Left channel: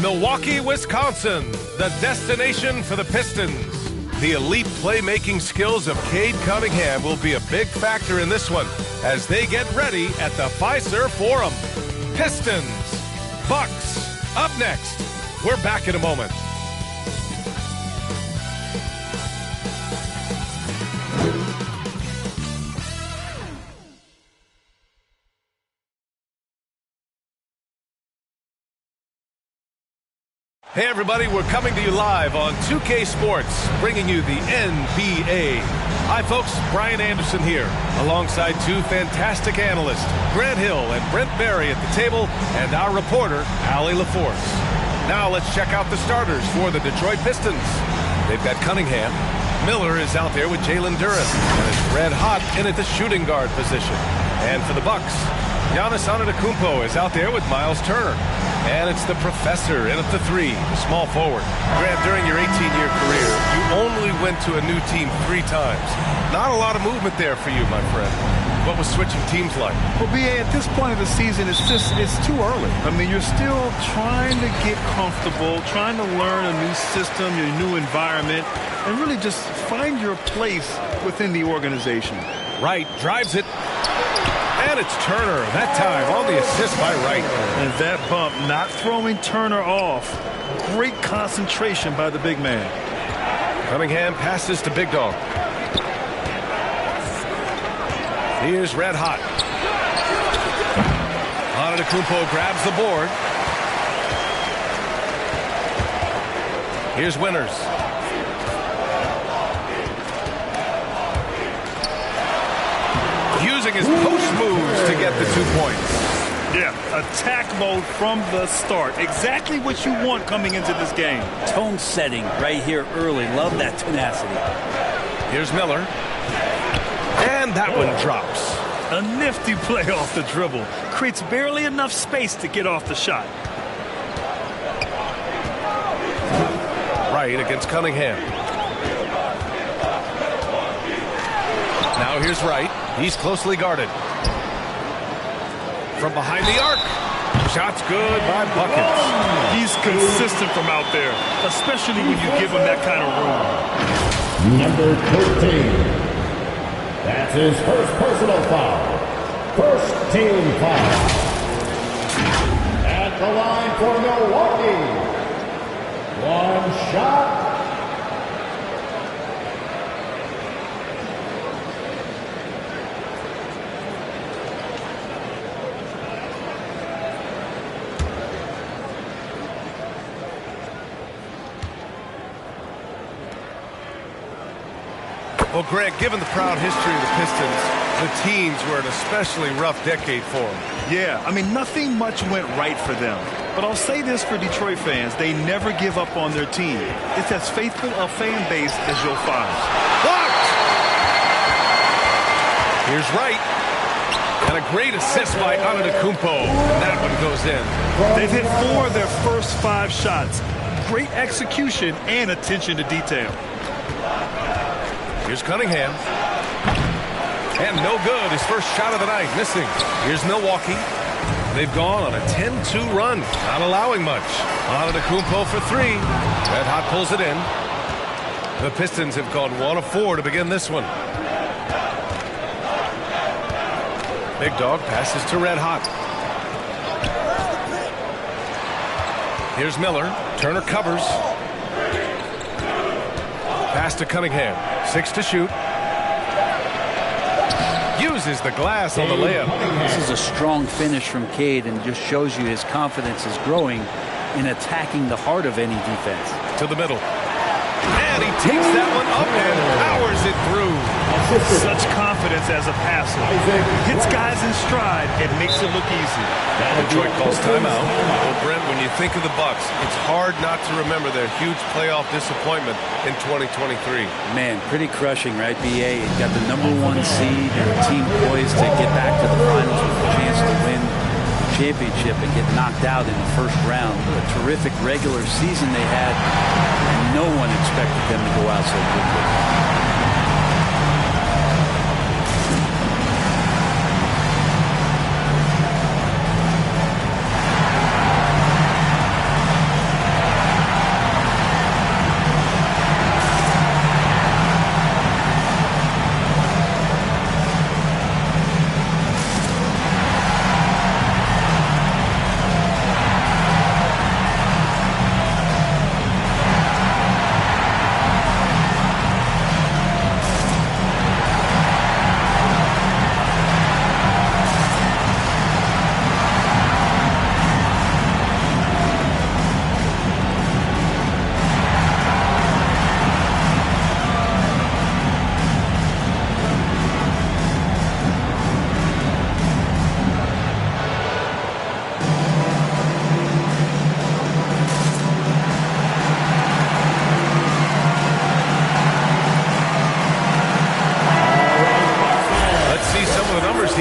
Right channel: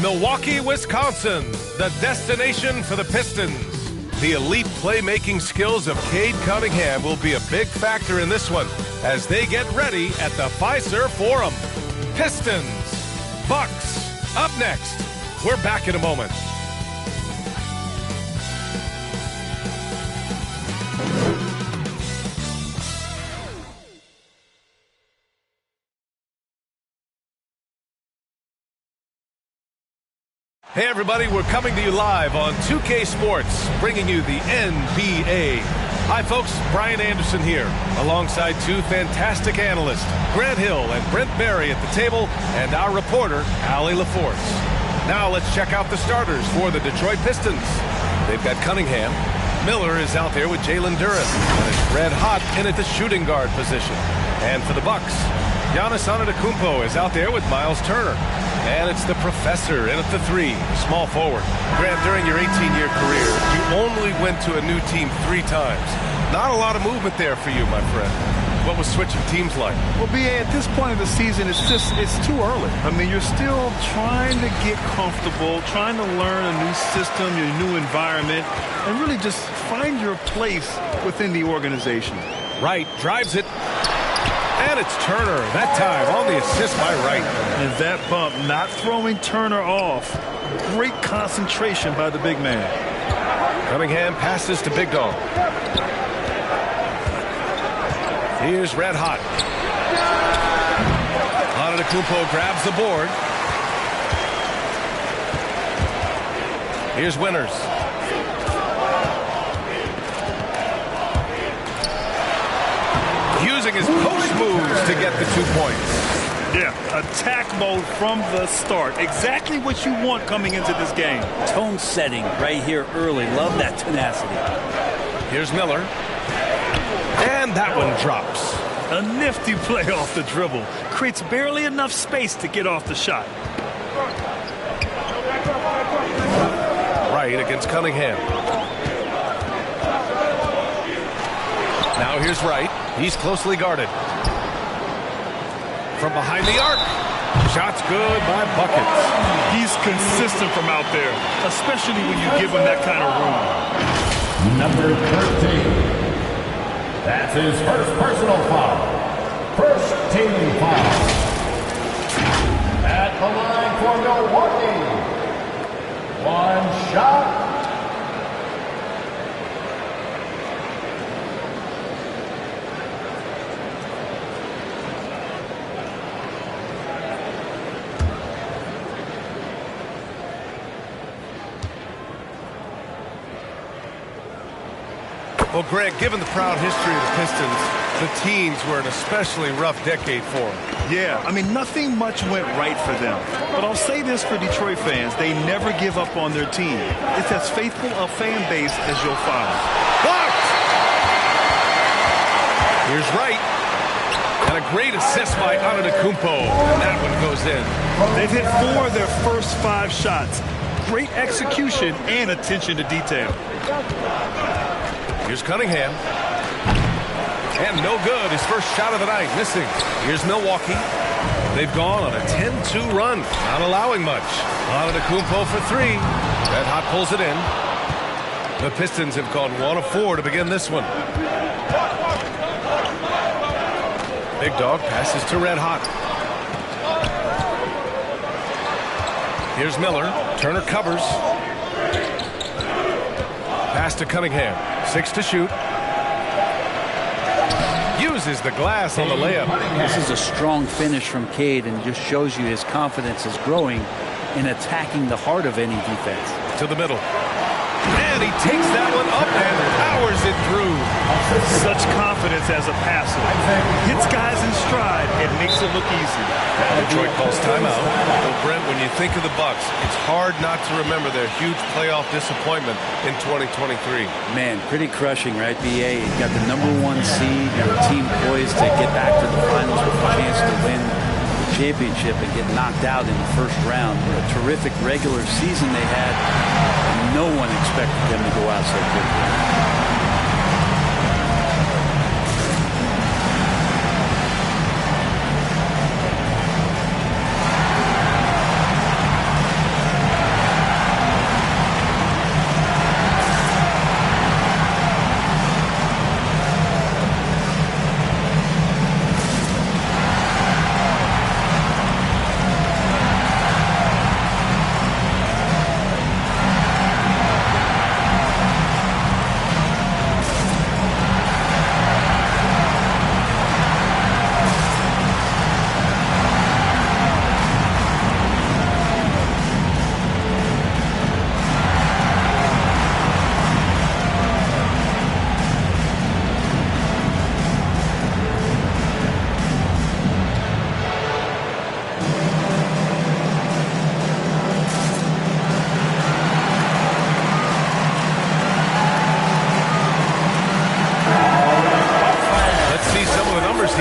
Milwaukee, Wisconsin, the destination for the Pistons. The elite playmaking skills of Cade Cunningham will be a big factor in this one as they get ready at the Fiserv Forum. Pistons, Bucks, up next. We're back in a moment. Hey everybody, we're coming to you live on 2K Sports, bringing you the NBA. Hi folks, Brian Anderson here, alongside two fantastic analysts, Grant Hill and Brent Barry at the table, and our reporter, Allie LaForce. Now let's check out the starters for the Detroit Pistons. They've got Cunningham. Miller is out there with Jalen Duren, and it's red hot in at the shooting guard position. And for the Bucks, Giannis Antetokounmpo is out there with Miles Turner. And it's the professor in at the three, the small forward. Grant, during your 18-year career, you only went to a new team 3 times. Not a lot of movement there for you, my friend. What was switching teams like? Well, B.A., at this point of the season, it's too early. I mean, you're still trying to get comfortable, trying to learn a new system, a new environment, and really just find your place within the organization. Wright drives it. And it's Turner, that time on the assist by Wright. And that bump not throwing Turner off. Great concentration by the big man. Cunningham passes to Big Dog. Here's red hot. Antetokounmpo grabs the board. Here's Winters. Using his post moves to get the 2 points. Yeah, attack mode from the start. Exactly what you want coming into this game. Tone setting right here early. Love that tenacity. Here's Miller. And that one drops. A nifty play off the dribble. Creates barely enough space to get off the shot. Wright against Cunningham. Now here's Wright. He's closely guarded. From behind the arc. Shot's good by Buckets. He's consistent from out there, especially when you give him that kind of room. Number 13. That's his first personal foul. First team foul. At the line for Milwaukee. One shot. Well, Greg, given the proud history of the Pistons, the teens were an especially rough decade for them. Yeah, I mean, nothing much went right for them. But I'll say this for Detroit fans, they never give up on their team. It's as faithful a fan base as you'll find. Blocked! Here's Wright. And a great assist by Antetokounmpo. And that one goes in. They've hit 4 of their first 5 shots. Great execution and attention to detail. Here's Cunningham. And no good. His first shot of the night, missing. Here's Milwaukee. They've gone on a 10-2 run, not allowing much. Antetokounmpo for 3. Red Hot pulls it in. The Pistons have gone 1 of 4 to begin this one. Big Dog passes to Red Hot. Here's Miller. Turner covers. Pass to Cunningham. 6 to shoot. Uses the glass on the layup. This is a strong finish from Cade and just shows you his confidence is growing in attacking the heart of any defense. To the middle. And he takes that one up and powers it through. Such confidence as a passer. Hits guys in stride and makes it look easy. Detroit calls timeout. Well, Brent, when you think of the Bucks, it's hard not to remember their huge playoff disappointment in 2023. Man, pretty crushing, right, B.A.? You got the #1 seed. You're a team poised to get back to the finals with a chance to win the championship and get knocked out in the first round. What a terrific regular season they had, and no one expected them to go out so quickly.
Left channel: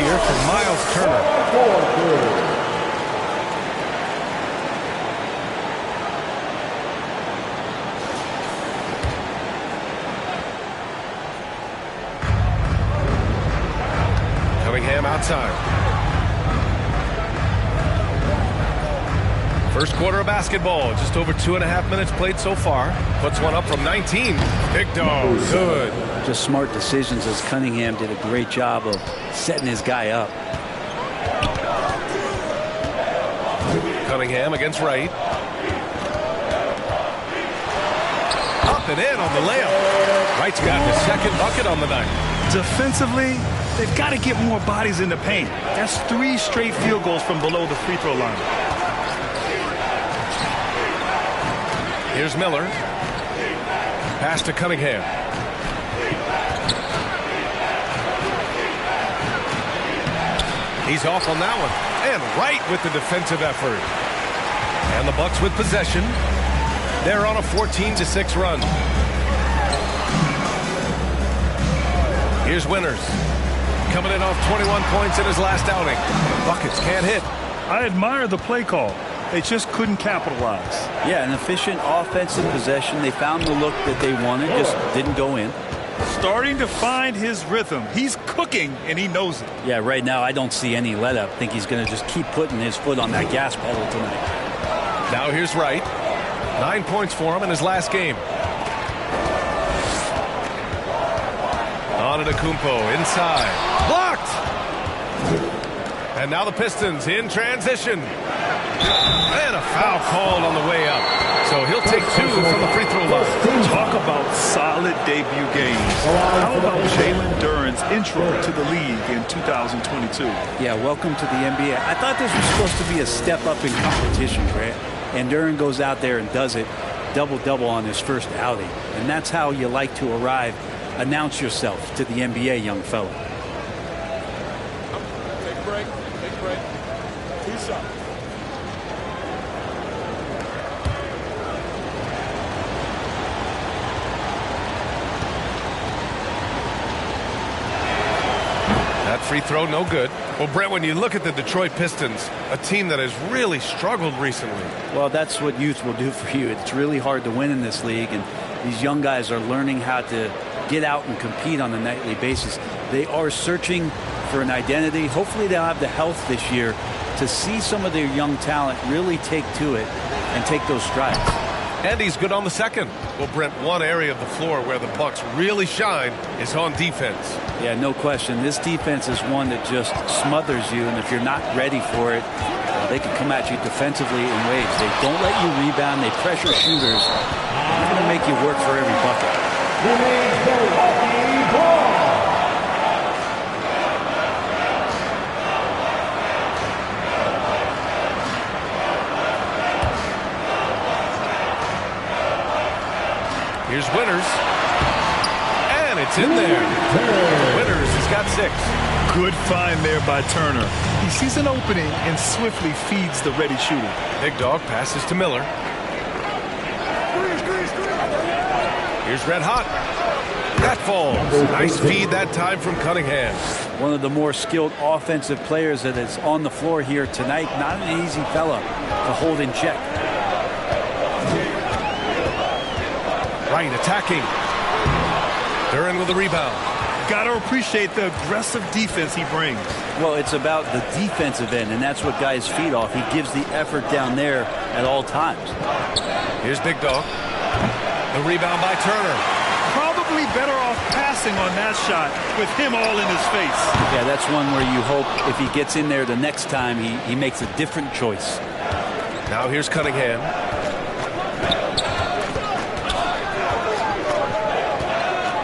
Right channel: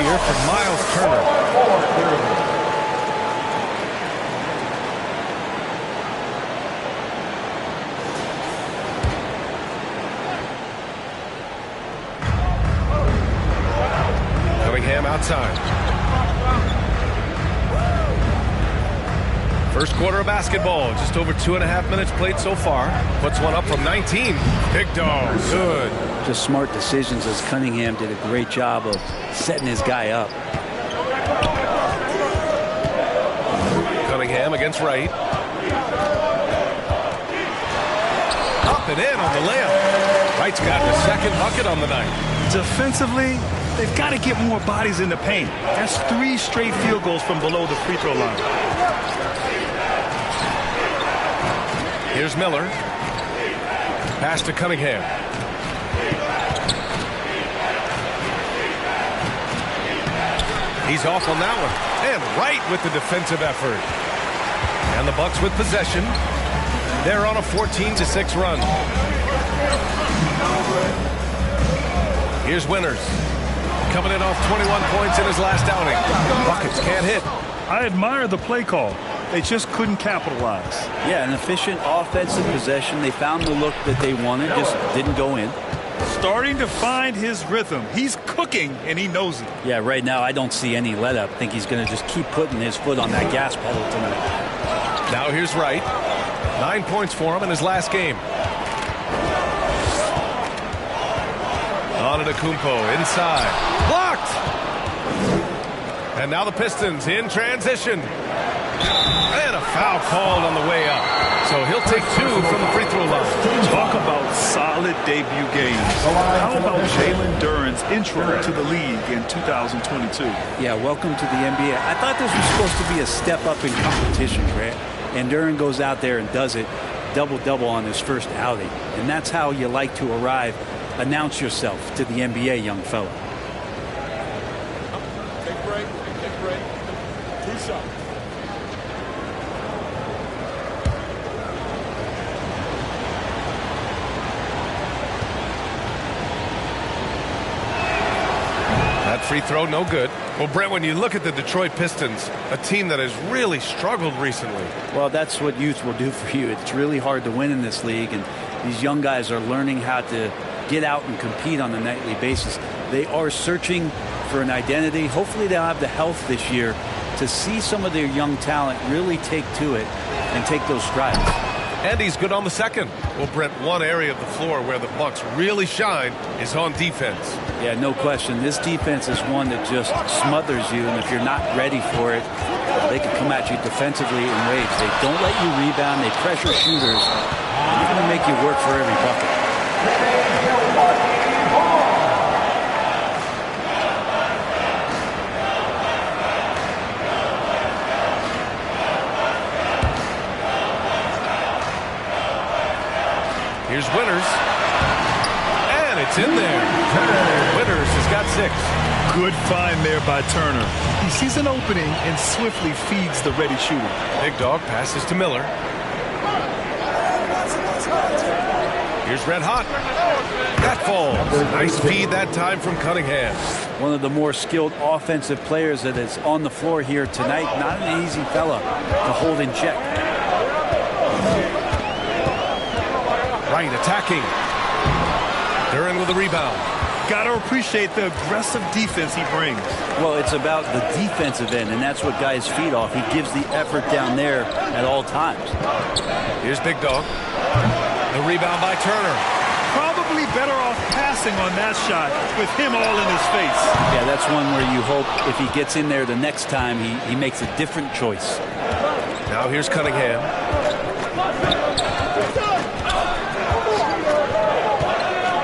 here for Miles Turner. Cunningham outside. First quarter of basketball, just over 2.5 minutes played so far. Puts one up from 19. Big dog, good. Just smart decisions, as Cunningham did a great job of setting his guy up. Cunningham against Wright. Up and in on the layup. Wright's got the second bucket on the night. Defensively, they've got to get more bodies in the paint. That's 3 straight field goals from below the free throw line. Here's Miller. Pass to Cunningham. He's off on that one. And Wright with the defensive effort. And the Bucks with possession. They're on a 14-6 run. Here's Winters. Coming in off 21 points in his last outing. Buckets can't hit. I admire the play call. They just couldn't capitalize. Yeah, an efficient offensive possession. They found the look that they wanted, just didn't go in. Starting to find his rhythm. He's cooking, and he knows it. Yeah, right now I don't see any let up. I think he's going to just keep putting his foot on that gas pedal tonight. Now here's Wright. 9 points for him in his last game. On to Kumpo inside. Blocked! And now the Pistons in transition. And a foul called on the way up. So he'll take 2 from the free throw line. Talk about solid debut games. How about Jalen Duren's intro to the league in 2022? Yeah, welcome to the NBA. I thought this was supposed to be a step up in competition, Grant. And Duren goes out there and does it. Double-double on his first outing. And that's how you like to arrive. Announce yourself to the NBA, young fella. Take a break. Take a break. 2 shots. That free throw, no good. Well, Brent, when you look at the Detroit Pistons, a team that has really struggled recently. Well, that's what youth will do for you. It's really hard to win in this league, and these young guys are learning how to get out and compete on a nightly basis. They are searching for an identity. Hopefully they'll have the health this year to see some of their young talent really take to it and take those strides. And he's good on the second. Well, Brent, one area of the floor where the Bucks really shine is on defense. Yeah, no question. This defense is one that just smothers you, and if you're not ready for it, they can come at you defensively in waves. They don't let you rebound. They pressure shooters, and they're going to make you work for every bucket. Here's Winters. And it's in there. Winters has got 6. Good find there by Turner. He sees an opening and swiftly feeds the ready shooter. Big dog passes to Miller. Here's Red Hot. That falls. Nice feed that time from Cunningham. One of the more skilled offensive players that is on the floor here tonight. Not an easy fella to hold in check. Right, attacking. Duren with the rebound. Got to appreciate the aggressive defense he brings. Well, it's about the defensive end, and that's what guys feed off. He gives the effort down there at all times. Here's Big Dog. The rebound by Turner. Probably better off passing on that shot with him all in his face. Yeah, that's one where you hope if he gets in there the next time, he makes a different choice. Now here's Cunningham.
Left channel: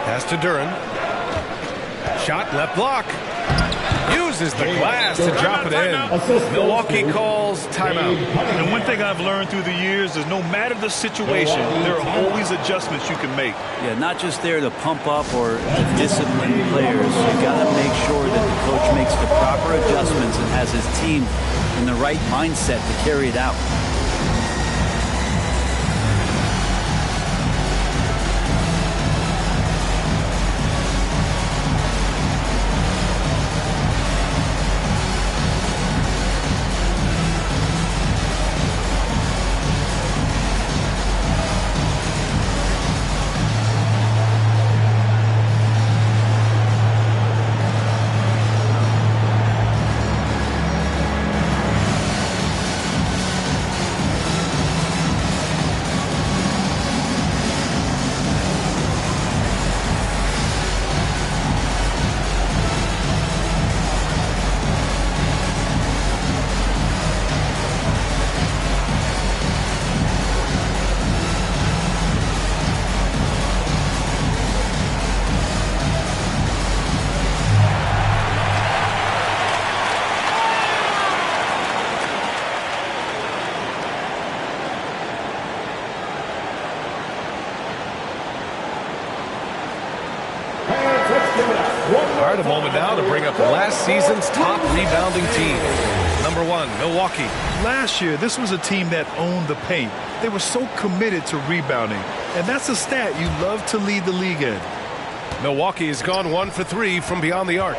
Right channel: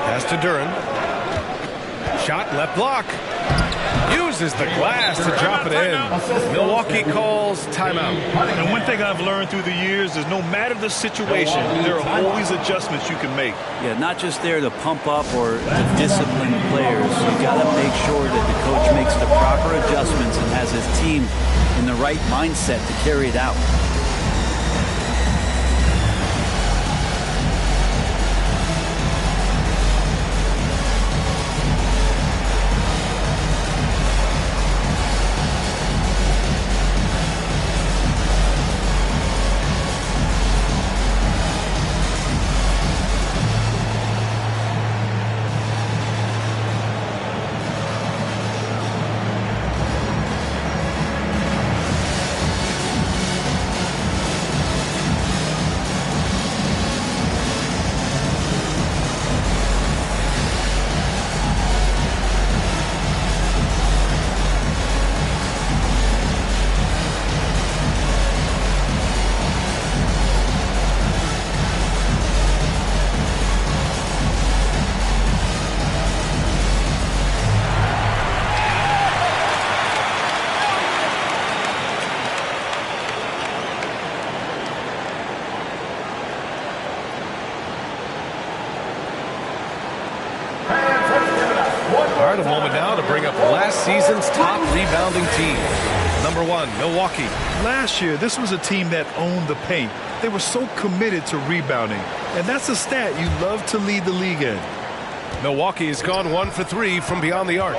Pass to Duren. Shot, left block. Uses the glass to drop it in. Milwaukee calls timeout. And one thing I've learned through the years is no matter the situation, there are always adjustments you can make. Yeah, not just there to pump up or to discipline players. You got to make sure that the coach makes the proper adjustments and has his team in the right mindset to carry it out. a moment now to bring up last season's top rebounding team. Number 1, Milwaukee. Last year, this was a team that owned the paint. They were so committed to rebounding, and that's a stat you love to lead the league in. Milwaukee has gone 1 for 3 from beyond the arc.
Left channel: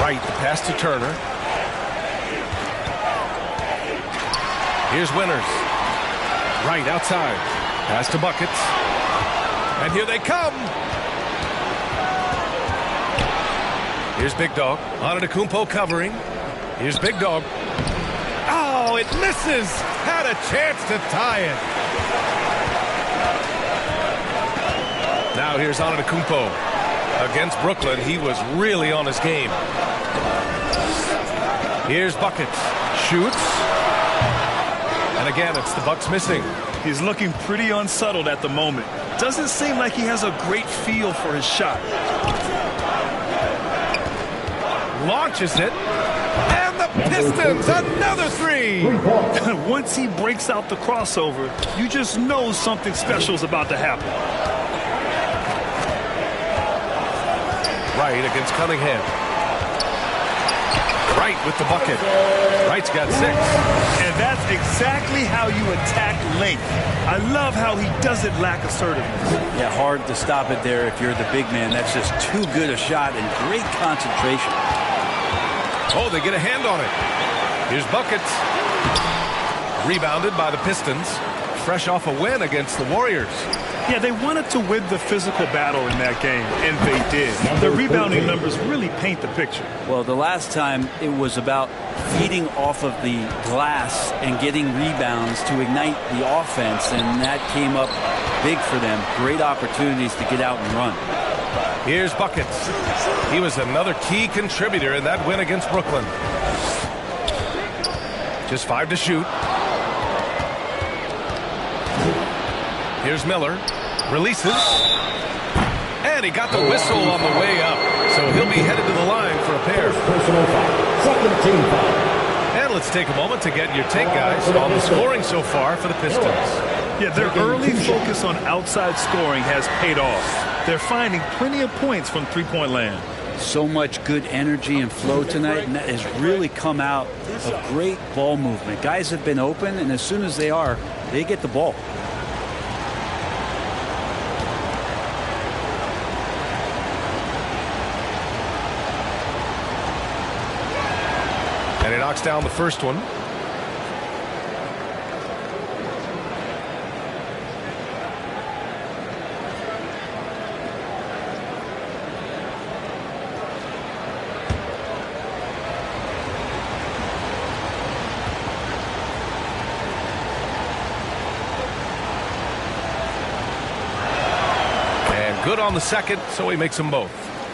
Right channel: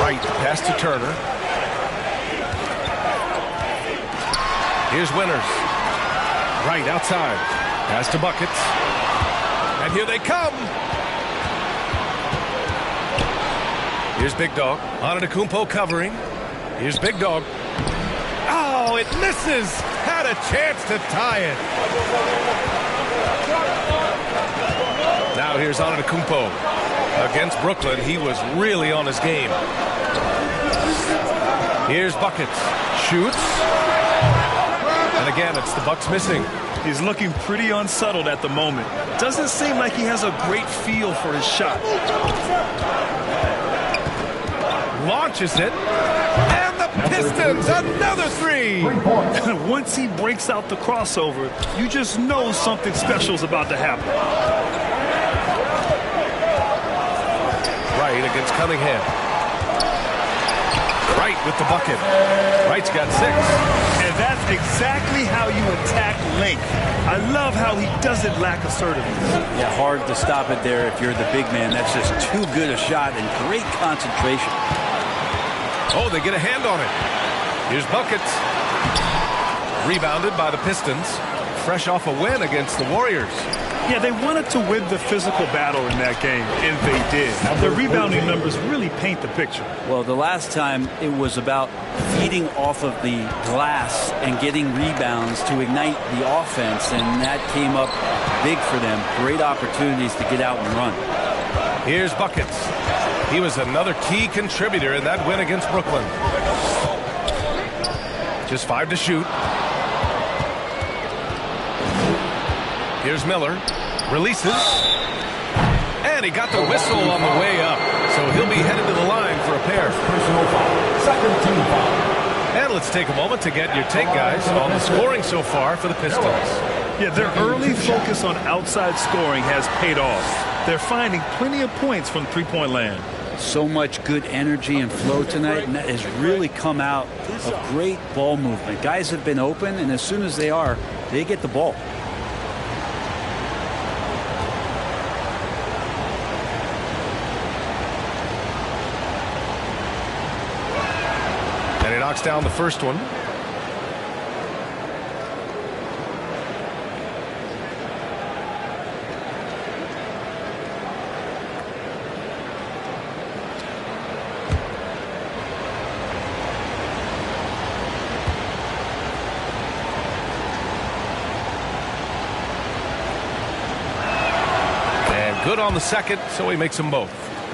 Right, pass to Turner. Here's Winters. Right, outside. Pass to Buckets. And here they come. Here's Big Dog. Antetokounmpo covering. Here's Big Dog. Oh, it misses. Had a chance to tie it. Now here's Antetokounmpo. Against Brooklyn, he was really on his game. Here's Buckets. Shoots. And again, it's the Bucks missing. He's looking pretty unsettled at the moment. Doesn't seem like he has a great feel for his shot. Launches it. And the Pistons, another 3. Once he breaks out the crossover, you just know something special is about to happen. Wright against Cunningham. Wright with the bucket. Wright's got 6. And that's exactly how you attack length. I love how he doesn't lack assertiveness. Yeah, hard to stop it there if you're the big man. That's just too good a shot and great concentration. Oh, they get a hand on it. Here's Buckets. Rebounded by the Pistons. Fresh off a win against the Warriors. Yeah, they wanted to win the physical battle in that game, and they did. The rebounding numbers really paint the picture. Well, the last time it was about feeding off of the glass and getting rebounds to ignite the offense, and that came up big for them. Great opportunities to get out and run. Here's Buckets. He was another key contributor in that win against Brooklyn. Just 5 to shoot. Here's Miller. Releases. And he got the whistle on the way up. So he'll be headed to the line for a pair. Personal foul. Second team foul. And let's take a moment to get your take, guys, on the scoring so far for the Pistons. Yeah, their early focus on outside scoring has paid off. They're finding plenty of points from three-point land. So much good energy and flow tonight, and that has really come out of great ball movement. Guys have been open, and as soon as they are, they get the ball. And he knocks down the first one. And good on the second, so he makes them both.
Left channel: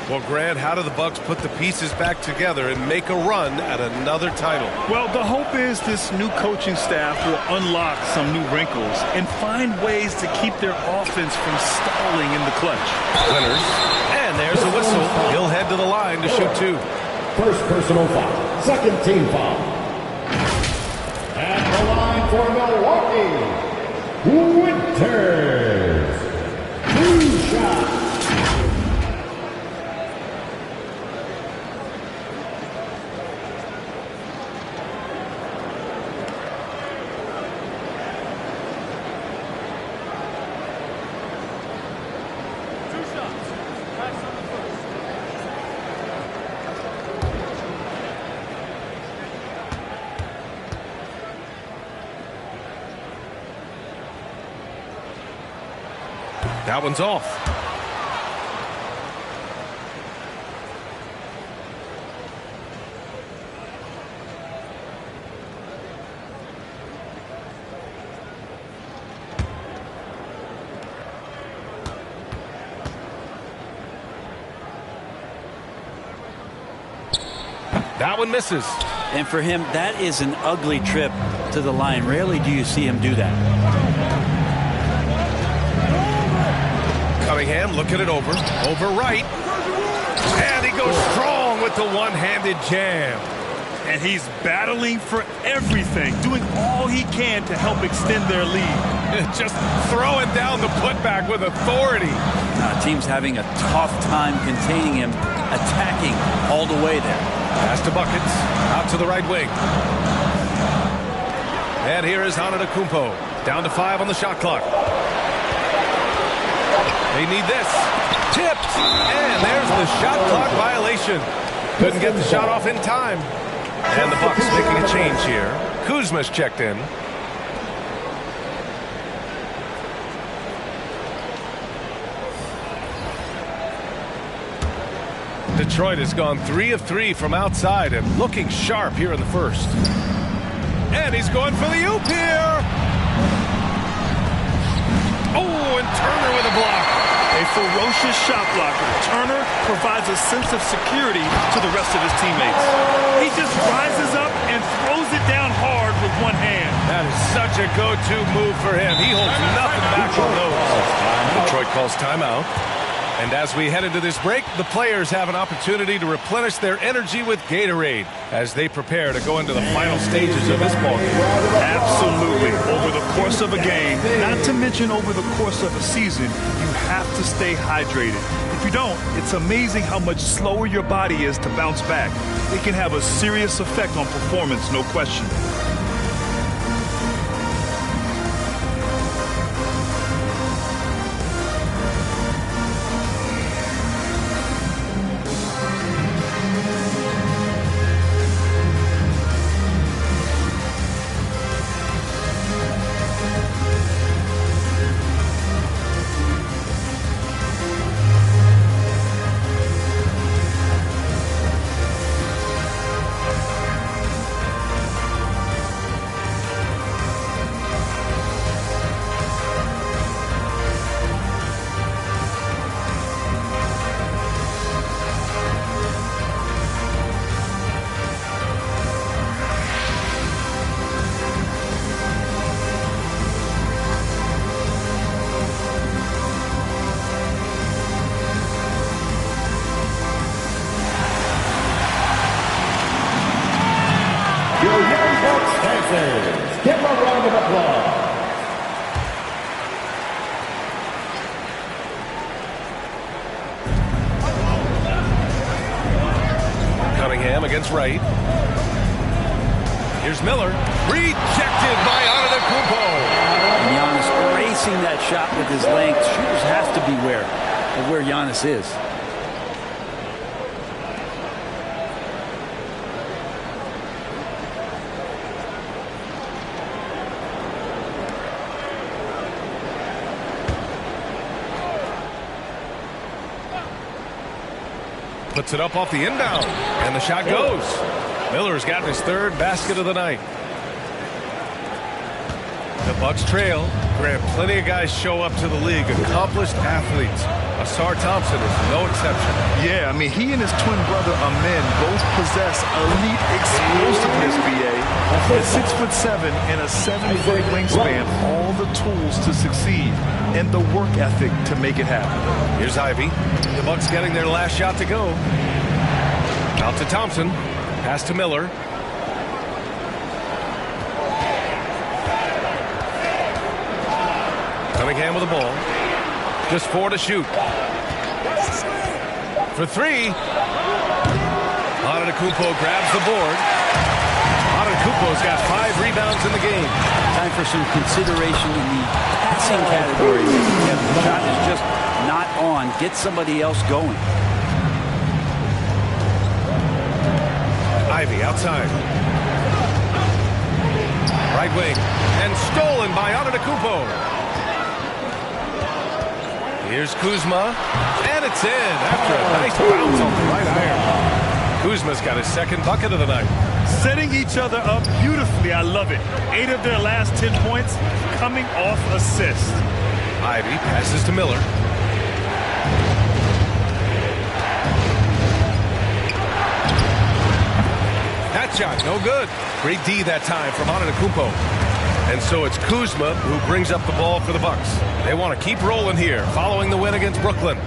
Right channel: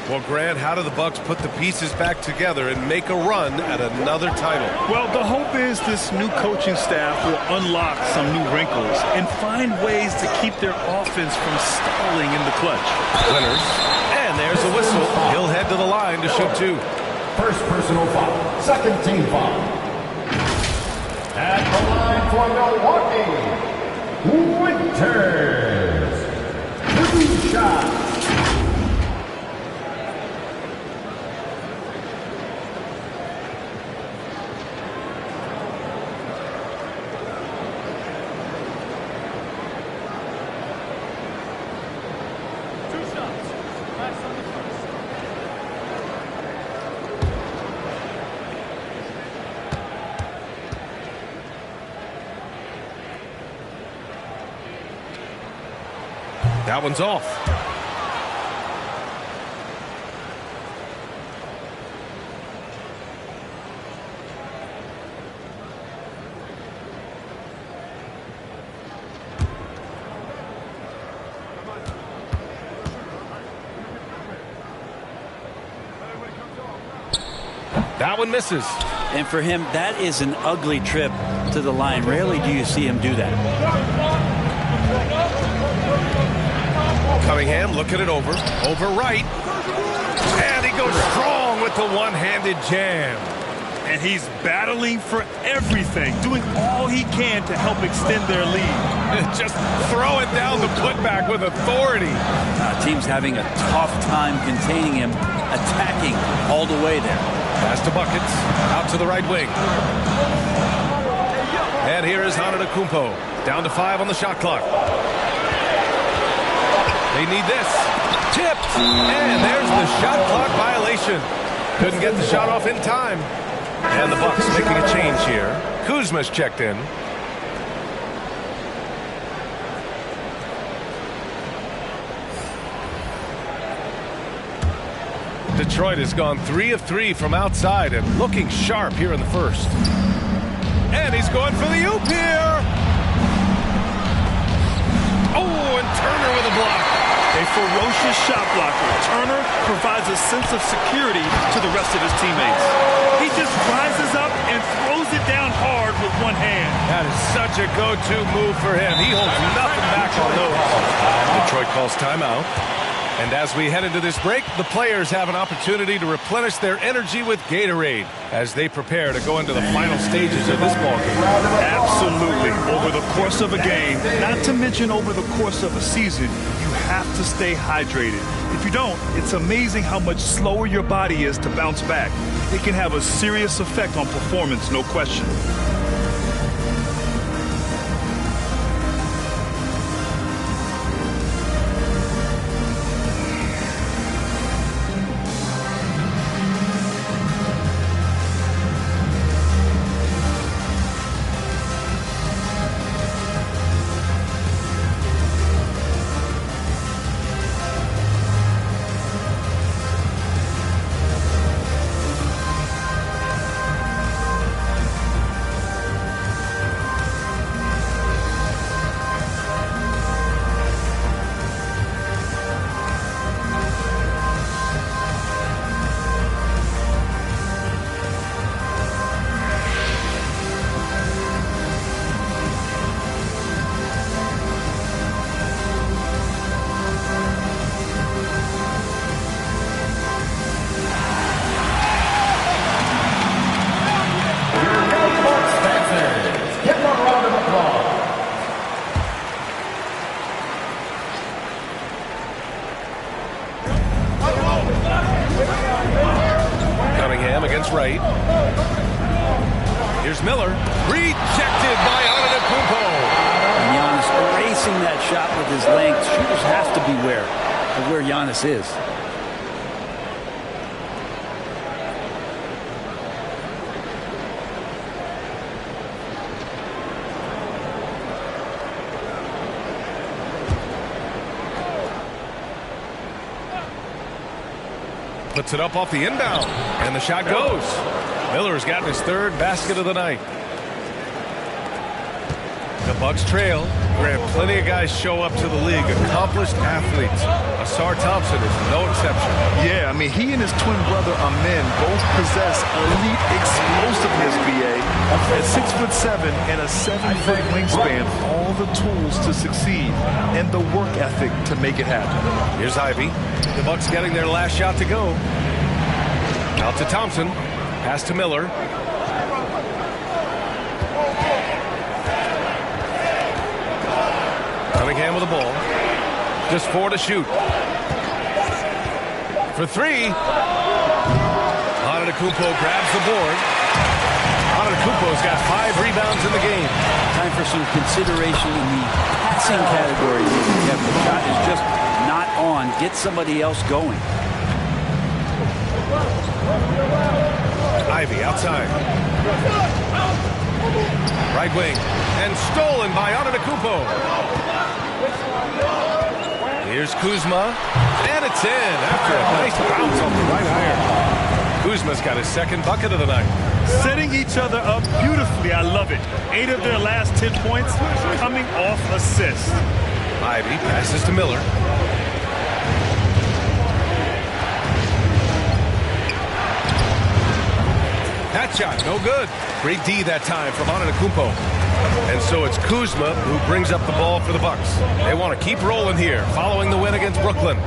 Well, Grant, how do the Bucks put the pieces back together and make a run at another title? Well, the hope is this new coaching staff will unlock some new wrinkles and find ways to keep their offense from stalling in the clutch. Winters, and there's a whistle. He'll head to the line to shoot 2. First personal foul. Second team foul. At the line for Milwaukee, Winters. 2 shots. That one's off. That one misses. And for him, that is an ugly trip to the line. Rarely do you see him do that. Cunningham looking it over Wright. And he goes strong with the one-handed jam. And he's battling for everything, doing all he can to help extend their lead. Just throwing down the putback with authority. Team's having a tough time containing him, attacking all the way there. Pass to Buckets, out to the right wing. And here is Antetokounmpo, down to 5 on the shot clock. They need this. Tipped, and there's the shot clock violation. Couldn't get the shot off in time. And the Bucks making a change here. Kuzma's checked in. Detroit has gone 3 of 3 from outside and looking sharp here in the first. And he's going for the oop here. Oh, and Turner with a block. A ferocious shot blocker. Turner provides a sense of security to the rest of his teammates. He just rises up and throws it down hard with one hand. That is such a go-to move for him. He holds nothing back on those. Detroit calls timeout. And as we head into this break, the players have an opportunity to replenish their energy with Gatorade as they prepare to go into the final stages of this ballgame. Absolutely. Over the course of a game, not to mention over the course of a season, you have to stay hydrated. If you don't, it's amazing how much slower your body is to bounce back. It can have a serious effect on performance, no question. Give them a round of applause. Cunningham against Wright. Here's Miller. Rejected by Antetokounmpo. And Giannis erasing that shot with his length. Shooters have to beware of where Giannis is. Puts it up off the inbound, and the shot goes. Miller's gotten his third basket of the night. The Bucks trail. Grant, plenty of guys show up to the league, accomplished athletes. Asar Thompson is no exception. Yeah, I mean, he and his twin brother Amen both possess elite explosiveness, BA. At 6'7" and a 7-foot wingspan, all the tools to succeed and the work ethic to make it happen. Here's Ivy. The Bucks getting their last shot to go. Out to Thompson. Pass to Miller. Cunningham with the ball. Just 4 to shoot. For 3. Antetokounmpo grabs the board. Antetokounmpo's got 5 rebounds in the game. Time for some consideration in the passing category. Kevin, the shot is just not on. Get somebody else going. Ivy outside. Right wing. And stolen by Antetokounmpo. Here's Kuzma. And it's in after a nice bounce off the right iron. Kuzma's got his second bucket of the night. Setting each other up beautifully. I love it. 8 of their last 10 points coming off assists. Ivy passes to Miller. That shot, no good. Great D that time from Antetokounmpo. And so it's Kuzma who brings up the ball for the Bucks. They want to keep rolling here, following the win against Brooklyn.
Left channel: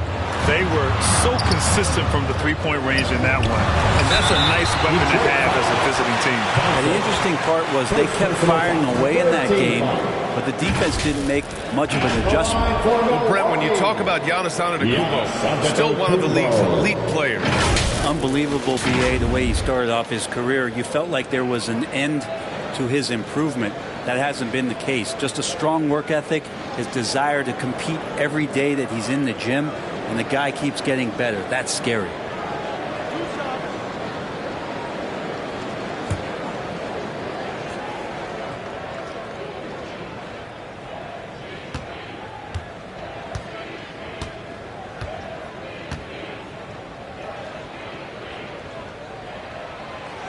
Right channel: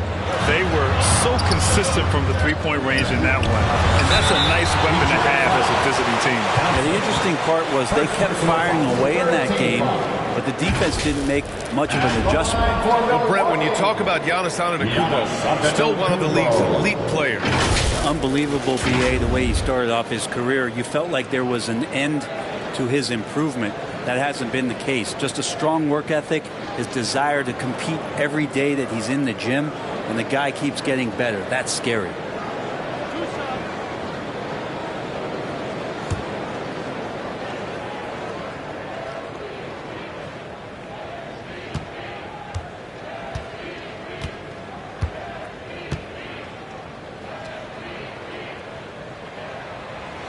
They were so consistent from the three-point range in that one. And that's a nice weapon to have as a visiting team. And the interesting part was they kept firing away in that game, but the defense didn't make much of an adjustment. Well, Brent, when you talk about Giannis Antetokounmpo, still one of the league's elite players. Unbelievable, BA, the way he started off his career. You felt like there was an end to his improvement. That hasn't been the case. Just a strong work ethic, his desire to compete every day that he's in the gym, and the guy keeps getting better. That's scary.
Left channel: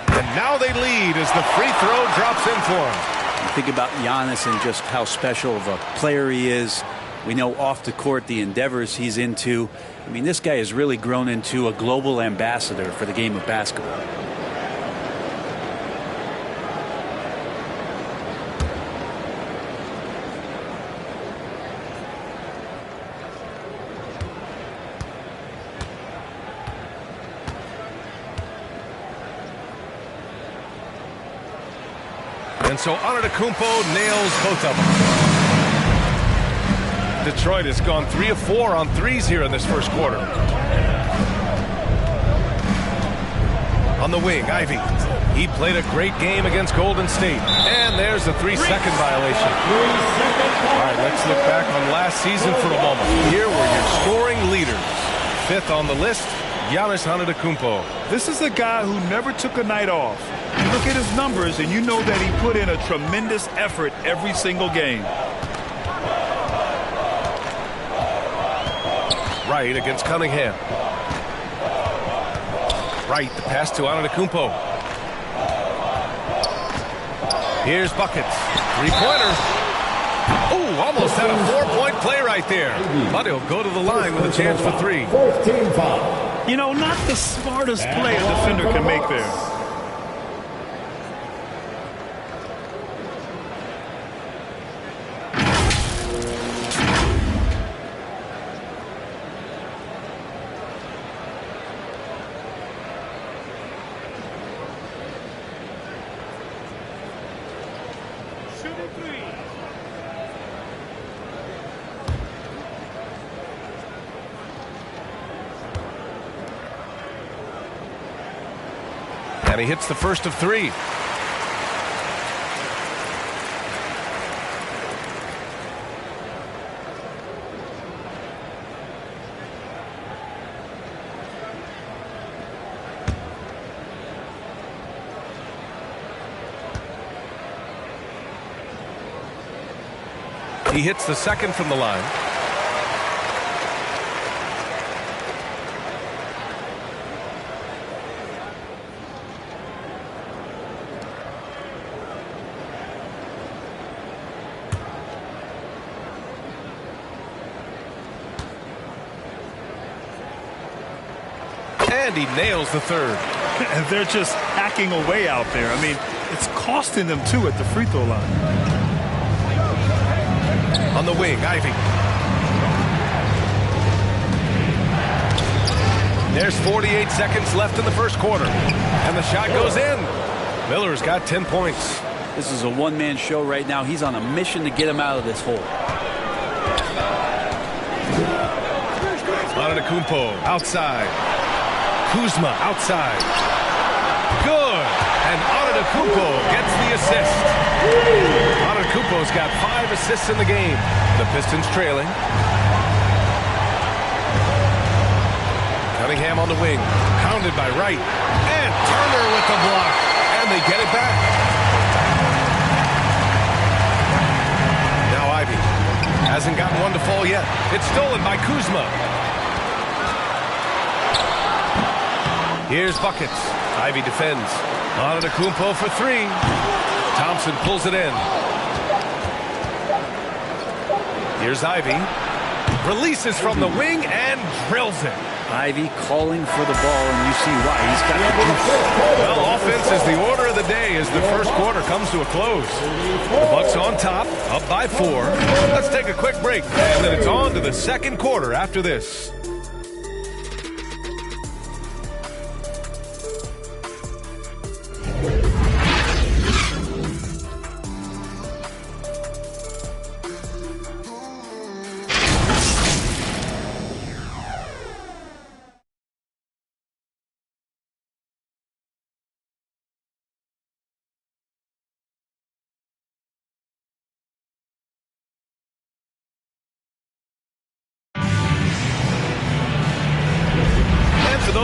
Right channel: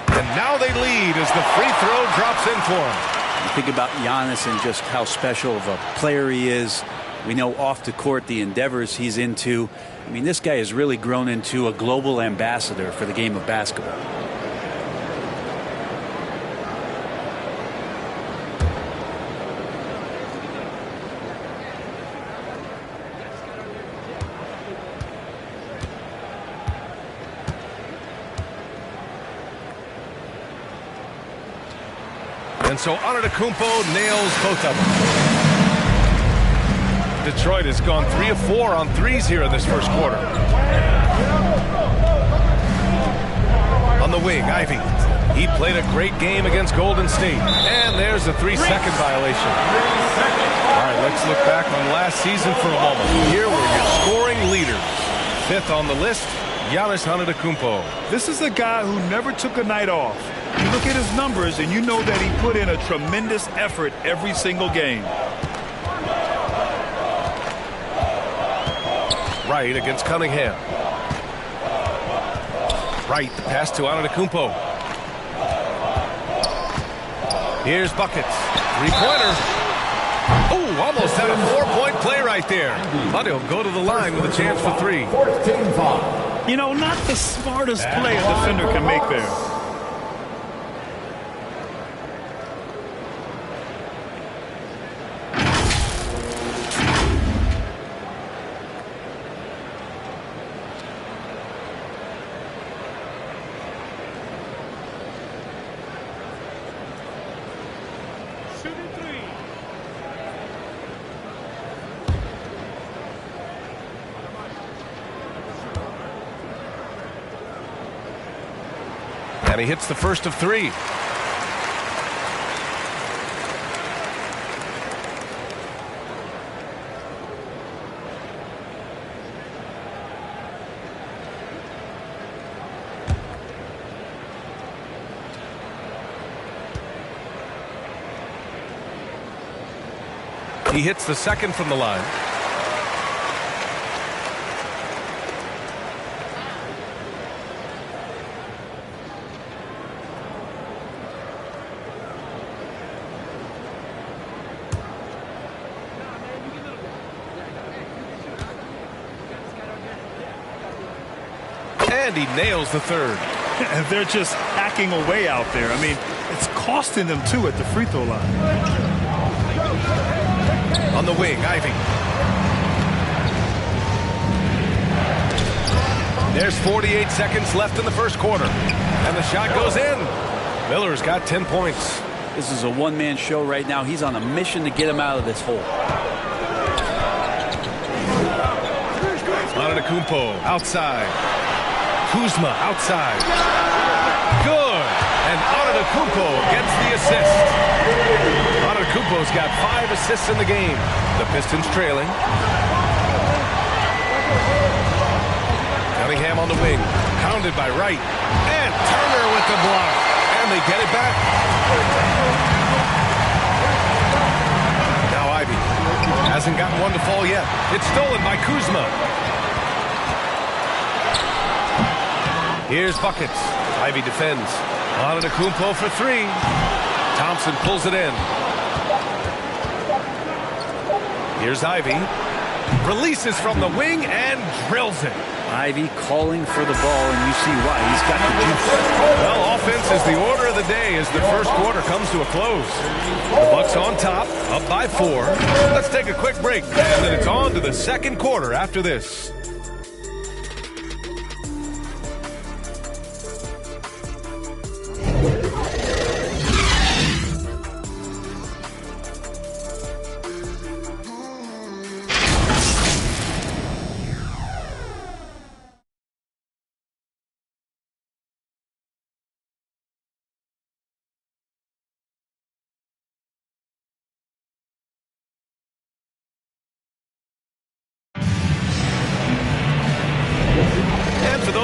And now they lead as the free throw drops in for him. You think about Giannis and just how special of a player he is. We know off the court the endeavors he's into. I mean, this guy has really grown into a global ambassador for the game of basketball. And so Antetokounmpo nails both of them. Detroit has gone 3 of 4 on threes here in this first quarter. On the wing, Ivy. He played a great game against Golden State. And there's a 3-second violation. All right, let's look back on last season for a moment. Here were your scoring leaders. 5th on the list, Giannis Antetokounmpo. This is a guy who never took a night off. You look at his numbers and you know that he put in a tremendous effort every single game. Wright against Cunningham. Wright, the pass to Antetokounmpo. Here's buckets. Three-pointer. Oh, almost had a 4-point play right there. But he'll go to the line with a chance for 3. You know, not the smartest play a defender can make there. And he hits the first of 3. He hits the second from the line. And he nails the third. They're just hacking away out there. I mean, it's costing them too at the free throw line. On the wing, Ivy. There's 48 seconds left in the first quarter. And the shot goes in. Miller's got 10 points. This is a one-man show right now. He's on a mission to get him out of this hole. Antetokounmpo outside. Kuzma outside. Good. And Antetokounmpo gets the assist. Antetokounmpo's got 5 assists in the game. The Pistons trailing. Cunningham on the wing. Pounded by Wright. And Turner with the block. And they get it back. Now Ivy. Hasn't gotten one to fall yet. It's stolen by Kuzma. Here's buckets. Ivy defends. Antetokounmpo for 3. Thompson pulls it in. Here's Ivy. Releases from the wing and drills it. Ivy calling for the ball, and you see why. He's got the juice. Well, offense is the order of the day as the first quarter comes to a close. The Bucks on top, up by 4. Let's take a quick break, and then it's on to the second quarter after this.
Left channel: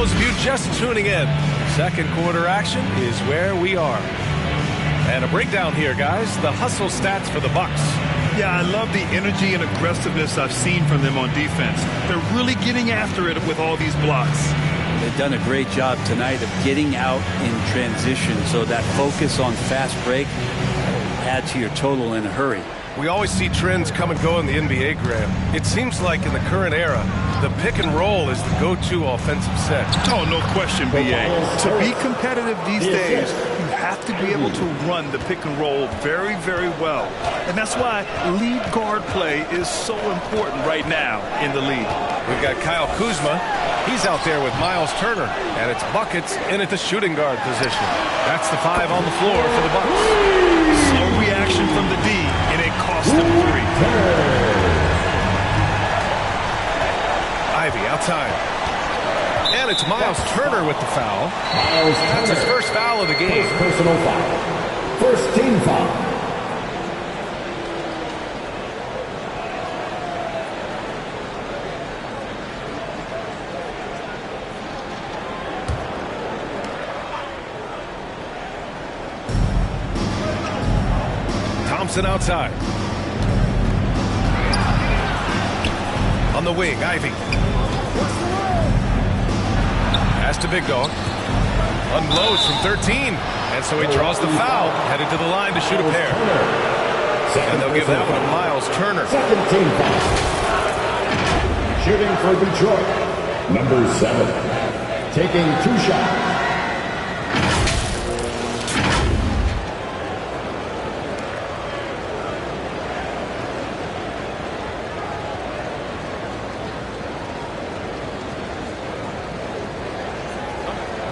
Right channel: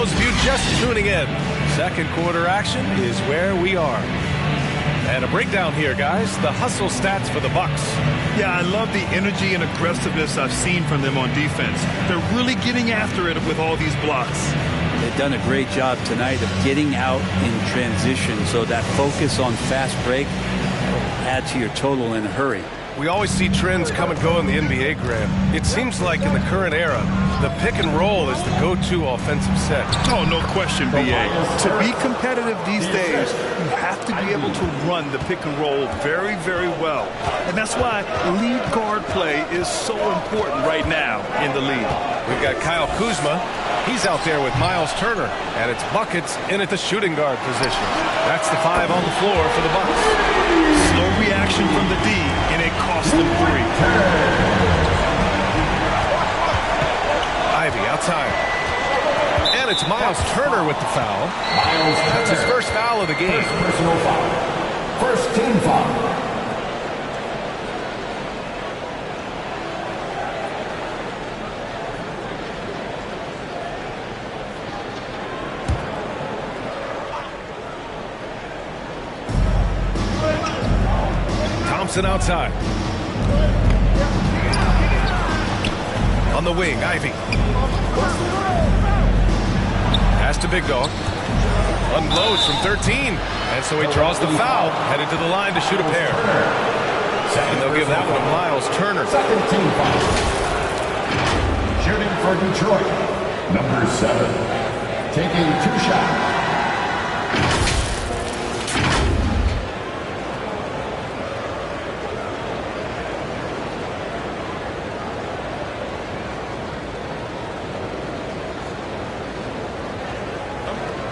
those of you just tuning in, second quarter action is where we are. And a breakdown here, guys. The hustle stats for the Bucks. Yeah, I love the energy and aggressiveness I've seen from them on defense. They're really getting after it with all these blocks. They've done a great job tonight of getting out in transition, so that focus on fast break will add to your total in a hurry. We always see trends come and go in the NBA, Graham. It seems like in the current era, the pick and roll is the go-to offensive set. Oh, no question, B.A. To be competitive these days, you have to be able to run the pick and roll very, very well. And that's why lead guard play is so important right now in the league. We've got Kyle Kuzma. He's out there with Miles Turner, and it's buckets in at the shooting guard position. That's the 5 on the floor for the Bucks. Slow reaction from the D, and it cost them 3. Ivy outside. And it's Miles Turner with the foul. That's his first foul of the game. First personal foul. First team foul. Thompson outside. On the wing, Ivy. Pass to Big Dog. Unloads from 13. And so he draws the foul, headed to the line to shoot a pair. And they'll give that one to Miles Turner. Second team foul. Shooting for Detroit. Number 7. Taking 2 shots.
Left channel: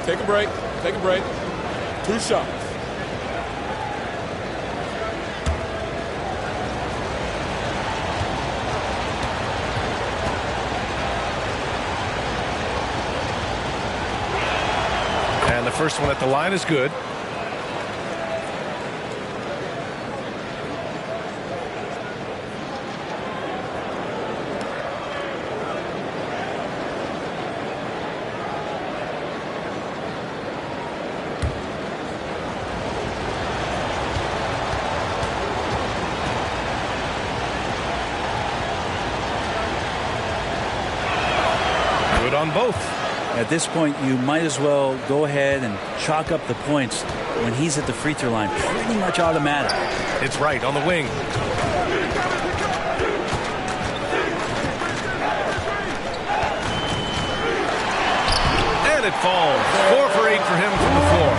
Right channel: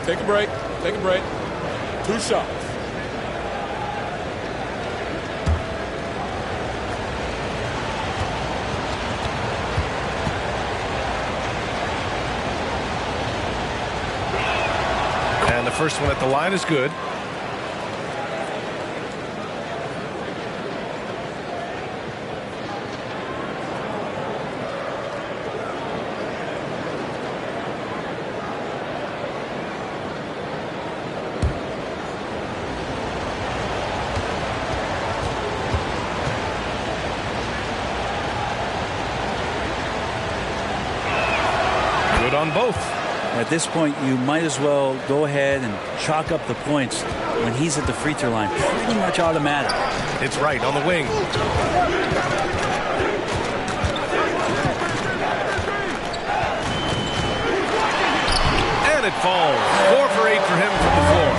Take a break. Take a break. 2 shots. And the first one at the line is good. Good on both. At this point, you might as well go ahead and chalk up the points when he's at the free throw line. Pretty much automatic. It's right on the wing. And it falls. 4 for 8 for him from the floor.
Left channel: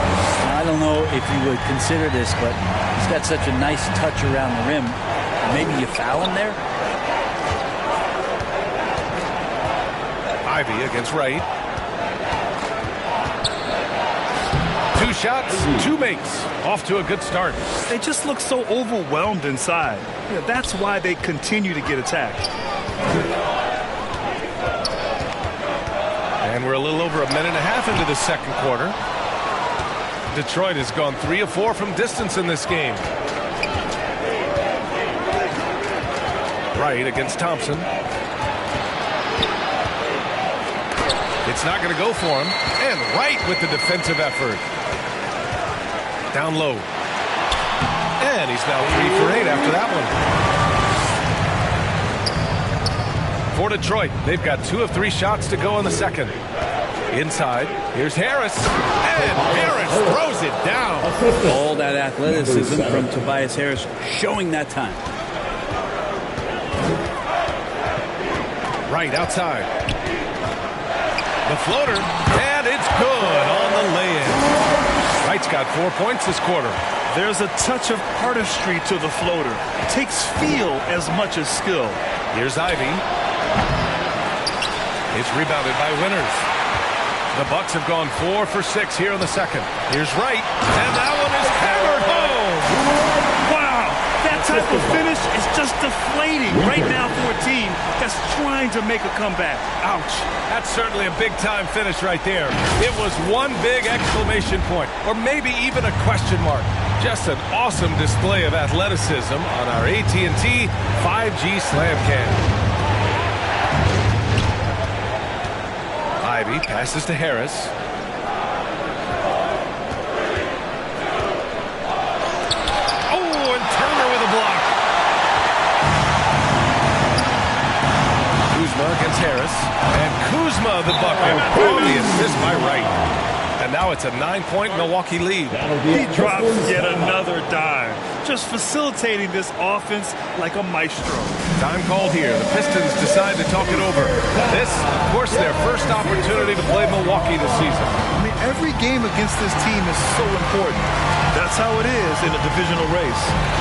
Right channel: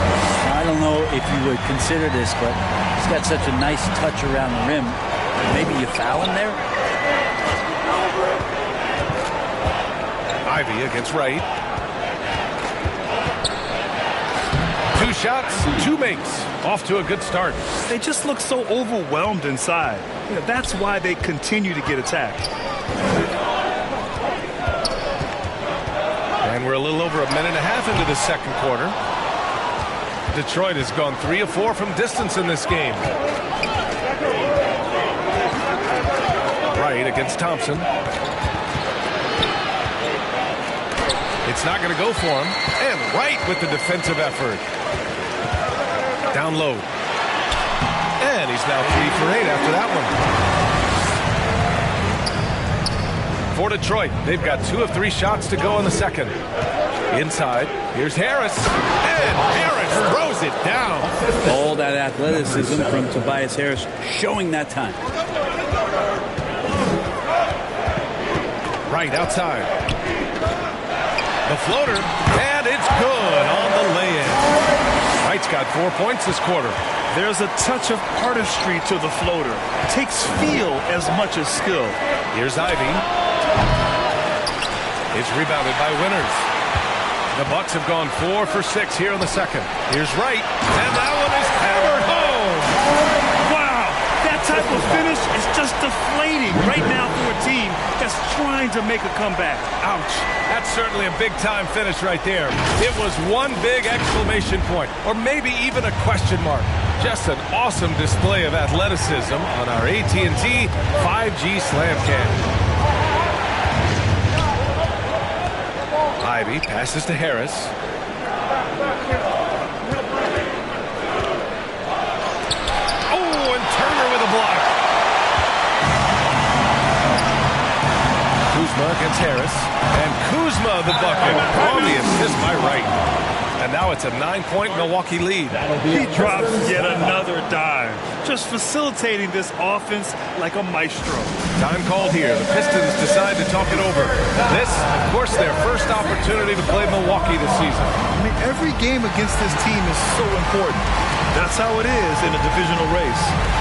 Now, I don't know if you would consider this, but he's got such a nice touch around the rim. Maybe you foul him there? Ivy against Wright. 2 shots, 2 makes. Off to a good start. They just look so overwhelmed inside. That's why they continue to get attacked. And we're a little over a minute and a half into the second quarter. Detroit has gone 3 of 4 from distance in this game. Wright against Thompson. It's not going to go for him. And Wright with the defensive effort. Down low. And he's now 3 for 8 after that one. For Detroit, they've got 2 of 3 shots to go in the second. Inside, here's Harris. And Harris throws it down. All that athleticism from Tobias Harris showing that time. Right outside. The floater, and it's good on the lay-in. Wright's got 4 points this quarter. There's a touch of artistry to the floater. It takes feel as much as skill. Here's Ivy. It's rebounded by Winters. The Bucks have gone 4 for 6 here in the second. Here's Wright, and that one is hammered home. Wow, that type of finish is just deflating right now for a team that's trying to make a comeback. Ouch. That's certainly a big-time finish right there. It was one big exclamation point, or maybe even a question mark. Just an awesome display of athleticism on our AT&T 5G Slam Cam. Ivy passes to Harris. Oh, and Turner with a block. Kuzma against Harris. And Kuzma the bucket. Oh, the assist by Wright. And now it's a 9-point Milwaukee lead. He drops yet another dime. Just facilitating this offense like a maestro. Time called here. The Pistons decide to talk it over. This, of course, their first opportunity to play Milwaukee this season. I mean, every game against this team is so important. That's how it is in a divisional race.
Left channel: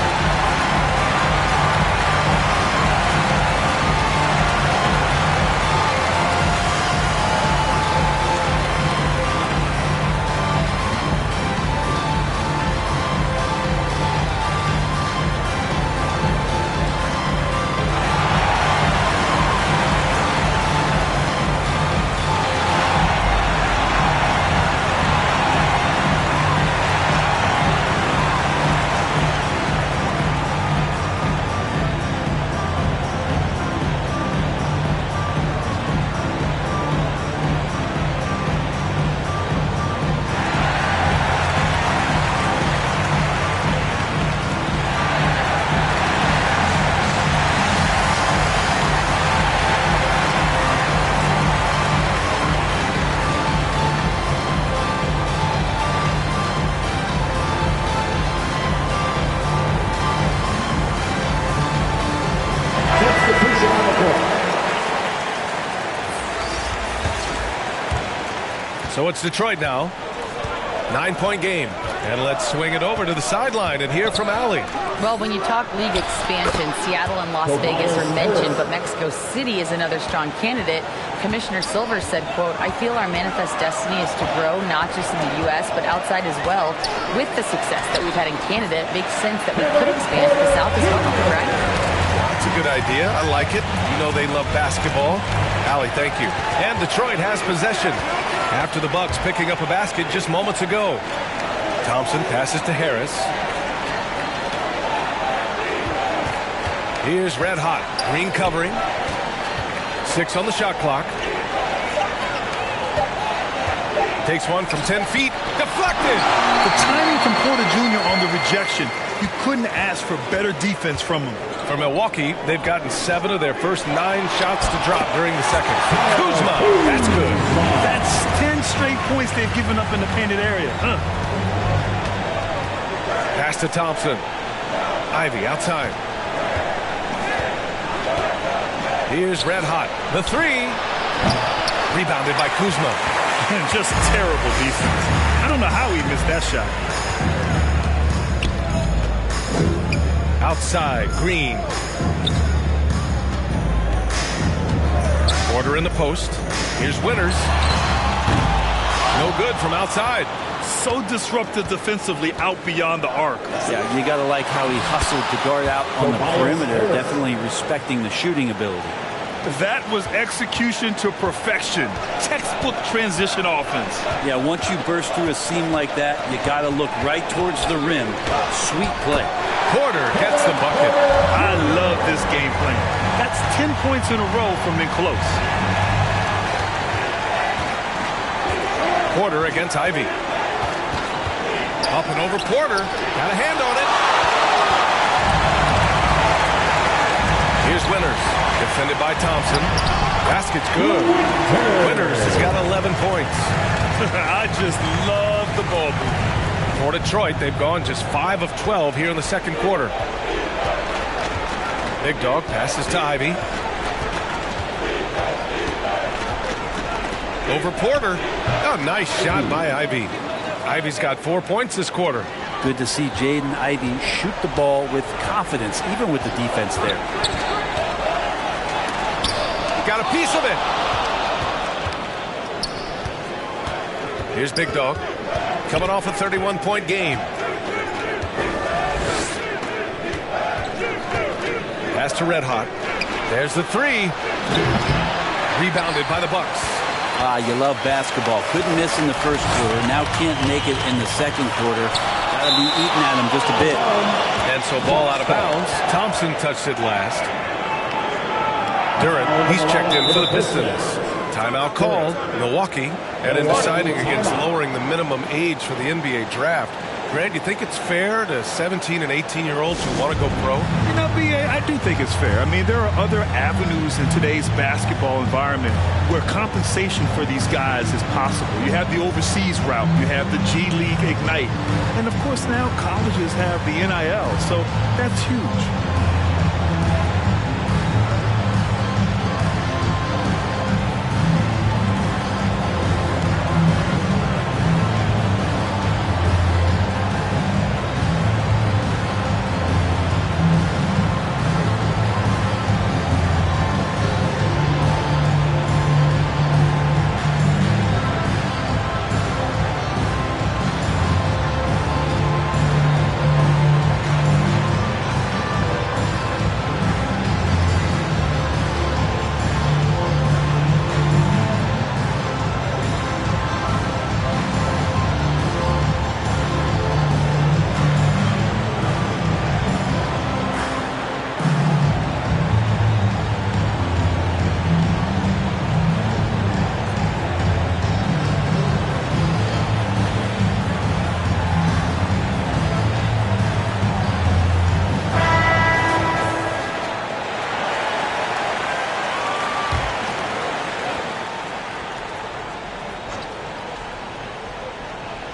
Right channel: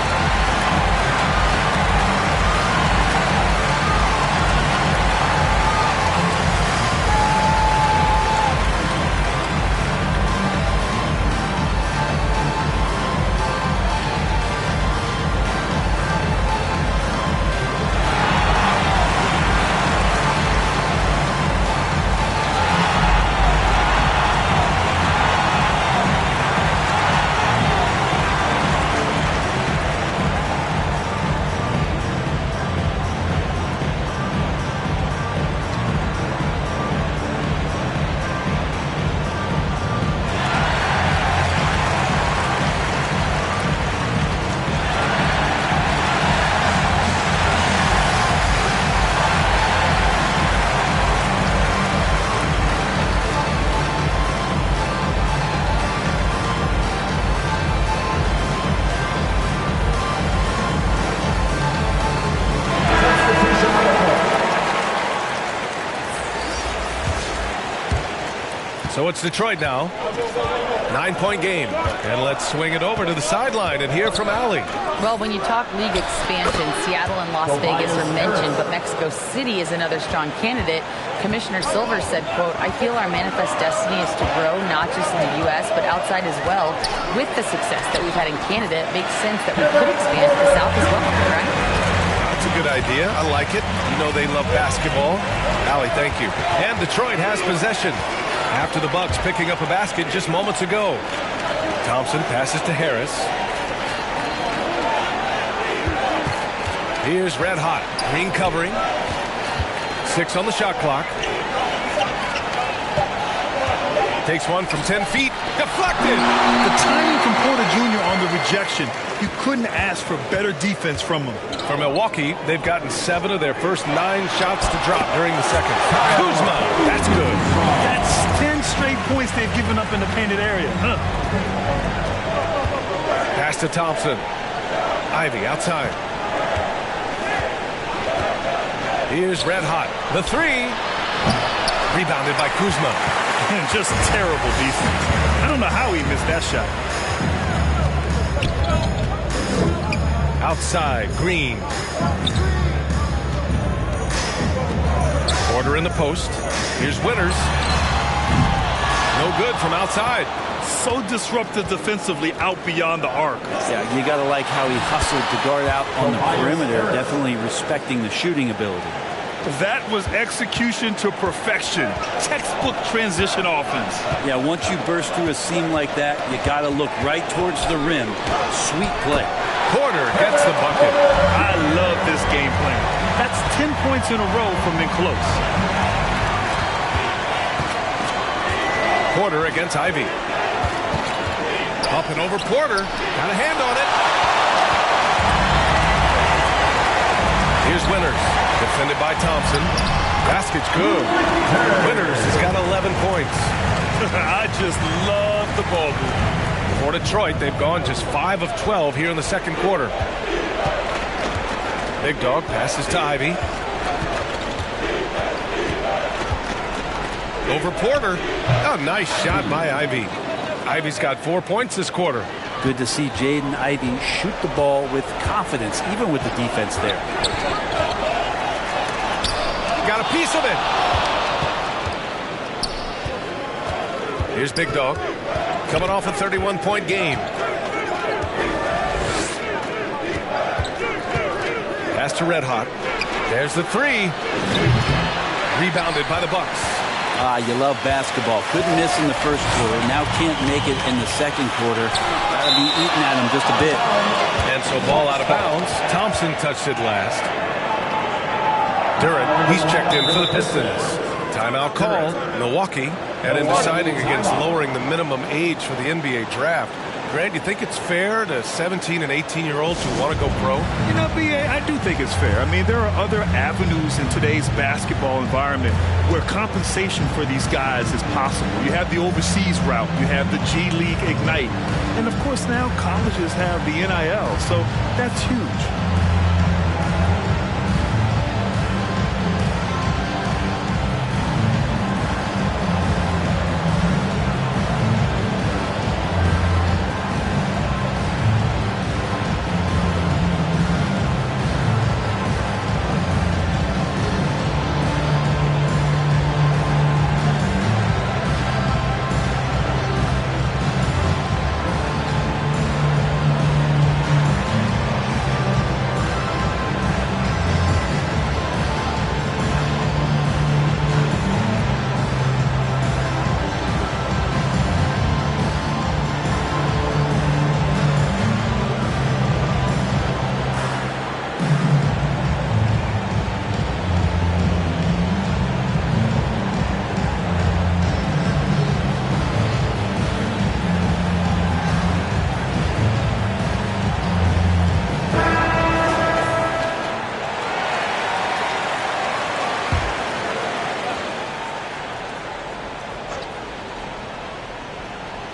So it's Detroit now. 9-point game. And let's swing it over to the sideline and hear from Allie. Well, when you talk league expansion, Seattle and Las Vegas are mentioned, but Mexico City is another strong candidate. Commissioner Silver said, quote, "I feel our manifest destiny is to grow not just in the U.S., but outside as well. With the success that we've had in Canada, it makes sense that we could expand to the South as well," right? That's a good idea. I like it. You know they love basketball. Allie, thank you. And Detroit has possession after the Bucks picking up a basket just moments ago. Thompson passes to Harris. Here's Red Hot. Green covering. 6 on the shot clock. Takes one from 10 feet. Deflected. The timing from Porter Jr. on the rejection, you couldn't ask for better defense from him. For Milwaukee, they've gotten 7 of their first 9 shots to drop during the second. Kuzma, that's good. That's 10 straight points they've given up in the painted area. Pass to Thompson. Ivy outside. Here's Red Hot. The 3. Rebounded by Kuzma. Just terrible defense. I don't know how he missed that shot. Outside, Green. Porter in the post. Here's Winters. No good from outside. So disruptive defensively out beyond the arc. Yeah, you got to like how he hustled to guard out on the perimeter, definitely respecting the shooting ability. That was execution to perfection. Textbook transition offense. Yeah, once you burst through a seam like that, you got to look right towards the rim. Sweet play. Porter gets the bucket. I love this game plan. That's 10 points in a row from in close. Porter against Ivy. Up and over Porter. Got a hand on it. Here's Winters. Defended by Thompson. Basket's good. Winters has got 11 points. I just love the ball movement. For Detroit, they've gone just 5 of 12 here in the second quarter. Big Dog passes to Ivy. Over Porter. Oh, nice shot by Ivy. Ivy's got 4 points this quarter. Good to see Jaden Ivey shoot the ball with confidence, even with the defense there. Got a piece of it. Here's Big Dog. Coming off a 31-point game. Pass to Red Hot. There's the 3. Rebounded by the Bucks. You love basketball. Couldn't miss in the first quarter. Now can't make it in the second quarter. Got to be eating at him just a bit. And so ball out of bounds. Thompson touched it last. Durant, he's checked in for the Pistons. Timeout called. Milwaukee. And in deciding against lowering the minimum age for the NBA draft, Grant, you think it's fair to 17 and 18-year-olds who want to go pro? You know, B.A., I do think it's fair. I mean, there are other avenues in today's basketball environment where compensation for these guys is possible. You have the overseas route. You have the G League Ignite. And, of course, now colleges have the NIL. So that's huge.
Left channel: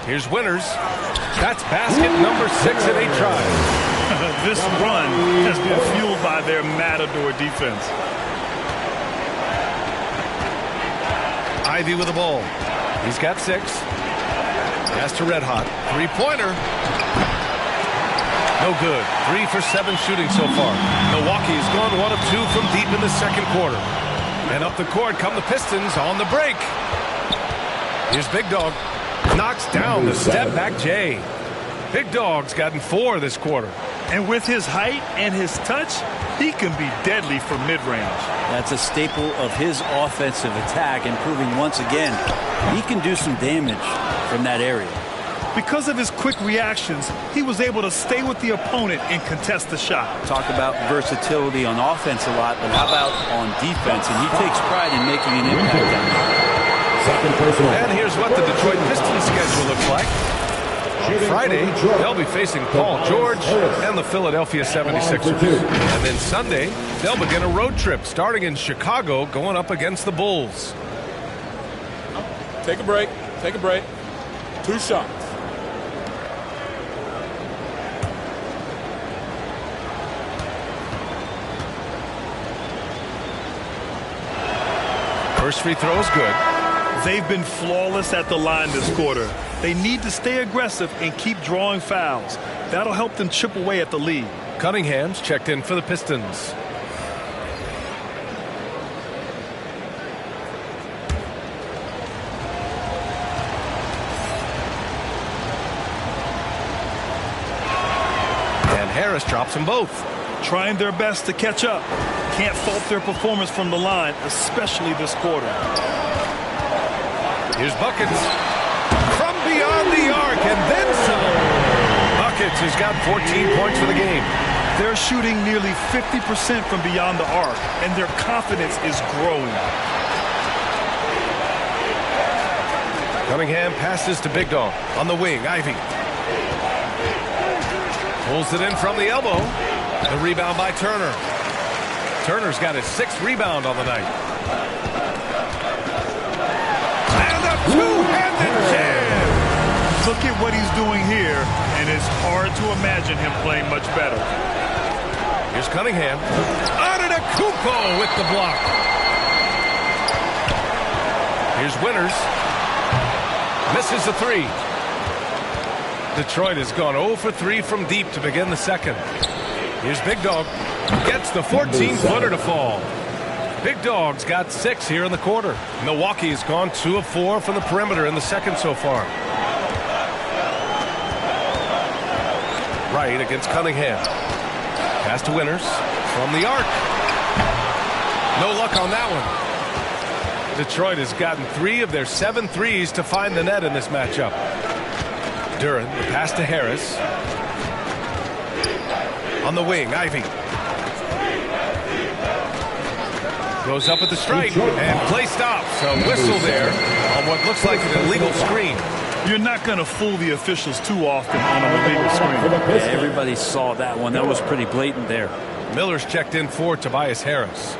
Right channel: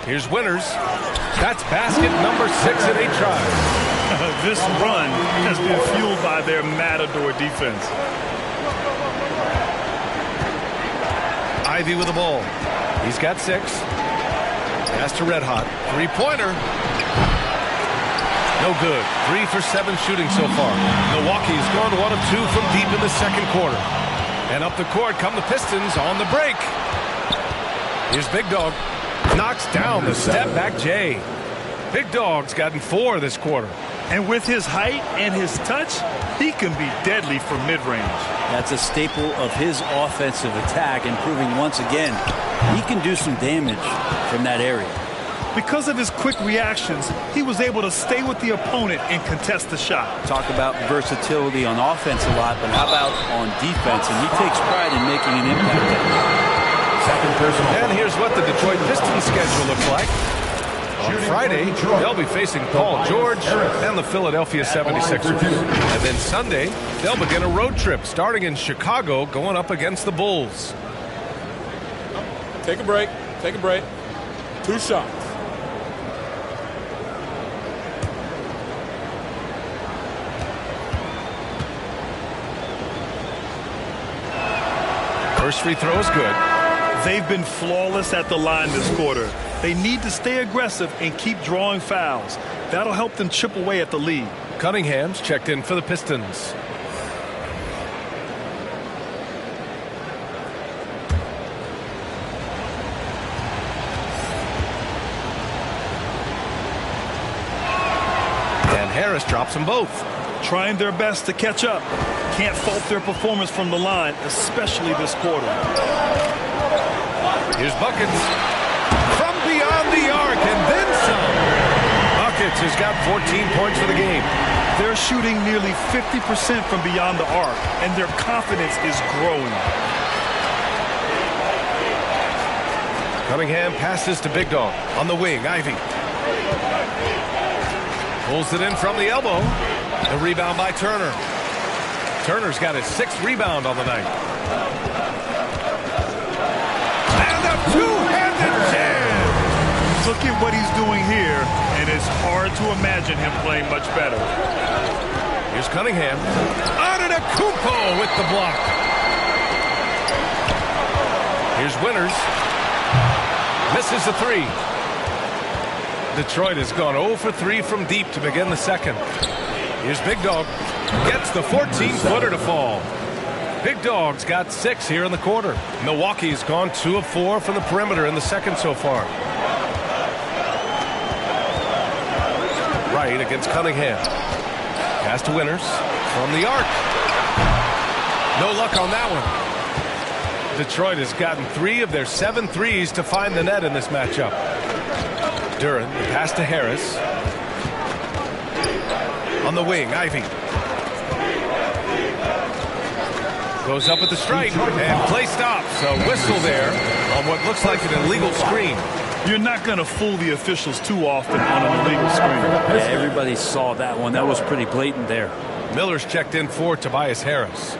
Here's Winters. That's basket number 6 in 8 tries. This run has been fueled by their Matador defense. Ivy with the ball. He's got 6. Pass to Red Hot. Three-pointer. No good. 3 for 7 shooting so far. Milwaukee's gone 1 of 2 from deep in the second quarter. And up the court come the Pistons on the break. Here's Big Dog. Knocks down the step-back Jay. Big Dog's gotten 4 this quarter. And with his height and his touch, he can be deadly from mid-range. That's a staple of his offensive attack, and proving once again he can do some damage from that area. Because of his quick reactions, he was able to stay with the opponent and contest the shot. Talk about versatility on offense a lot, but how about on defense? And he takes pride in making an impact on that. Second personal. And here's what the Detroit Pistons schedule looks like. On Friday, they'll be facing Paul George and the Philadelphia 76ers. And then Sunday, they'll begin a road trip starting in Chicago, going up against the Bulls. Take a break. Take a break. 2 shots. First free throw is good. They've been flawless at the line this quarter. They need to stay aggressive and keep drawing fouls. That'll help them chip away at the lead. Cunningham's checked in for the Pistons. And Harris drops them both. Trying their best to catch up. Can't fault their performance from the line, especially this quarter. Here's Buckets from beyond the arc and then some. Buckets has got 14 points for the game. They're shooting nearly 50% from beyond the arc, and their confidence is growing. Cunningham passes to Big Dog on the wing. Ivy pulls it in from the elbow. The rebound by Turner. Turner's got his 6th rebound on the night. And a two-handed jam. Look at what he's doing here, and it's hard to imagine him playing much better. Here's Cunningham. Antetokounmpo with the block. Here's Winters. Misses the 3. Detroit has gone 0 for 3 from deep to begin the second. Here's Big Dog. Gets the 14-footer to fall. Big Dog's got 6 here in the quarter. Milwaukee's gone 2 of 4 from the perimeter in the second so far. Right against Cunningham. Pass to Winters from the arc. No luck on that one. Detroit has gotten 3 of their 7 threes to find the net in this matchup. Duran, the pass to Harris. On the wing, Ivy. Goes up at the stripe, and play stops. A whistle there on what looks like an illegal screen. You're not going to fool the officials too often on an illegal screen. Yeah, everybody saw that one. That was pretty blatant there. Miller's checked in for Tobias Harris.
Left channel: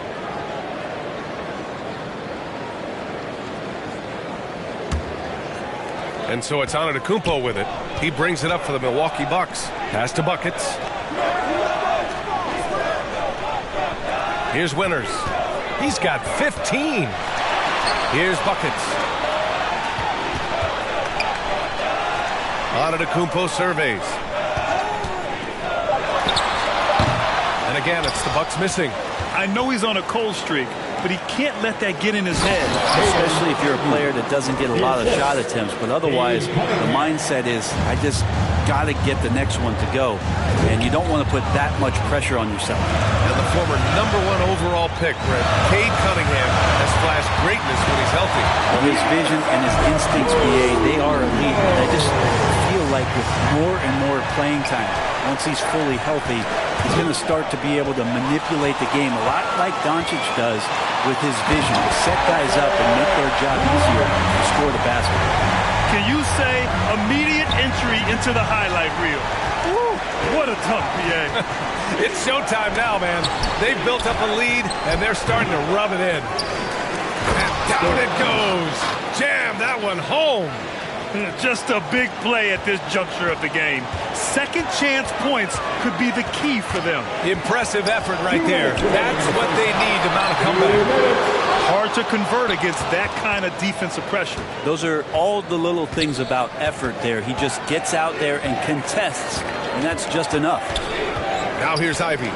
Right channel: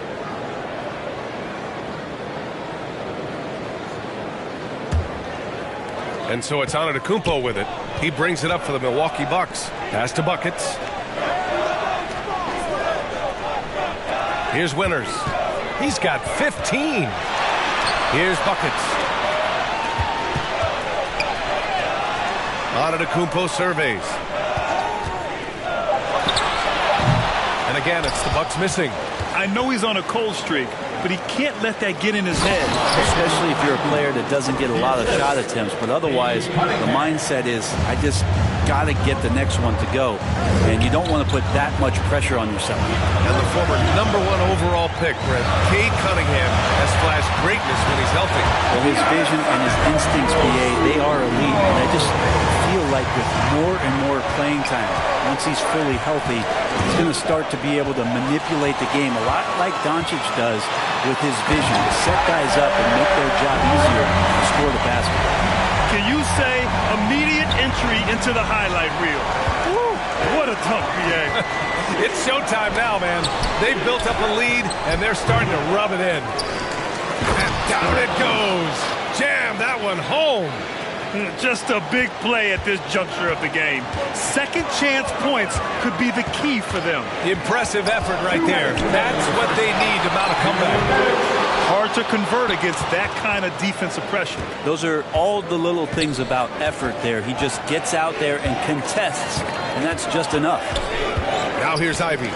And so it's Antetokounmpo with it. He brings it up for the Milwaukee Bucks. Pass to Buckets. Here's Winters. He's got 15. Here's Buckets. Antetokounmpo surveys. And again, it's the Bucks missing. I know he's on a cold streak, but he can't let that get in his head. Especially if you're a player that doesn't get a lot of shot attempts. But otherwise, the mindset is, I just got to get the next one to go. And you don't want to put that much pressure on yourself. And the former #1 overall pick, Brett, Cade Cunningham, has flashed greatness when he's healthy. Well, his vision and his instincts, BA, they are elite. And I just feel like with more and more playing time, once he's fully healthy, he's going to start to be able to manipulate the game a lot like Doncic does with his vision, to set guys up and make their job easier to score the basketball. Can you say immediate entry into the highlight reel? Woo, what a dunk, BA. It's showtime now, man. They've built up a lead, and they're starting to rub it in. And down it goes. Jam that one home. Just a big play at this juncture of the game. Second chance points could be the key for them. Impressive effort right there. That's what they need to mount a comeback. Hard to convert against that kind of defensive pressure. Those are all the little things about effort there. He just gets out there and contests, and that's just enough. Now here's Ivy.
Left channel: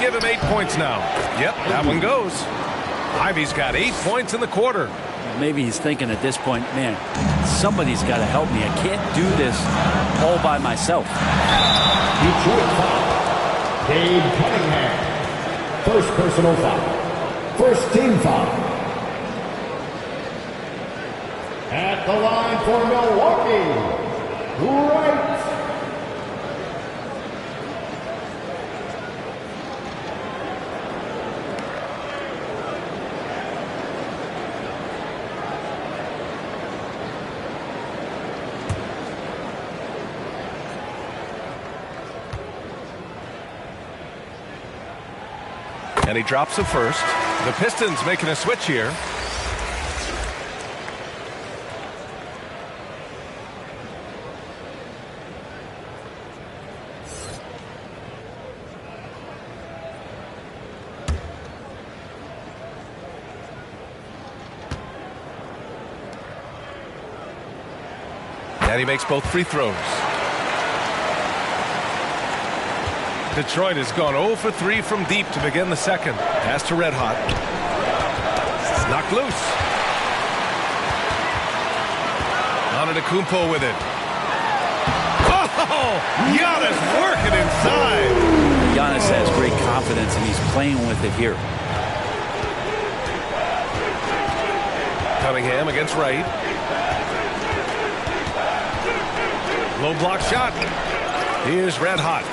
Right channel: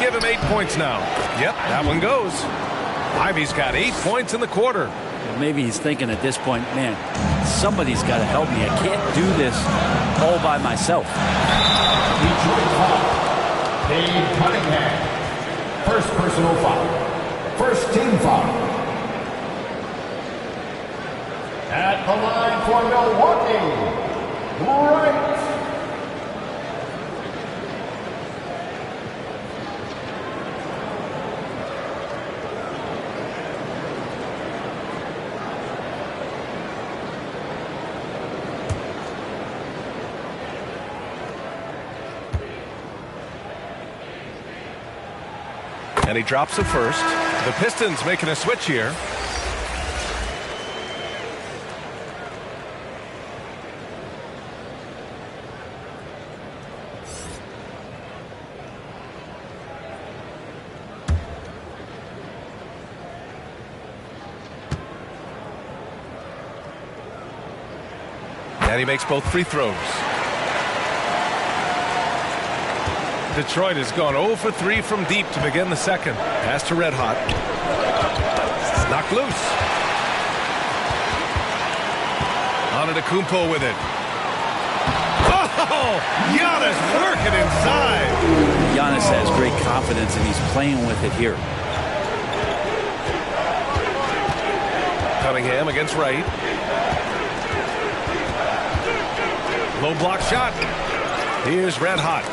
Give him 8 points now. Yep, that one goes. Ivy's got 8 points in the quarter. Maybe he's thinking at this point, man, somebody's got to help me. I can't do this all by myself. Detroit foul. Cade Cunningham. First personal foul. First team foul. At the line for Milwaukee, Wright. And he drops it first. The Pistons making a switch here. And he makes both free throws. Detroit has gone 0 for 3 from deep to begin the second. Pass to Red Hot. Knocked loose. Antetokounmpo with it. Oh! Giannis working inside. Giannis has great confidence, and he's playing with it here. Cunningham against Wright. Low block shot. Here's Red Hot.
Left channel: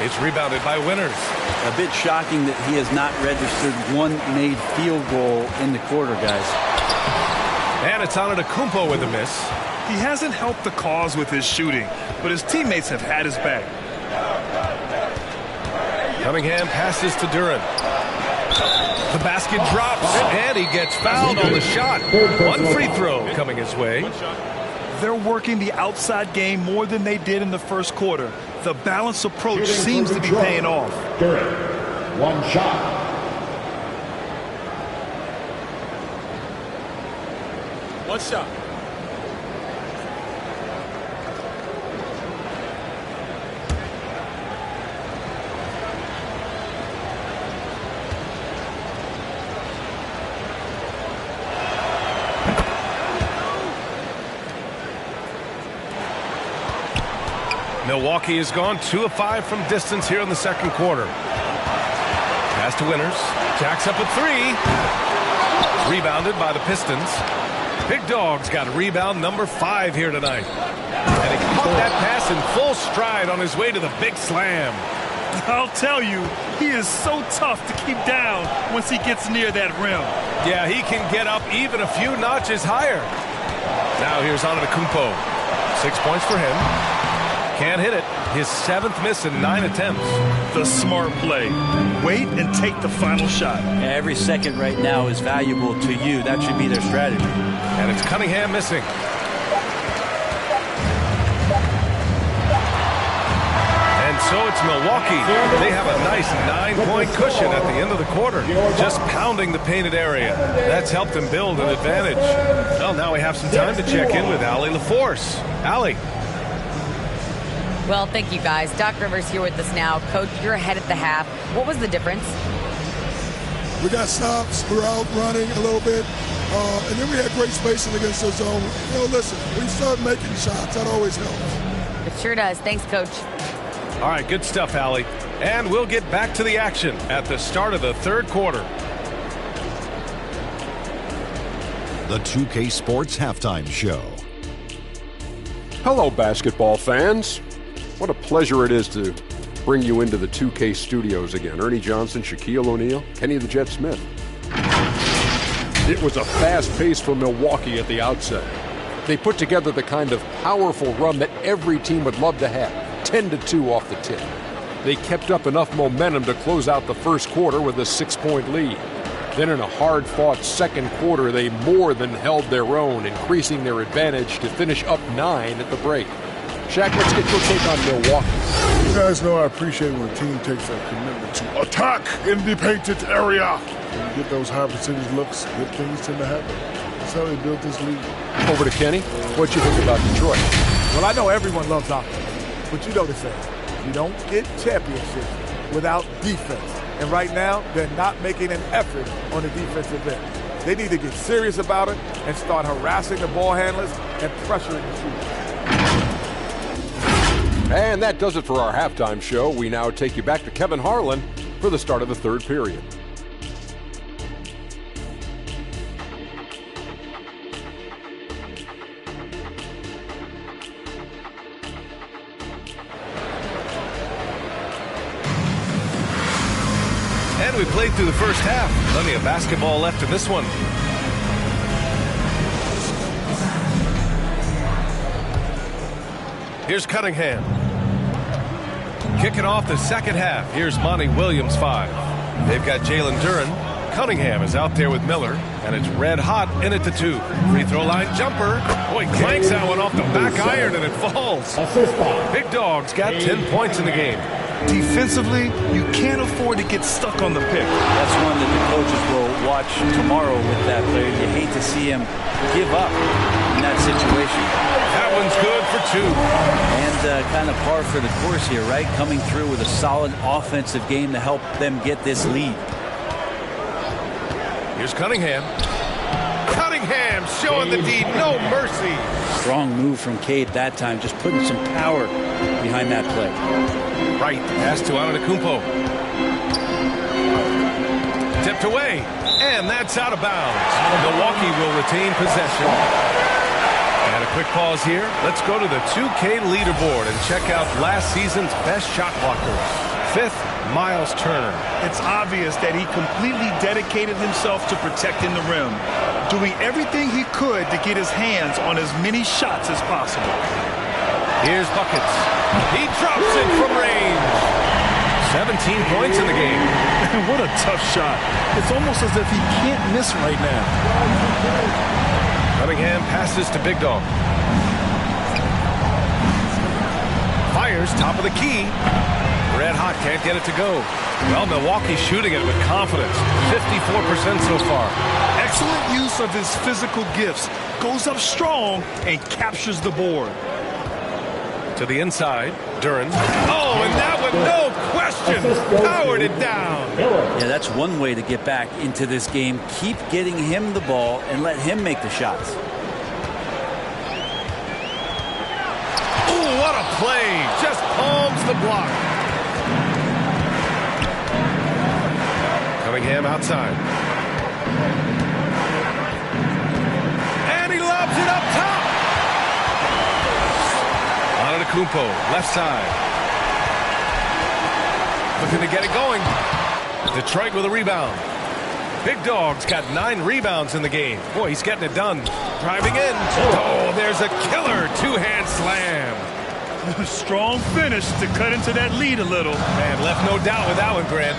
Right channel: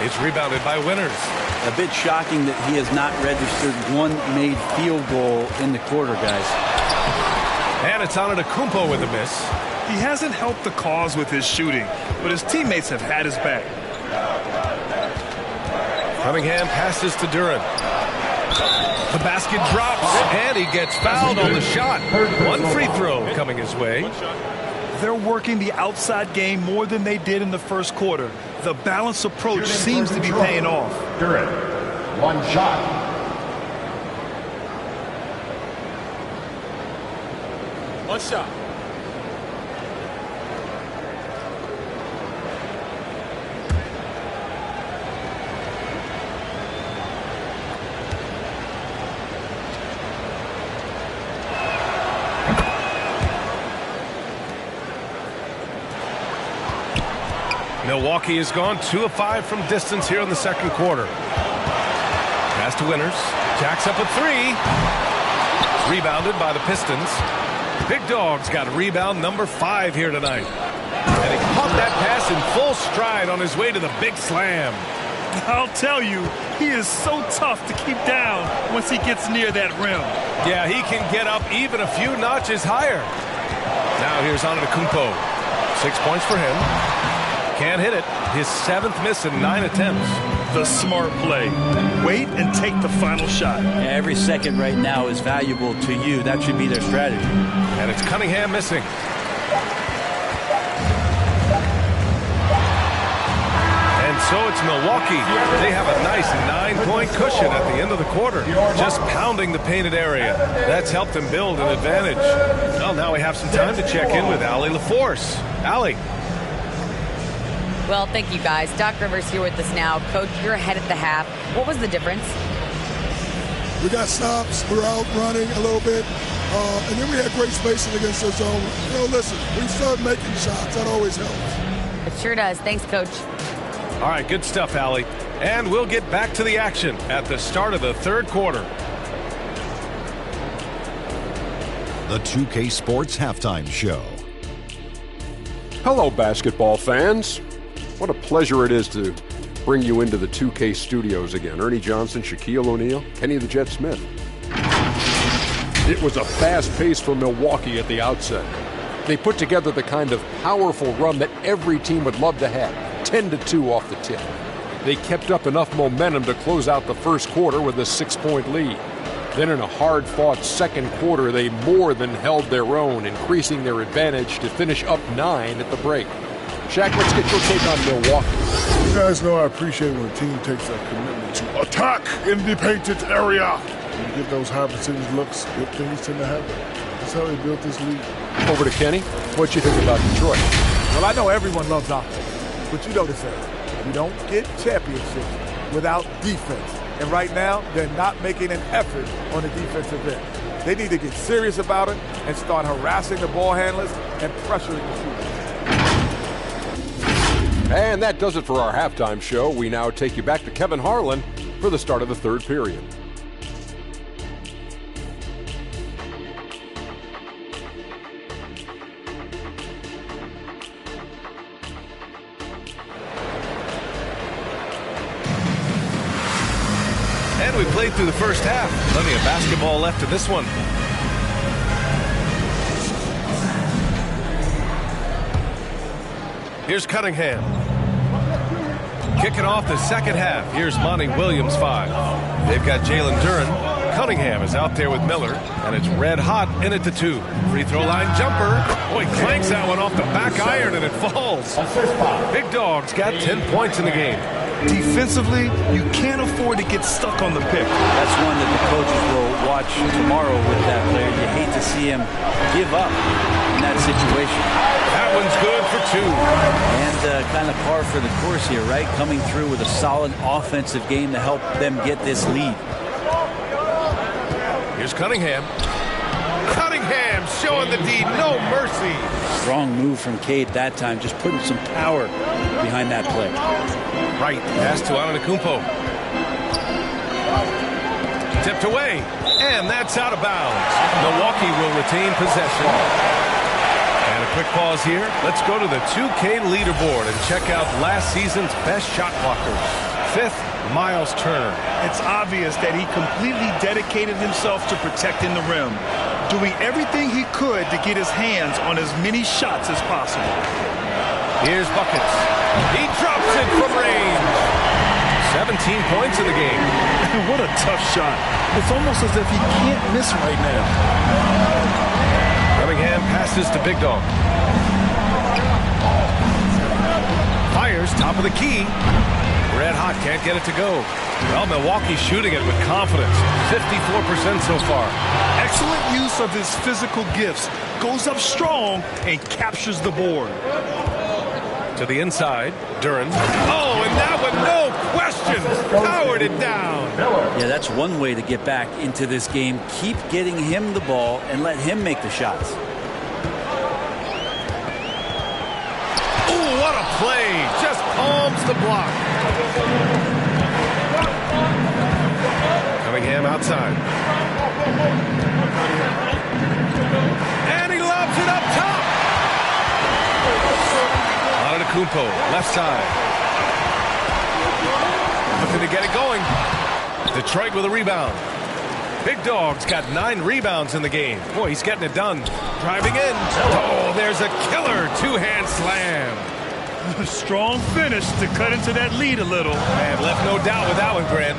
It's rebounded by Winters. A bit shocking that he has not registered one made field goal in the quarter, guys. And it's Antetokounmpo with a miss. He hasn't helped the cause with his shooting, but his teammates have had his back. Cunningham passes to Duran. The basket drops, and he gets fouled on the shot. One free throw coming his way. They're working the outside game more than they did in the first quarter. The balanced approach seems to be paying off. Duran, one shot. One shot. Milwaukee has gone 2 of 5 from distance here in the second quarter. Pass to Winters. Jacks up at 3. Rebounded by the Pistons. Big Dog's got a rebound number 5 here tonight. And he caught that pass in full stride on his way to the big slam. I'll tell you, he is so tough to keep down once he gets near that rim. Yeah, he can get up even a few notches higher. Now here's Antetokounmpo. 6 points for him. Can't hit it. His 7th miss in 9 attempts. The smart play. Wait and take the final shot. Every second right now is valuable to you. That should be their strategy. And it's Cunningham missing. And so it's Milwaukee. They have a nice 9-point cushion at the end of the quarter. Just pounding the painted area. That's helped them build an advantage. Well, now we have some time to check in with Allie LaForce. Allie. Well, thank you, guys. Doc Rivers here with us now. Coach, you're ahead at the half. What was the difference? We got stops. We were out running a little bit. And then we had great spacing against the zone. You know, listen, we start making shots. That always helps. It sure does. Thanks, Coach. All right, good stuff, Allie. And we'll get back to the action at the start of the third quarter. The 2K Sports Halftime Show. Hello, basketball fans. What a pleasure it is to bring you into the 2K studios again. Ernie Johnson, Shaquille O'Neal, Kenny the Jet Smith. It was a fast pace for Milwaukee at the outset. They put together the kind of powerful run that every team would love to have, 10-2 off the tip. They kept up enough momentum to close out the first quarter with a 6-point lead. Then in a hard-fought second quarter, they more than held their own, increasing their advantage to finish up 9 at the break. Shaq, let's get your take on Milwaukee. You guys know I appreciate when a team takes a commitment to attack in the painted area. When you get those high percentage looks, good things tend to happen. That's how they built this league. Over to Kenny. What you think about Detroit? Well, I know everyone loves offense, but you know the saying. You don't get championships without defense. And right now, they're not making an effort on the defensive end. They need to get serious about it and start harassing the ball handlers and pressuring the shooters. And that does it for our halftime show. We now take you back to Kevin Harlan for the start of the third period. And we played through the first half. Plenty of basketball left in this one. Here's Cunningham. Kicking off the second half. Here's Monty Williams, 5. They've got Jalen Duren. Cunningham is out there with Miller, and it's red hot in at the 2. Free throw line jumper. Boy, clanks that one off the back iron, and it falls. Big Dog's got 10 points in the game. Defensively, you can't afford to get stuck on the pick. That's one that the coaches will watch tomorrow with that player. You hate to see him give up in that situation. That one's good for 2. And kind of par for the course here, right? Coming through with a solid offensive game to help them get this lead. Here's Cunningham. Cunningham showing the D, no mercy. Strong move from Cade that time, just putting some power behind that play. Right, pass to Antetokounmpo. Tipped away, and that's out of bounds. Milwaukee will retain possession. And a quick pause here. Let's go to the 2K leaderboard and check out last season's best shot blockers. 5th, Miles Turner. It's obvious that he completely dedicated himself to protecting the rim, doing everything he could to get his hands on as many shots as possible. Here's buckets. He drops it from range. 17 points in the game. What a tough shot. It's almost as if he can't miss right now. Cunningham passes to Big Dog. Fires top of the key. Red hot, can't get it to go. Well, Milwaukee's shooting it with confidence. 54% so far. Excellent use of his physical gifts. Goes up strong and captures the board. To the inside, Duren. Oh, and that one, no question, powered it down. Yeah, that's one way to get back into this game. Keep getting him the ball and let him make the shots. Ooh, what a play. Just palms the block. Cunningham outside. And he lobs it up top. Antetokounmpo, left side. looking to get it going. Detroit with a rebound. Big Dog's got 9 rebounds in the game. Boy, he's getting it done. Driving in. Oh, there's a killer two-hand slam. Strong finish to cut into that lead a little. Man, left no doubt with that one, Grant.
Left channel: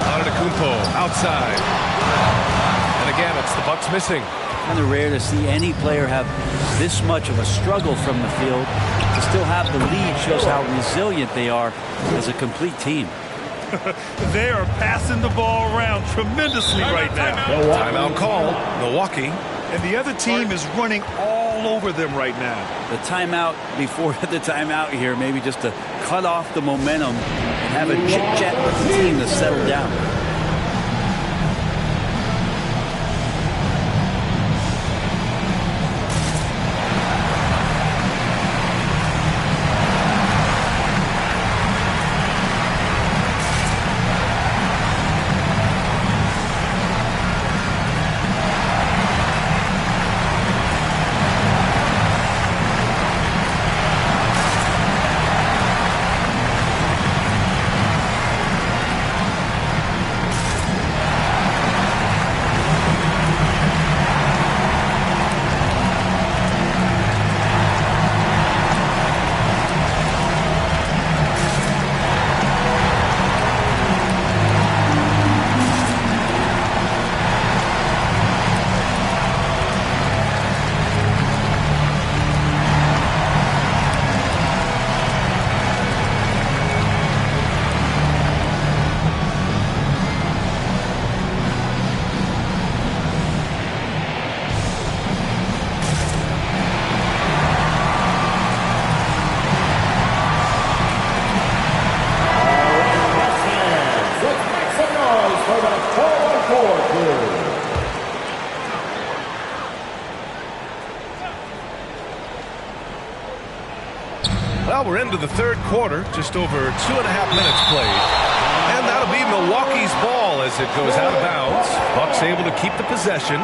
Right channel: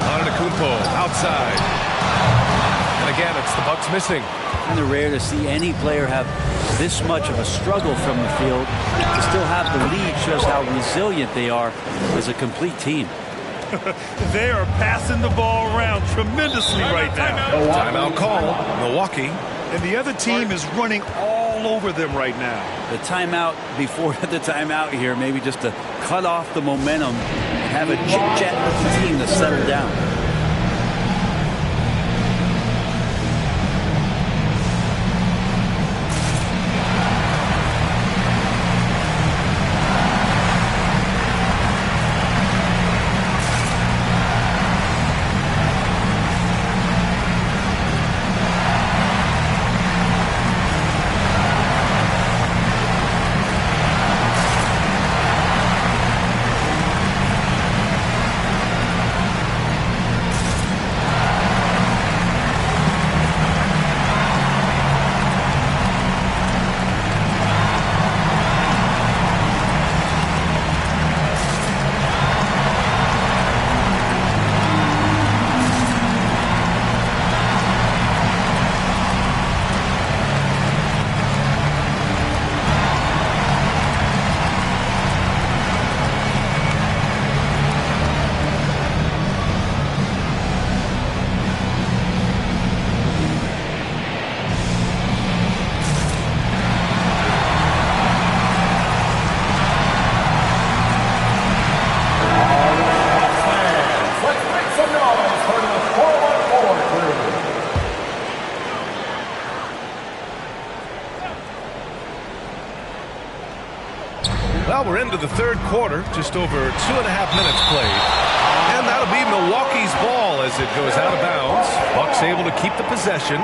Antetokounmpo outside. And again, it's the Bucks missing. Kind of rare to see any player have this much of a struggle from the field. To still have the lead shows how resilient they are as a complete team. They are passing the ball around tremendously right now. Timeout call, Milwaukee. And the other team is running all over them right now. The timeout before the timeout here, maybe just to cut off the momentum and have a chit-chat with the team to settle down. Well, we're into the third quarter, just over 2.5 minutes played. And that'll be Milwaukee's ball as it goes out of bounds. Bucks able to keep the possession.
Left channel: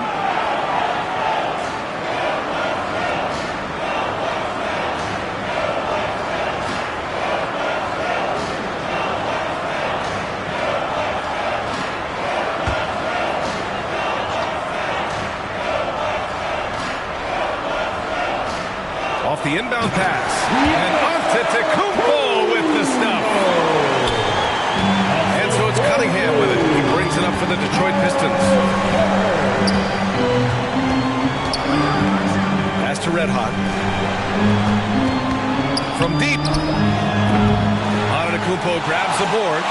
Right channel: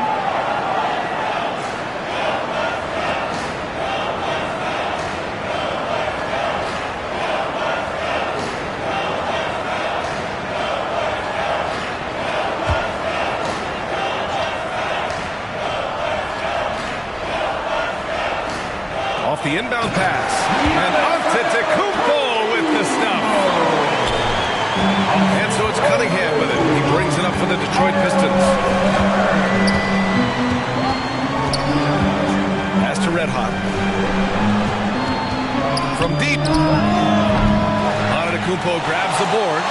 Off the inbound pass. And Antetokounmpo with the stuff. And so it's Cunningham with it. He brings it up for the Detroit Pistons. Pass to Red Hot. From deep. Antetokounmpo grabs the board.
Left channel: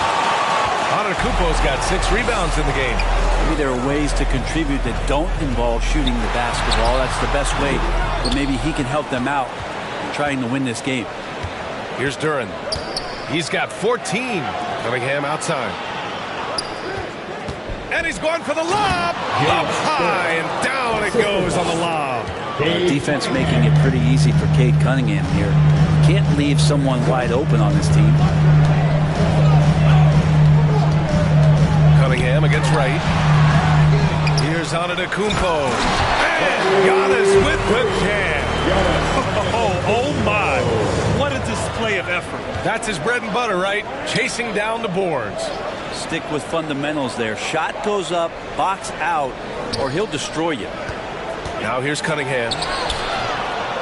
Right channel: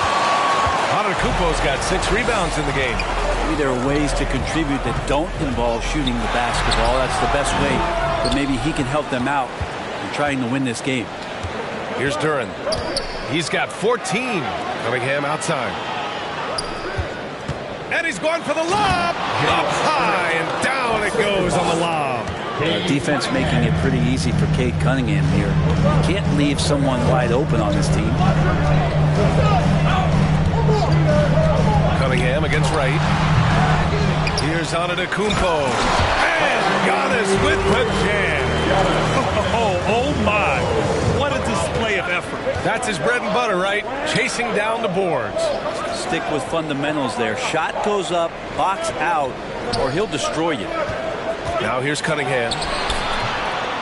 Antetokounmpo's got 6 rebounds in the game. Maybe there are ways to contribute that don't involve shooting the basketball. That's the best way, but maybe he can help them out in trying to win this game. Here's Duran. He's got 14. Cunningham outside. And he's going for the lob. Up high and down it goes on the lob. Defense making it pretty easy for Cade Cunningham here. You can't leave someone wide open on this team. Cunningham against Wright. Here's Antetokounmpo. And Giannis with the jam. Oh my. What a display of effort. That's his bread and butter, right? Chasing down the boards. Stick with fundamentals there. Shot goes up, box out, or he'll destroy you. Now here's Cunningham.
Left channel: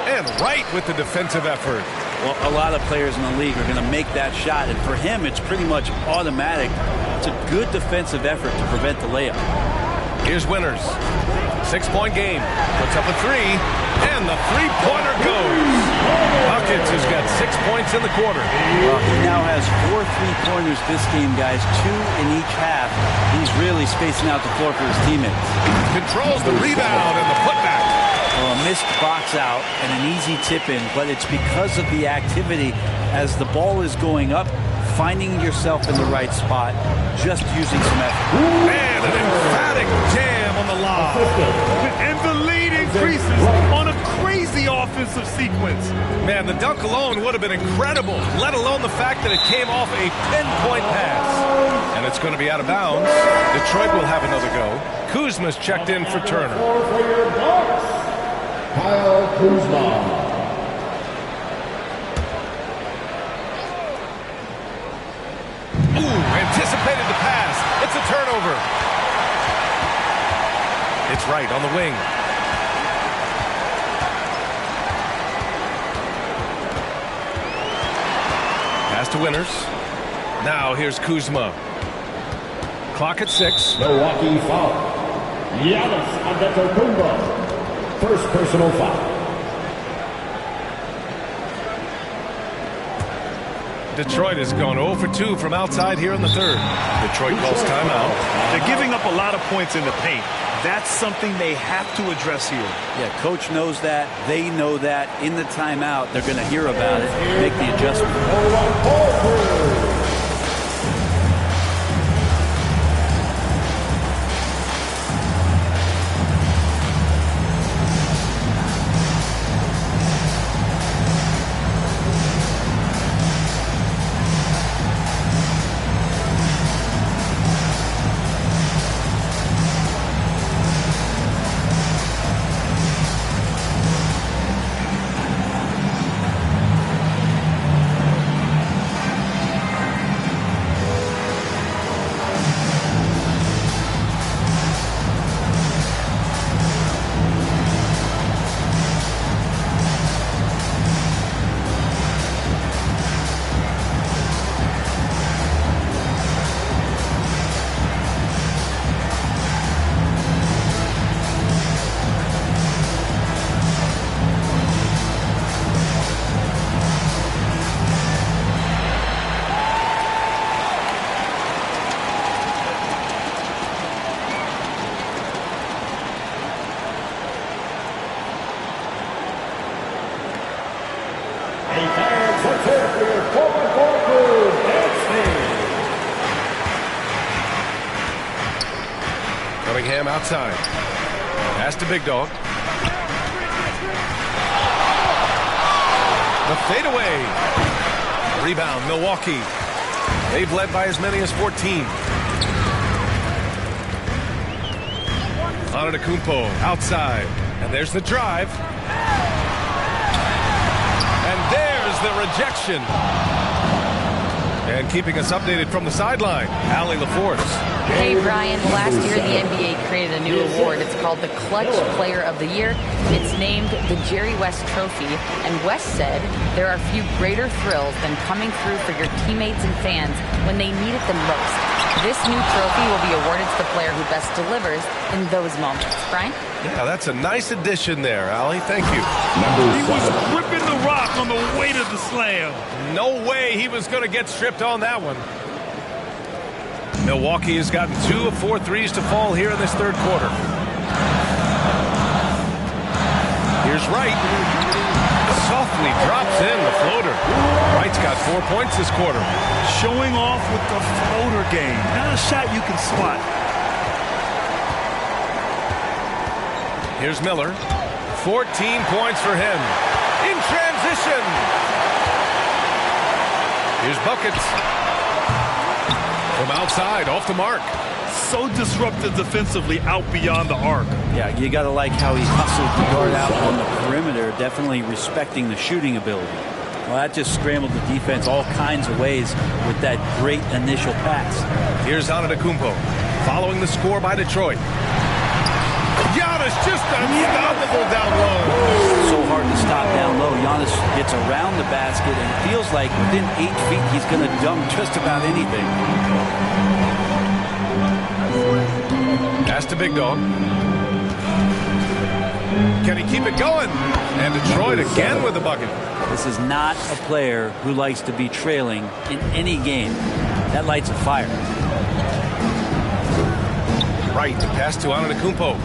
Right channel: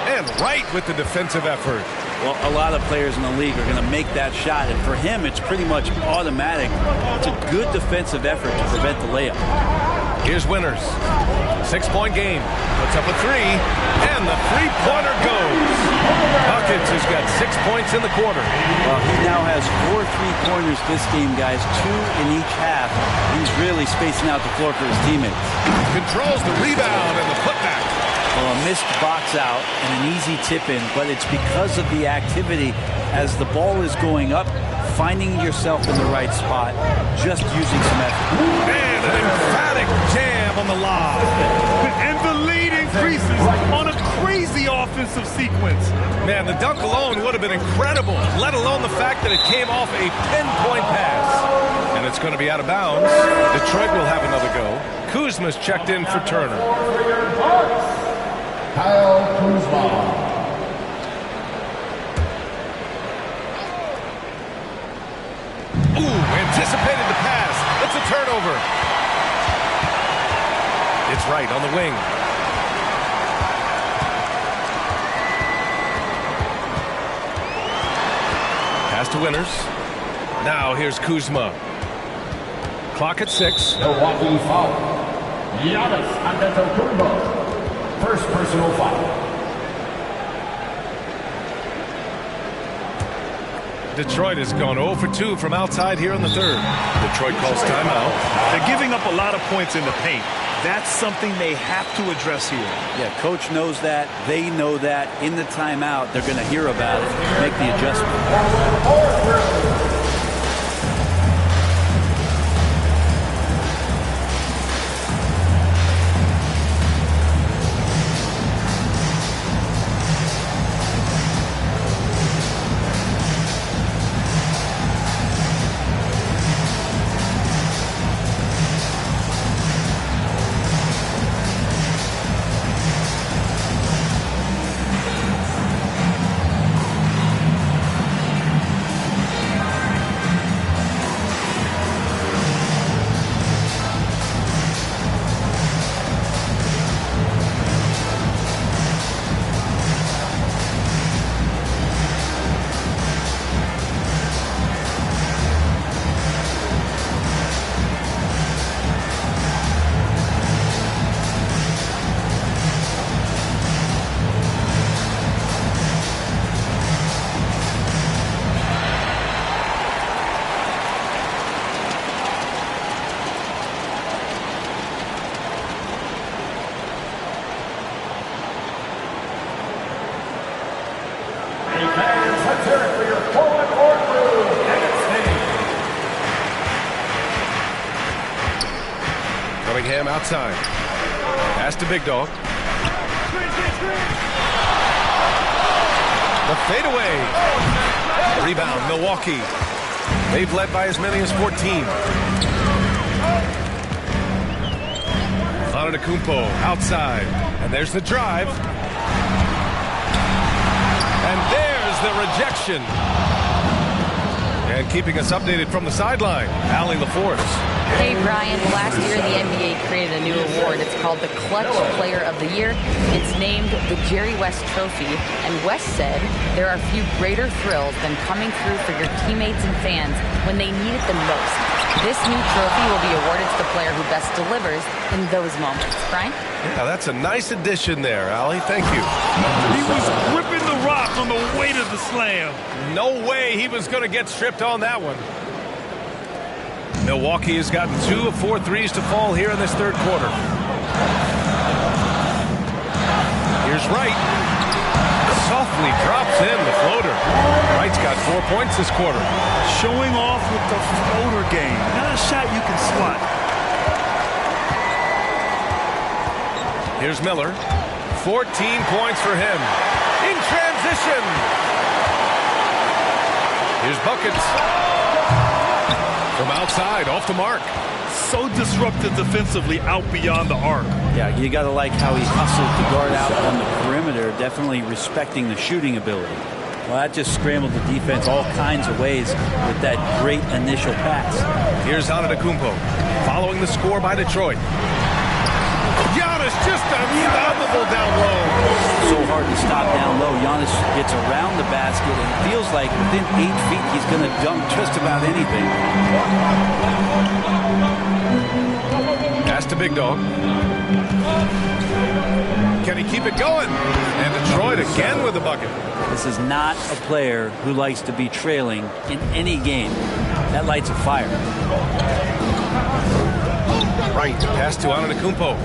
And Wright with the defensive effort. Well, a lot of players in the league are going to make that shot, and for him, it's pretty much automatic. It's a good defensive effort to prevent the layup. Here's Winters. 6-point game. Puts up a 3, and the three-pointer goes. Buckets has got 6 points in the quarter. Well, he now has 4 3-pointers this game, guys. 2 in each half. He's really spacing out the floor for his teammates. Controls the rebound and the putback. Well, a missed box out and an easy tip in, but it's because of the activity as the ball is going up, finding yourself in the right spot, just using some effort. And an emphatic jam on the lob. And the lead increases on a crazy offensive sequence. Man, the dunk alone would have been incredible, let alone the fact that it came off a pinpoint pass. And it's going to be out of bounds. Detroit will have another go. Kuzma's checked in for Turner. Kyle Kuzma. Ooh, anticipated the pass. It's a turnover. It's Wright on the wing. Pass to Winters. Now here's Kuzma. Clock at 6. Milwaukee foul. Giannis Antetokounmpo. First personal foul. Detroit has gone 0 for 2 from outside here in the third. Detroit calls timeout. They're giving up a lot of points in the paint. That's something they have to address here. Yeah, coach knows that. They know that. In the timeout, they're going to hear about it, make the adjustment. Fans, let's hear it for your forward court crew, dancing. Cunningham outside. Pass to Big Dog. The fadeaway. Rebound, Milwaukee. They've led by as many as 14. Antetokounmpo outside. And there's the drive. And there's the rejection. And keeping us updated from the sideline, Allie LaForce. Hey, Brian. Last year, the NBA created a new award. It's called the Clutch Player of the Year. It's named the Jerry West Trophy. And West said there are few greater thrills than coming through for your teammates and fans when they need it the most. This new trophy will be awarded to the player who best delivers in those moments. Brian? Yeah, that's a nice addition there, Allie. Thank you. He was gripping the rock on the way to the slam. No way he was going to get stripped on that one. Milwaukee has gotten 2 of 4 threes to fall here in this third quarter. Here's Wright. Softly drops in the floater. Wright's got 4 points this quarter. Showing off with the floater game. Not a shot you can swat. Here's Miller. 14 points for him. In transition. Here's buckets. From outside, off the mark. So disruptive defensively out beyond the arc. Yeah, you got to like how he hustled to guard out on the perimeter, definitely respecting the shooting ability. Well, that just scrambled the defense all kinds of ways with that great initial pass. Here's Antetokounmpo, following the score by Detroit. Giannis just unstoppable down low. So hard to stop down low. Giannis gets around the basket, and it feels like within 8 feet he's going to dunk just about anything. Pass to Big Dog. Can he keep it going? And Detroit again with the bucket. This is not a player who likes to be trailing in any game. That lights a fire. Wright, pass to Antetokounmpo.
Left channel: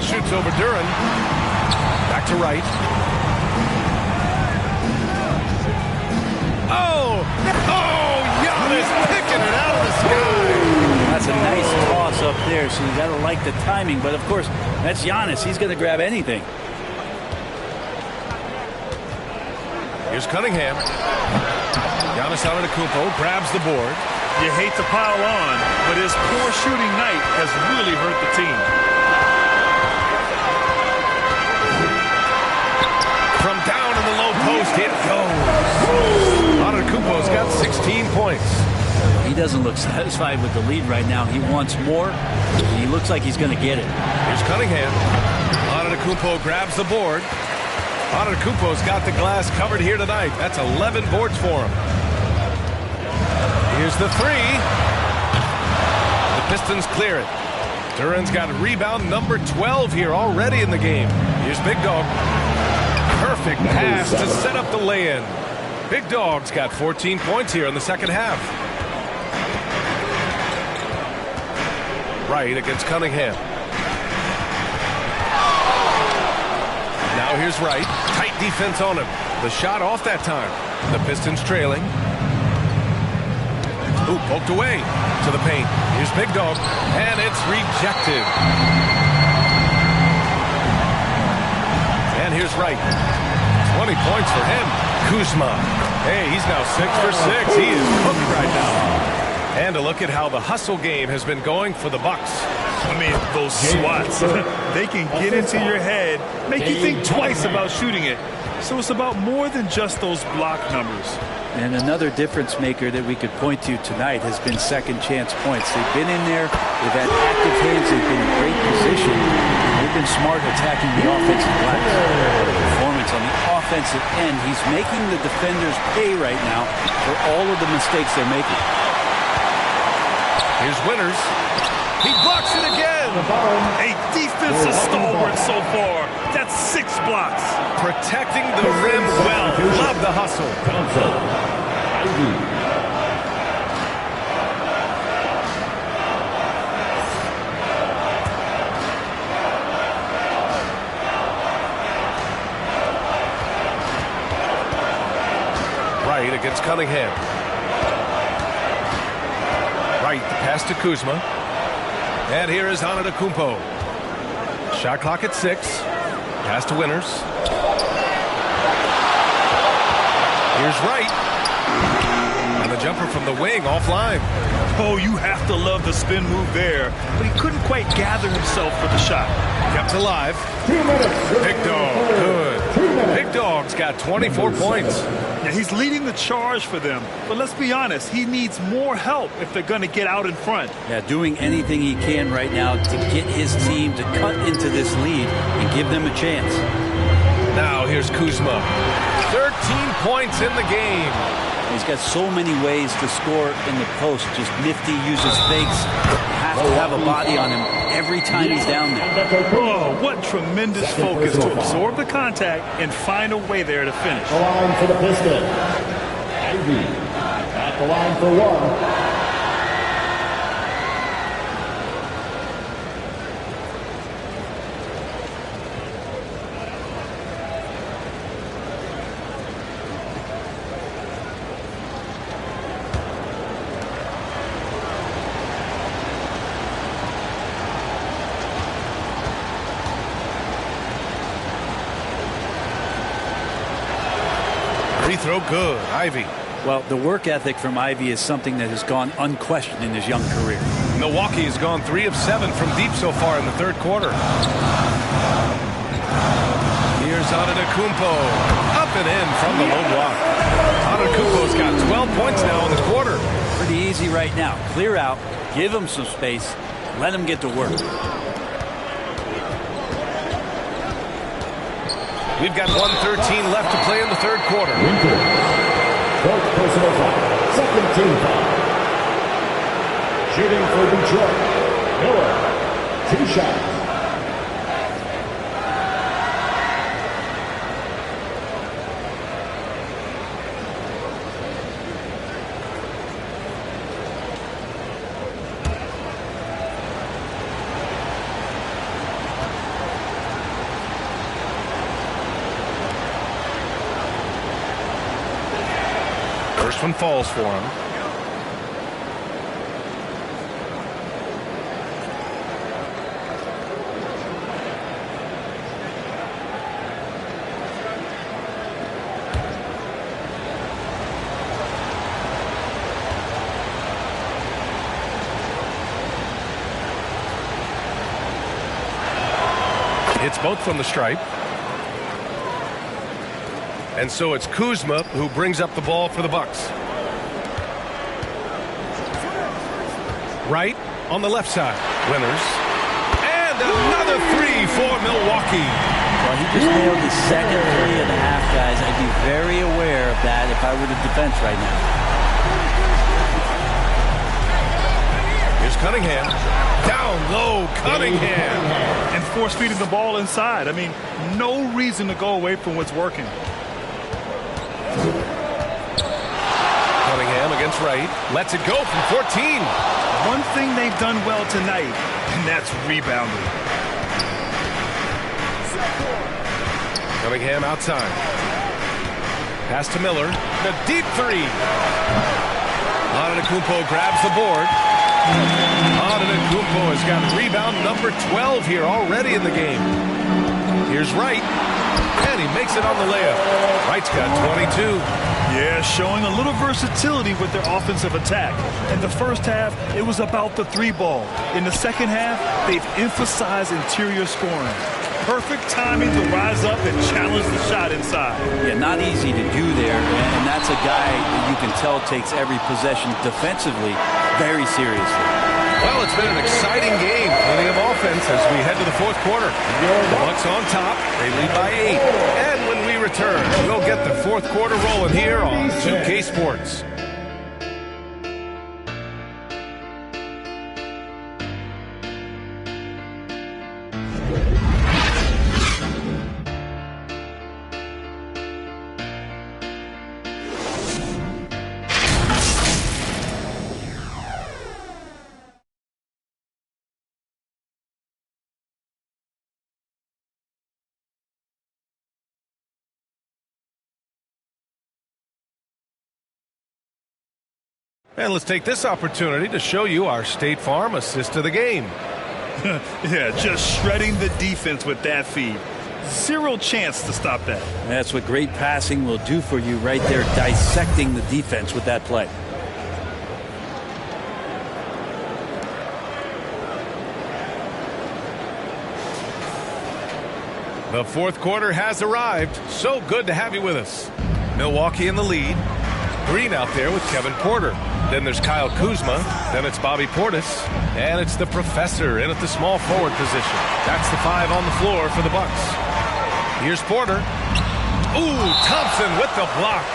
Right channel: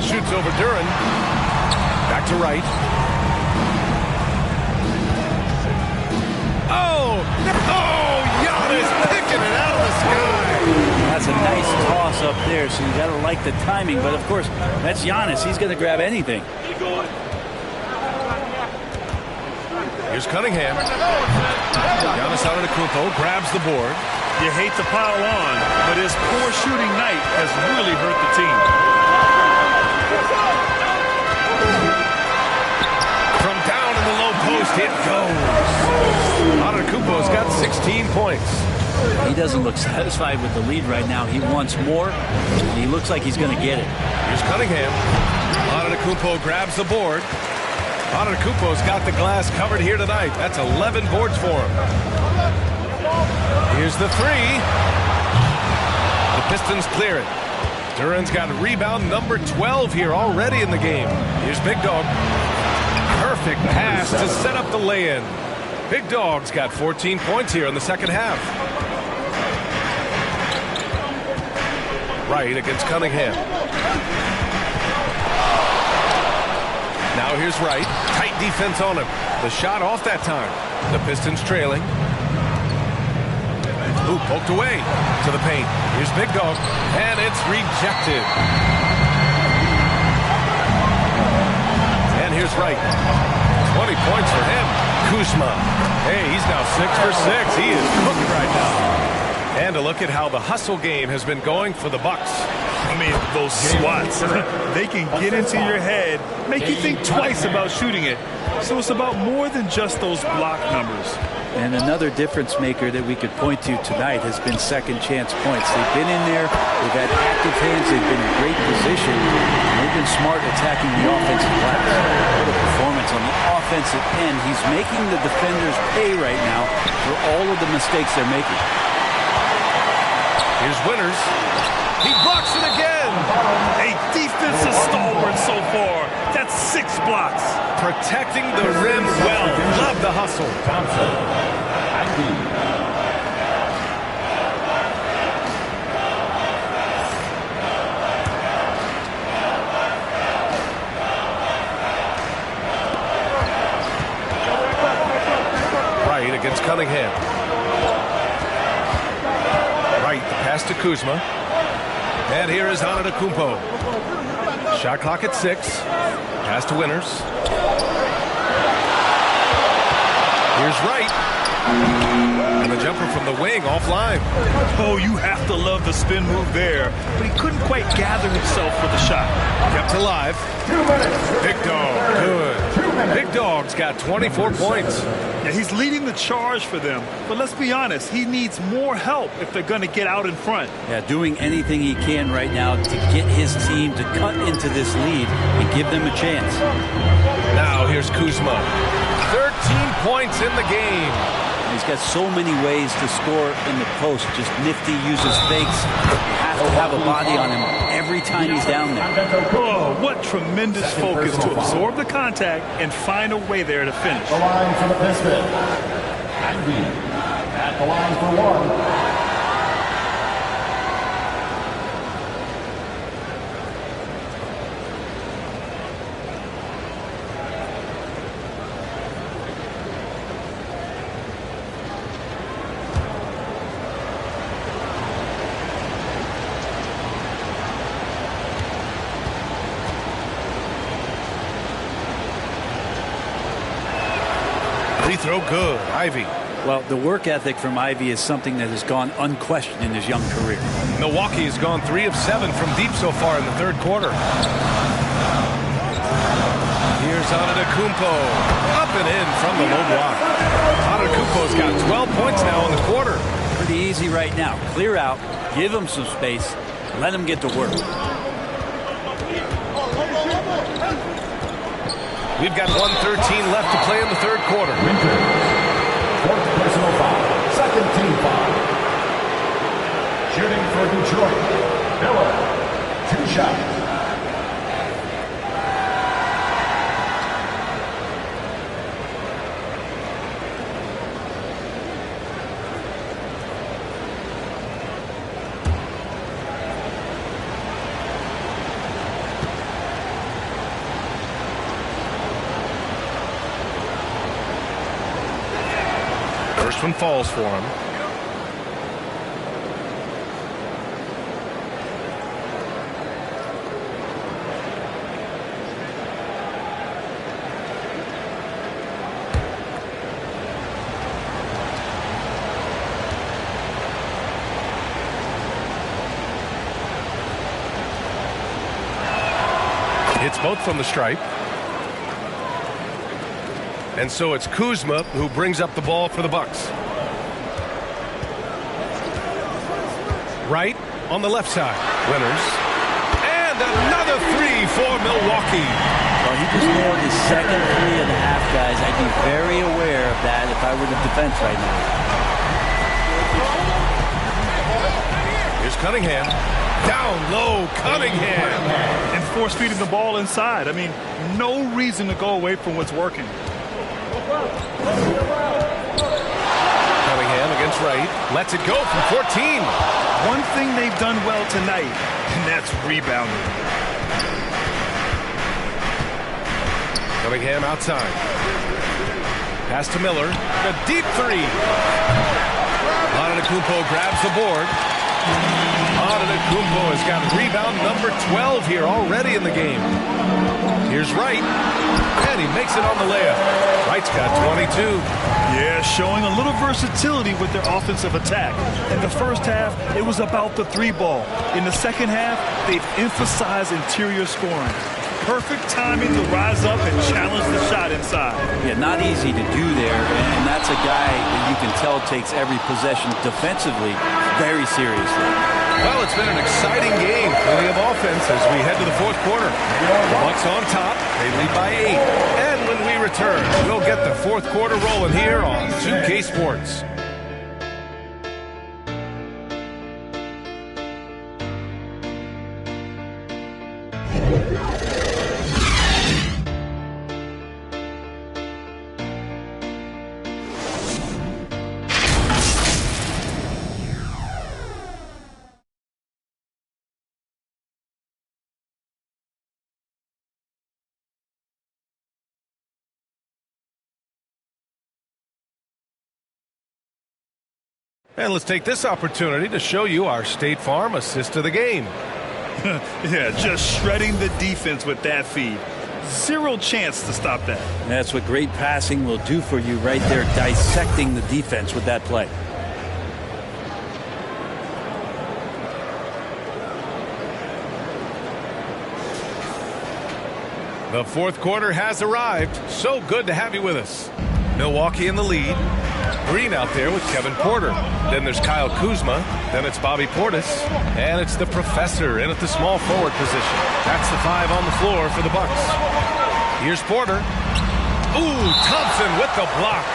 Shoots over Duran. Back to Wright. Oh! Oh! Giannis picking it out of the sky. That's a nice toss up there, so you got to like the timing. But, of course, that's Giannis. He's going to grab anything. Here's Cunningham. Giannis Antetokounmpo grabs the board. You hate to pile on, but his poor shooting night has really hurt the team. From down in the low post, it goes. Antetokounmpo's got 16 points. He doesn't look satisfied with the lead right now. He wants more, and he looks like he's going to get it. Here's Cunningham. Antetokounmpo grabs the board. Antetokounmpo's got the glass covered here tonight. That's 11 boards for him. Here's the three. The Pistons clear it. Duran's got rebound number 12 here already in the game. Here's Big Dog. Perfect pass to set up the lay-in. Big Dog's got 14 points here in the second half. Wright against Cunningham. Now here's Wright. Tight defense on him. The shot off that time. The Pistons trailing. Ooh, poked away to the paint. Here's Big Dog. And it's rejected. And here's Wright. 20 points for him. Kuzma. Hey, he's now 6 for 6. He is cooking right now. And a look at how the hustle game has been going for the Bucks. I mean, those swats, they can get into your head, make you think twice about shooting it. So it's about more than just those block numbers. And another difference maker that we could point to tonight has been second chance points. They've been in there, they've had active hands, they've been in great position, and they've been smart attacking the offensive glass. What a performance on the offensive end. He's making the defenders pay right now for all of the mistakes they're making. Here's Winters. He blocks it again. A defensive stalwart so far. That's 6 blocks. Protecting the rim well. Love the hustle. Thompson. Wright against Cunningham. Wright, the pass to Kuzma. And here is Antetokounmpo. Shot clock at 6. Pass to Winters. Here's Wright. And the jumper from the wing offline. Oh, you have to love the spin move there. But he couldn't quite gather himself for the shot. Kept alive. Big Dog, good. Big Dog's got 24 points. Yeah, he's leading the charge for them. But let's be honest, he needs more help if they're going to get out in front. Yeah, doing anything he can right now to get his team to cut into this lead and give them a chance. Now here's Kuzma. 13 points in the game. He's got so many ways to score in the post. Just nifty, uses fakes. You have to have a body on him every time he's down there. Oh, what tremendous focus to absorb the contact and find a way there to finish. The line for the Pistons. Ivy at the line for 1. Free throw good. Ivy. Well, the work ethic from Ivy is something that has gone unquestioned in his young career. Milwaukee has gone 3 of 7 from deep so far in the third quarter. Here's Antetokounmpo. Up and in from the low block. Antetokounmpo's got 12 points now in the quarter. Pretty easy right now. Clear out, give him some space, let him get to work. We've got 1:13 left to play in the third quarter. Winter. 4th personal foul. 2nd team foul. Shooting for Detroit. Miller. 2 shots. First one falls for him. Hits both from the stripe. And so it's Kuzma who brings up the ball for the Bucks. Right on the left side. Winners. And another three for Milwaukee. Well, he just nailed his second 3.5, guys. I'd be very aware of that if I were the defense right now. Here's Cunningham. Down low, Cunningham. And force-feeding the ball inside. I mean, no reason to go away from what's working. Cunningham against Wright. Lets it go from 14. One thing they've done well tonight, and that's rebounding. Cunningham outside. Pass to Miller. The deep three. Antetokounmpo grabs the board. Antetokounmpo has got rebound number 12 here already in the game. Here's Wright. And he makes it on the layup. Wright's got 22. Yeah, showing a little versatility with their offensive attack. In the first half, it was about the three ball. In the second half, they've emphasized interior scoring. Perfect timing to rise up and challenge the shot inside. Yeah, not easy to do there, and that's a guy that you can tell takes every possession defensively very seriously. Well, it's been an exciting game. Plenty of offense as we head to the fourth quarter. The Bucks on top. They lead by 8. And when we return, we'll get the fourth quarter rolling here on 2K Sports. And let's take this opportunity to show you our State Farm assist of the game. Yeah, just shredding the defense with that feed. Zero chance to stop that. That's what great passing will do for you right there, dissecting the defense with that play. The fourth quarter has arrived. So good to have you with us. Milwaukee in the lead. Green out there with Kevin Porter. Then there's Kyle Kuzma. Then it's Bobby Portis. And it's the professor in at the small forward position. That's the 5 on the floor for the Bucks. Here's Porter. Ooh, Thompson with the block.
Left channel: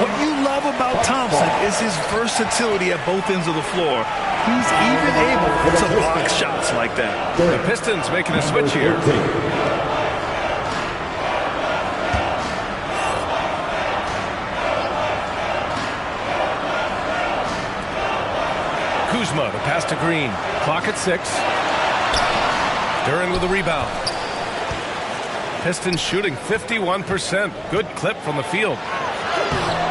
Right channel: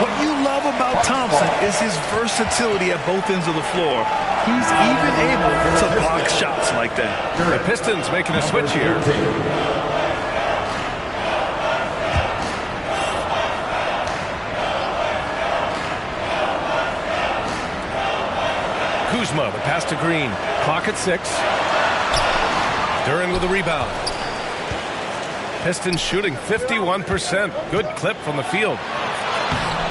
What you love about Thompson is his versatility at both ends of the floor. He's even able to block shots like that. The Pistons making a switch here. Kuzma, the pass to Green. Clock at 6. Duran with the rebound. Pistons shooting 51%. Good clip from the field.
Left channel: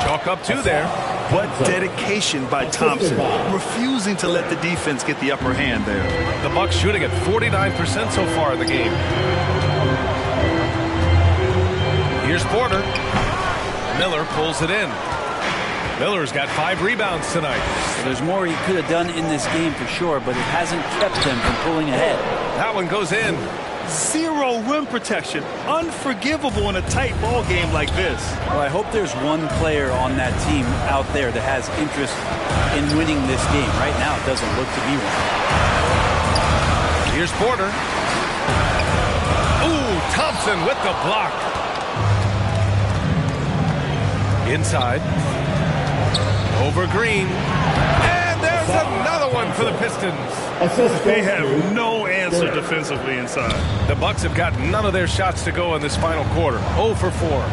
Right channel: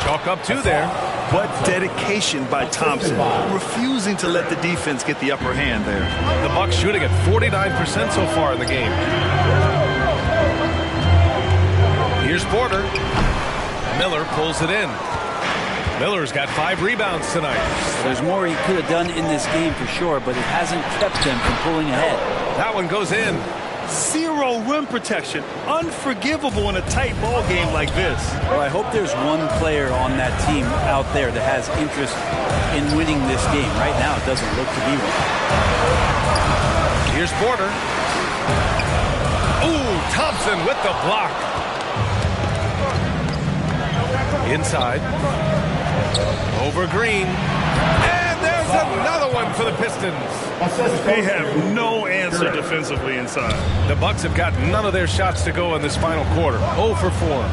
Chalk up 2 there. What dedication by Thompson, refusing to let the defense get the upper hand there. The Bucks shooting at 49% so far in the game. Here's Porter. Miller pulls it in. Miller's got 5 rebounds tonight. Well, there's more he could have done in this game for sure, but it hasn't kept them from pulling ahead. That one goes in. Zero rim protection. Unforgivable in a tight ball game like this. Well, I hope there's one player on that team out there that has interest in winning this game. Right now, it doesn't look to be one. Here's Porter. Ooh, Thompson with the block. Inside. Over Green. And there's another one for the Pistons. They have no answer defensively inside. The Bucks have got none of their shots to go in this final quarter. 0 for 4.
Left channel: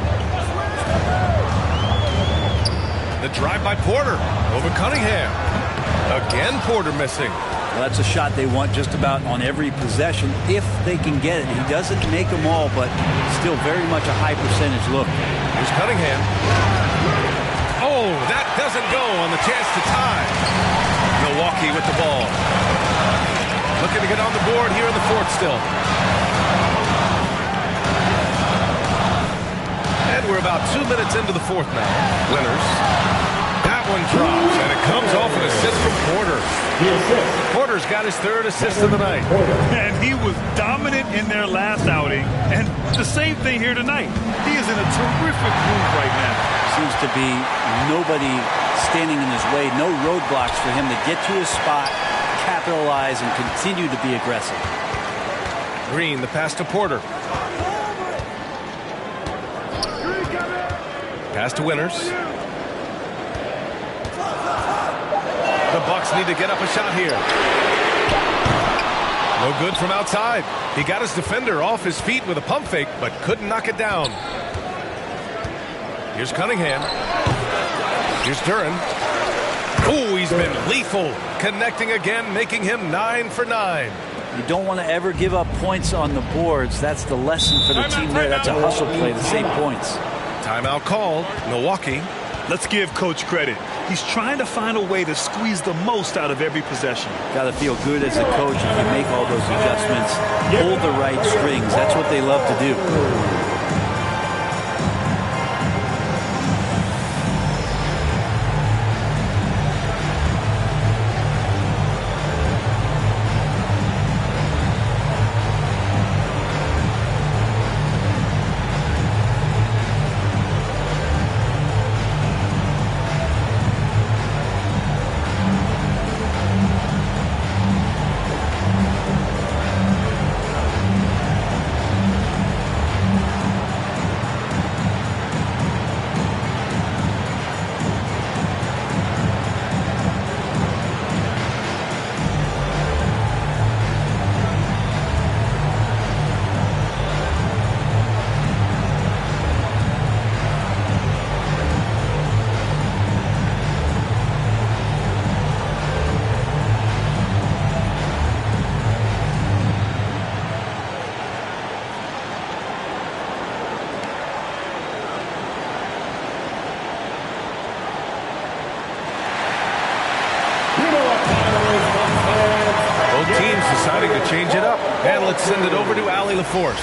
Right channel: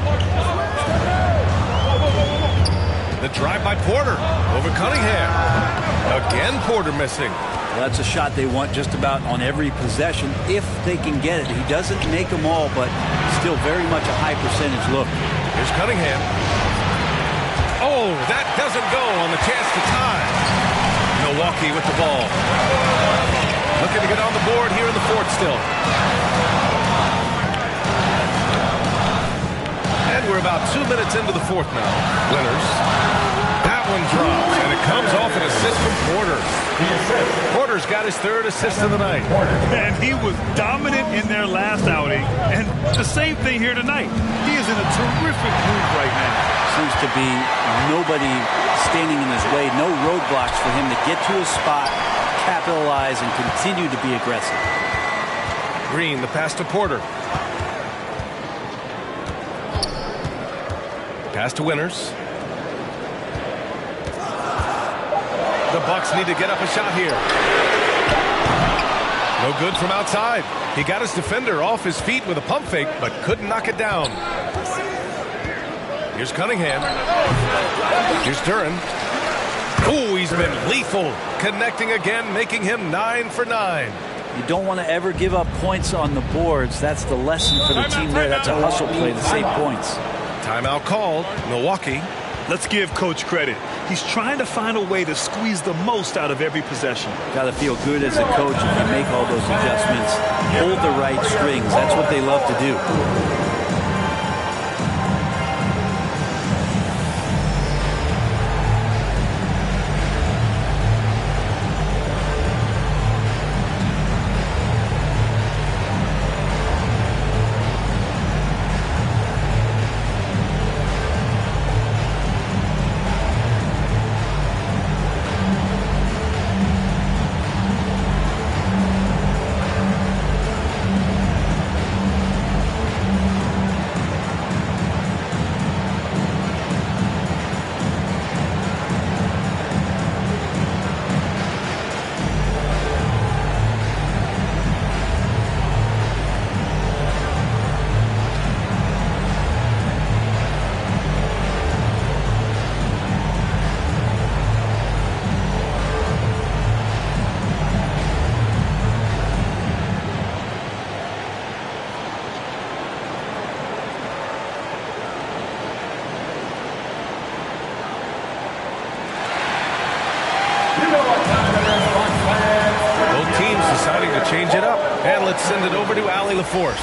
The drive by Porter over Cunningham. Again, Porter missing. Well, that's a shot they want just about on every possession if they can get it. He doesn't make them all, but still very much a high percentage look. Here's Cunningham. Oh, that doesn't go on the chance to tie. Milwaukee with the ball. Looking to get on the board here in the fourth still. And we're about 2 minutes into the fourth now. Winners. That one drops, and it comes off an assist from Porter. Porter's got his 3rd assist of the night. And he was dominant in their last outing, and the same thing here tonight. He is in a terrific groove right now. Seems to be nobody standing in his way, no roadblocks for him to get to his spot, capitalize and continue to be aggressive. Green, the pass to Porter. Pass to Winters. The Bucks need to get up a shot here. No good from outside. He got his defender off his feet with a pump fake, but couldn't knock it down. Here's Cunningham. Here's Duran. Oh, he's been lethal. Connecting again, making him 9 for 9. You don't want to ever give up points on the boards. That's the lesson for the team there. That's a hustle play to save points. Timeout called. Milwaukee. Let's give Coach credit. He's trying to find a way to squeeze the most out of every possession. Got to feel good as a coach if you make all those adjustments. Hold the right strings. That's what they love to do. Both teams deciding to change it up. And let's send it over to Allie LaForce.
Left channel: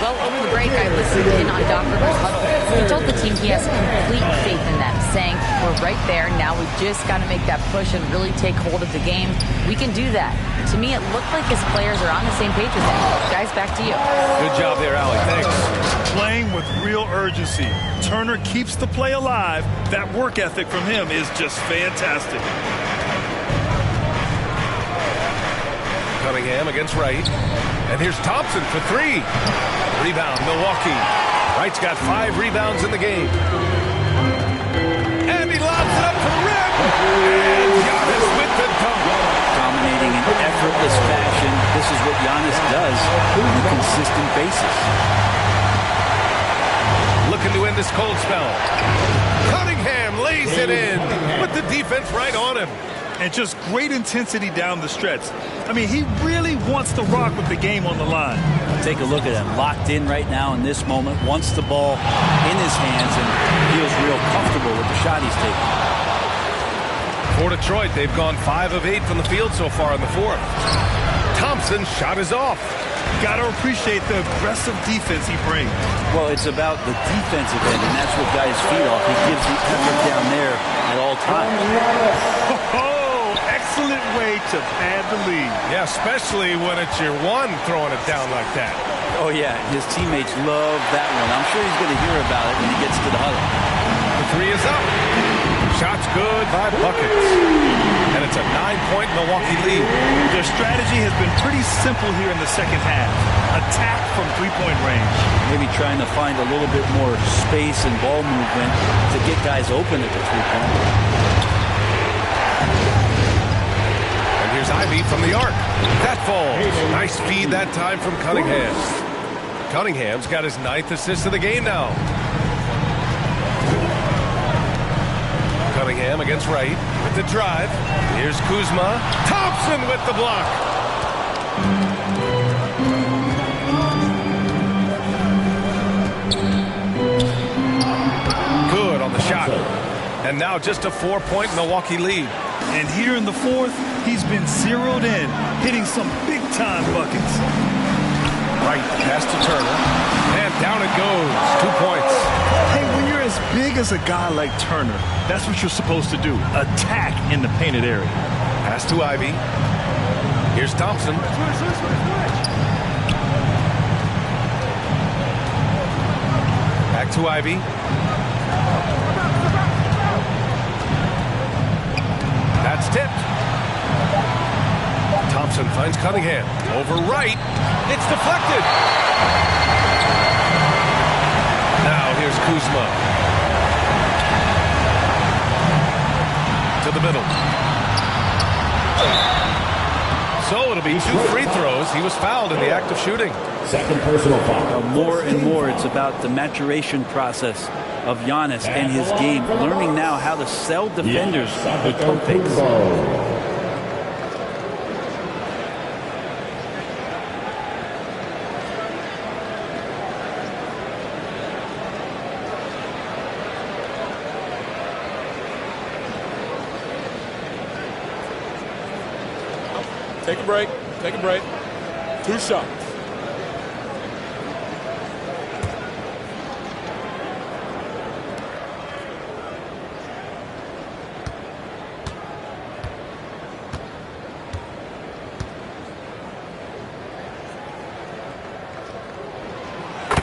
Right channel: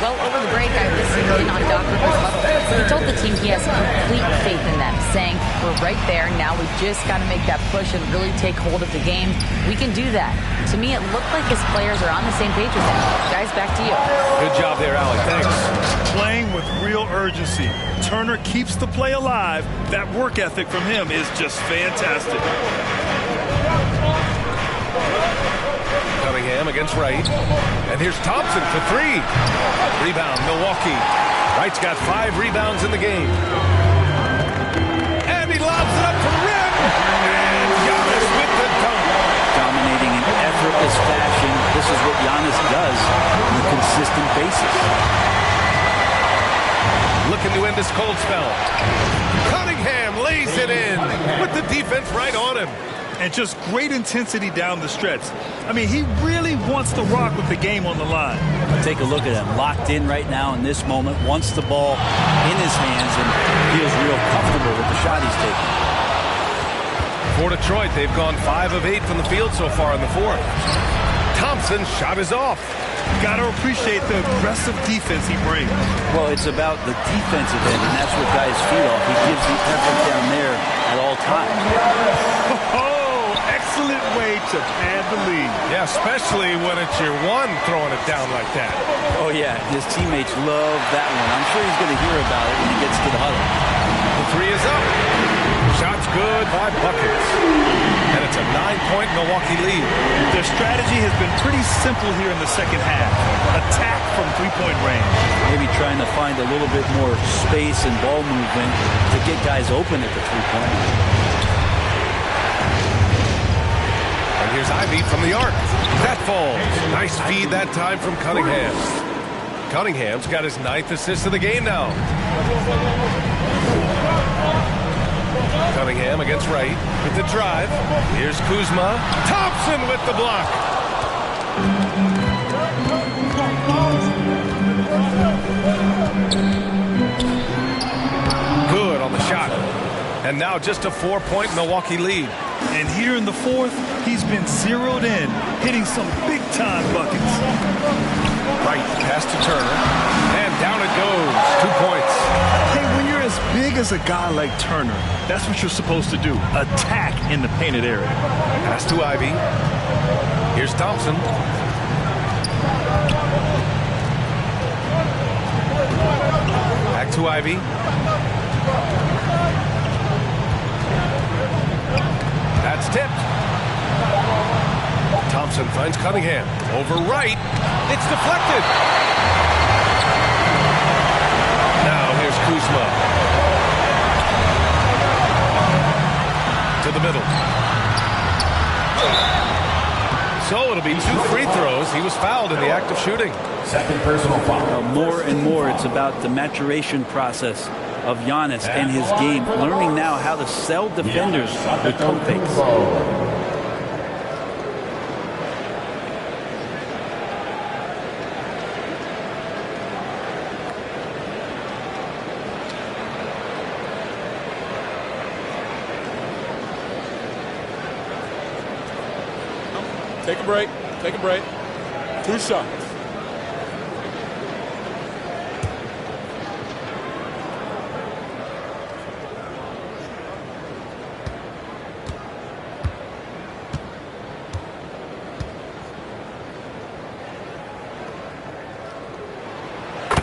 Well, over the break, I listened in on Doc Rivers' huddle. He told the team he has complete faith in them, saying, we're right there. Now we just got to make that push and really take hold of the game. We can do that. To me, it looked like his players are on the same page with him. Guys, back to you. Good job there, Allie. Thanks. Playing with real urgency. Turner keeps the play alive. That work ethic from him is just fantastic. Cunningham against Wright. And here's Thompson for 3. Rebound, Milwaukee. Wright's got 5 rebounds in the game. And he lobs it up to the rim. And Giannis with the dunk. Dominating in effortless fashion. This is what Giannis does on a consistent basis. Looking to end this cold spell. Cunningham lays it in with the defense right on him. And just great intensity down the stretch. I mean, he really wants to rock with the game on the line. Take a look at him. Locked in right now in this moment. Wants the ball in his hands and feels real comfortable with the shot he's taking. For Detroit, they've gone 5 of 8 from the field so far in the 4th. Thompson's shot is off. Got to appreciate the aggressive defense he brings. Well, it's about the defensive end, and that's what guys feed off. He gives the effort down there at all times. Excellent way to pad the lead. Yeah, especially when it's your one throwing it down like that. Oh, yeah. His teammates love that one. I'm sure he's going to hear about it when he gets to the huddle. The 3 is up. Shot's good by buckets. And it's a 9-point Milwaukee lead. Their strategy has been pretty simple here in the second half. Attack from three-point range. Maybe trying to find a little bit more space and ball movement to get guys open at the three-point. And here's Ivy from the arc. That falls. Nice feed that time from Cunningham. Cunningham's got his 9th assist of the game now. Cunningham against Wright with the drive. Here's Kuzma. Thompson with the block. Good on the shot. And now just a 4-point Milwaukee lead. And here in the 4th, he's been zeroed in, hitting some big-time buckets. Right, pass to Turner. And down it goes. 2 points. Hey, when you're as big as a guy like Turner, that's what you're supposed to do. Attack in the painted area. Pass to Ivy. Here's Thompson. Back to Ivy. That's tipped. Thompson finds Cunningham. Over right. It's deflected. Now here's Kuzma. To the middle. So it'll be 2 free throws. He was fouled in the act of shooting. Second personal foul. More and more, it's about the maturation process of Giannis and his game, learning now how to sell defenders with pump fakes. Take a break. Take a break. 2 shots.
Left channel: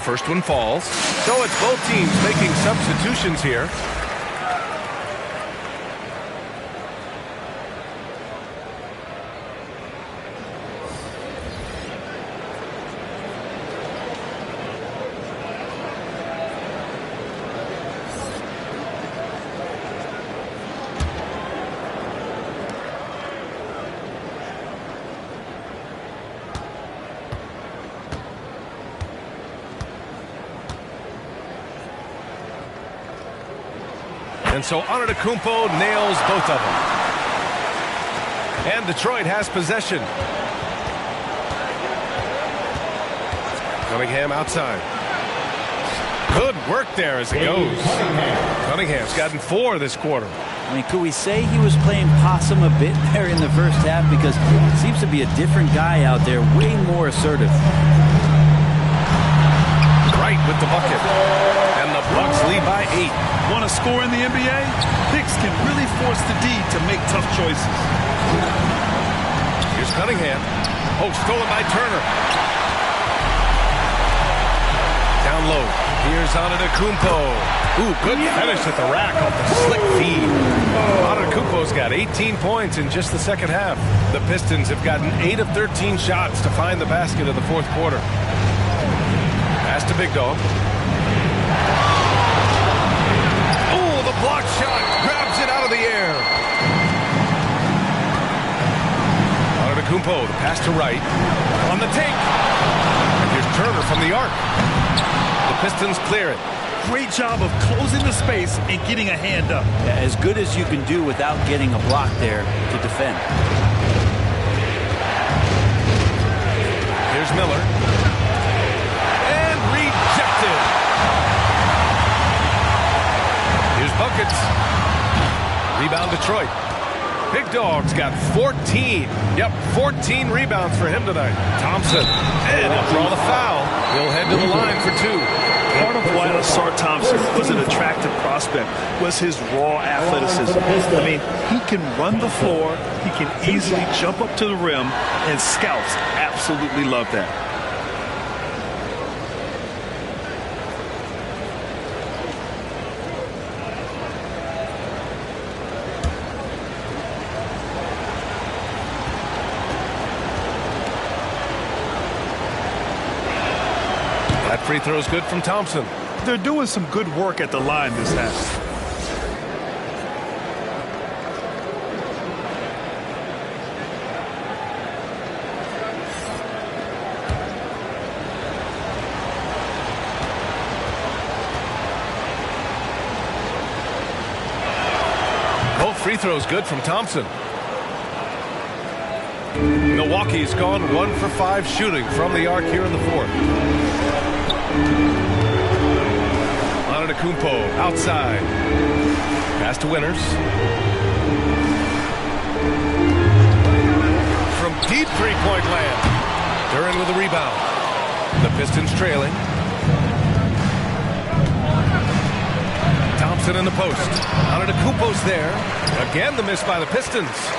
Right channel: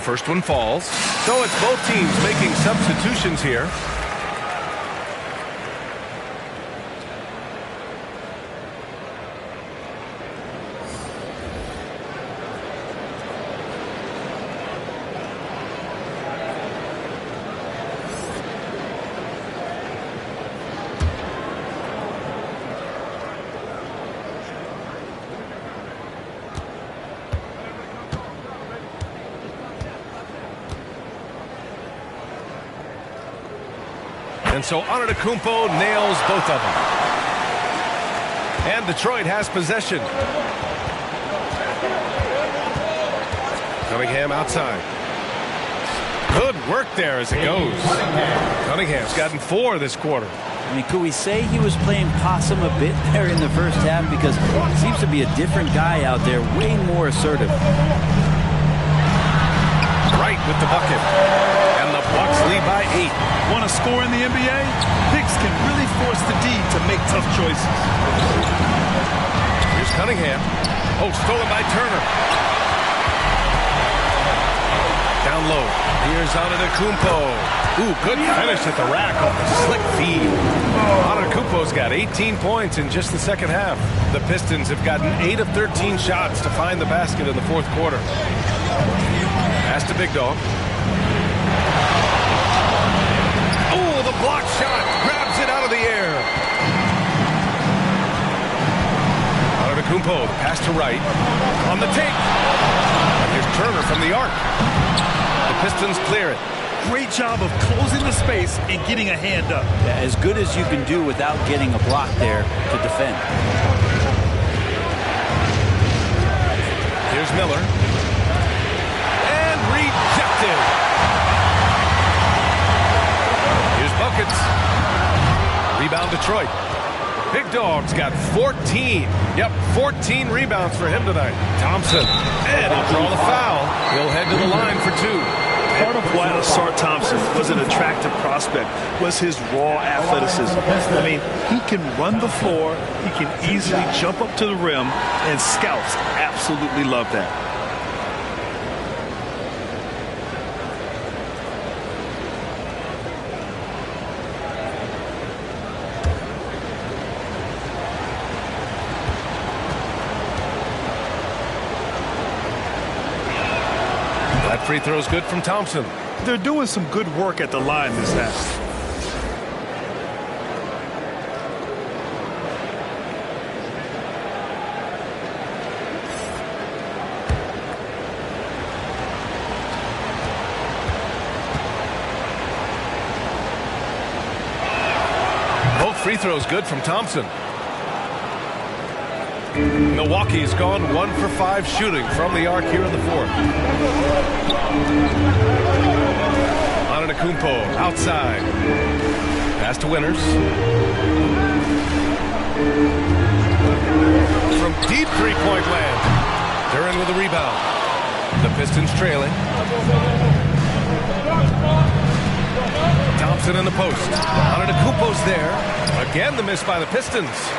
First one falls. So it's both teams making substitutions here. And so Antetokounmpo nails both of them. And Detroit has possession. Cunningham outside. Good work there as it goes. Cunningham's gotten 4 this quarter. I mean, could we say he was playing possum a bit there in the first half? Because it seems to be a different guy out there, way more assertive. Right with the bucket. And the Bucks lead by 8. Want to score in the NBA? Picks can really force the D to make tough choices. Here's Cunningham. Oh, stolen by Turner. Down low. Here's Antetokounmpo. Ooh, good finish at the rack off the slick feed. Antetokounmpo's got 18 points in just the second half. The Pistons have gotten 8 of 13 shots to find the basket in the fourth quarter. Pass to Big Dog. Oh, the block shot. Grabs it out of the air. Antetokounmpo, the pass to right. On the take. And here's Turner from the arc. The Pistons clear it. Great job of closing the space and getting a hand up. Yeah, as good as you can do without getting a block there to defend. Here's Miller. And rejected. Here's buckets. Rebound Detroit. Big Dog's got 14. Yep, 14 rebounds for him tonight. Thompson. And he'll draw the foul. He'll head to the line for 2. Part of why Asar Thompson was an attractive prospect was his raw athleticism. I mean, he can run the floor, he can easily jump up to the rim, and scouts absolutely love that. That free throw's good from Thompson. They're doing some good work at the line this half. Both free throws good from Thompson. Milwaukee's gone 1 for 5 shooting from the arc here in the fourth. Antetokounmpo outside. Pass to Winters. From deep three-point land. Duren with a rebound. The Pistons trailing. Thompson in the post. Antetokounmpo's there. Again the miss by the Pistons.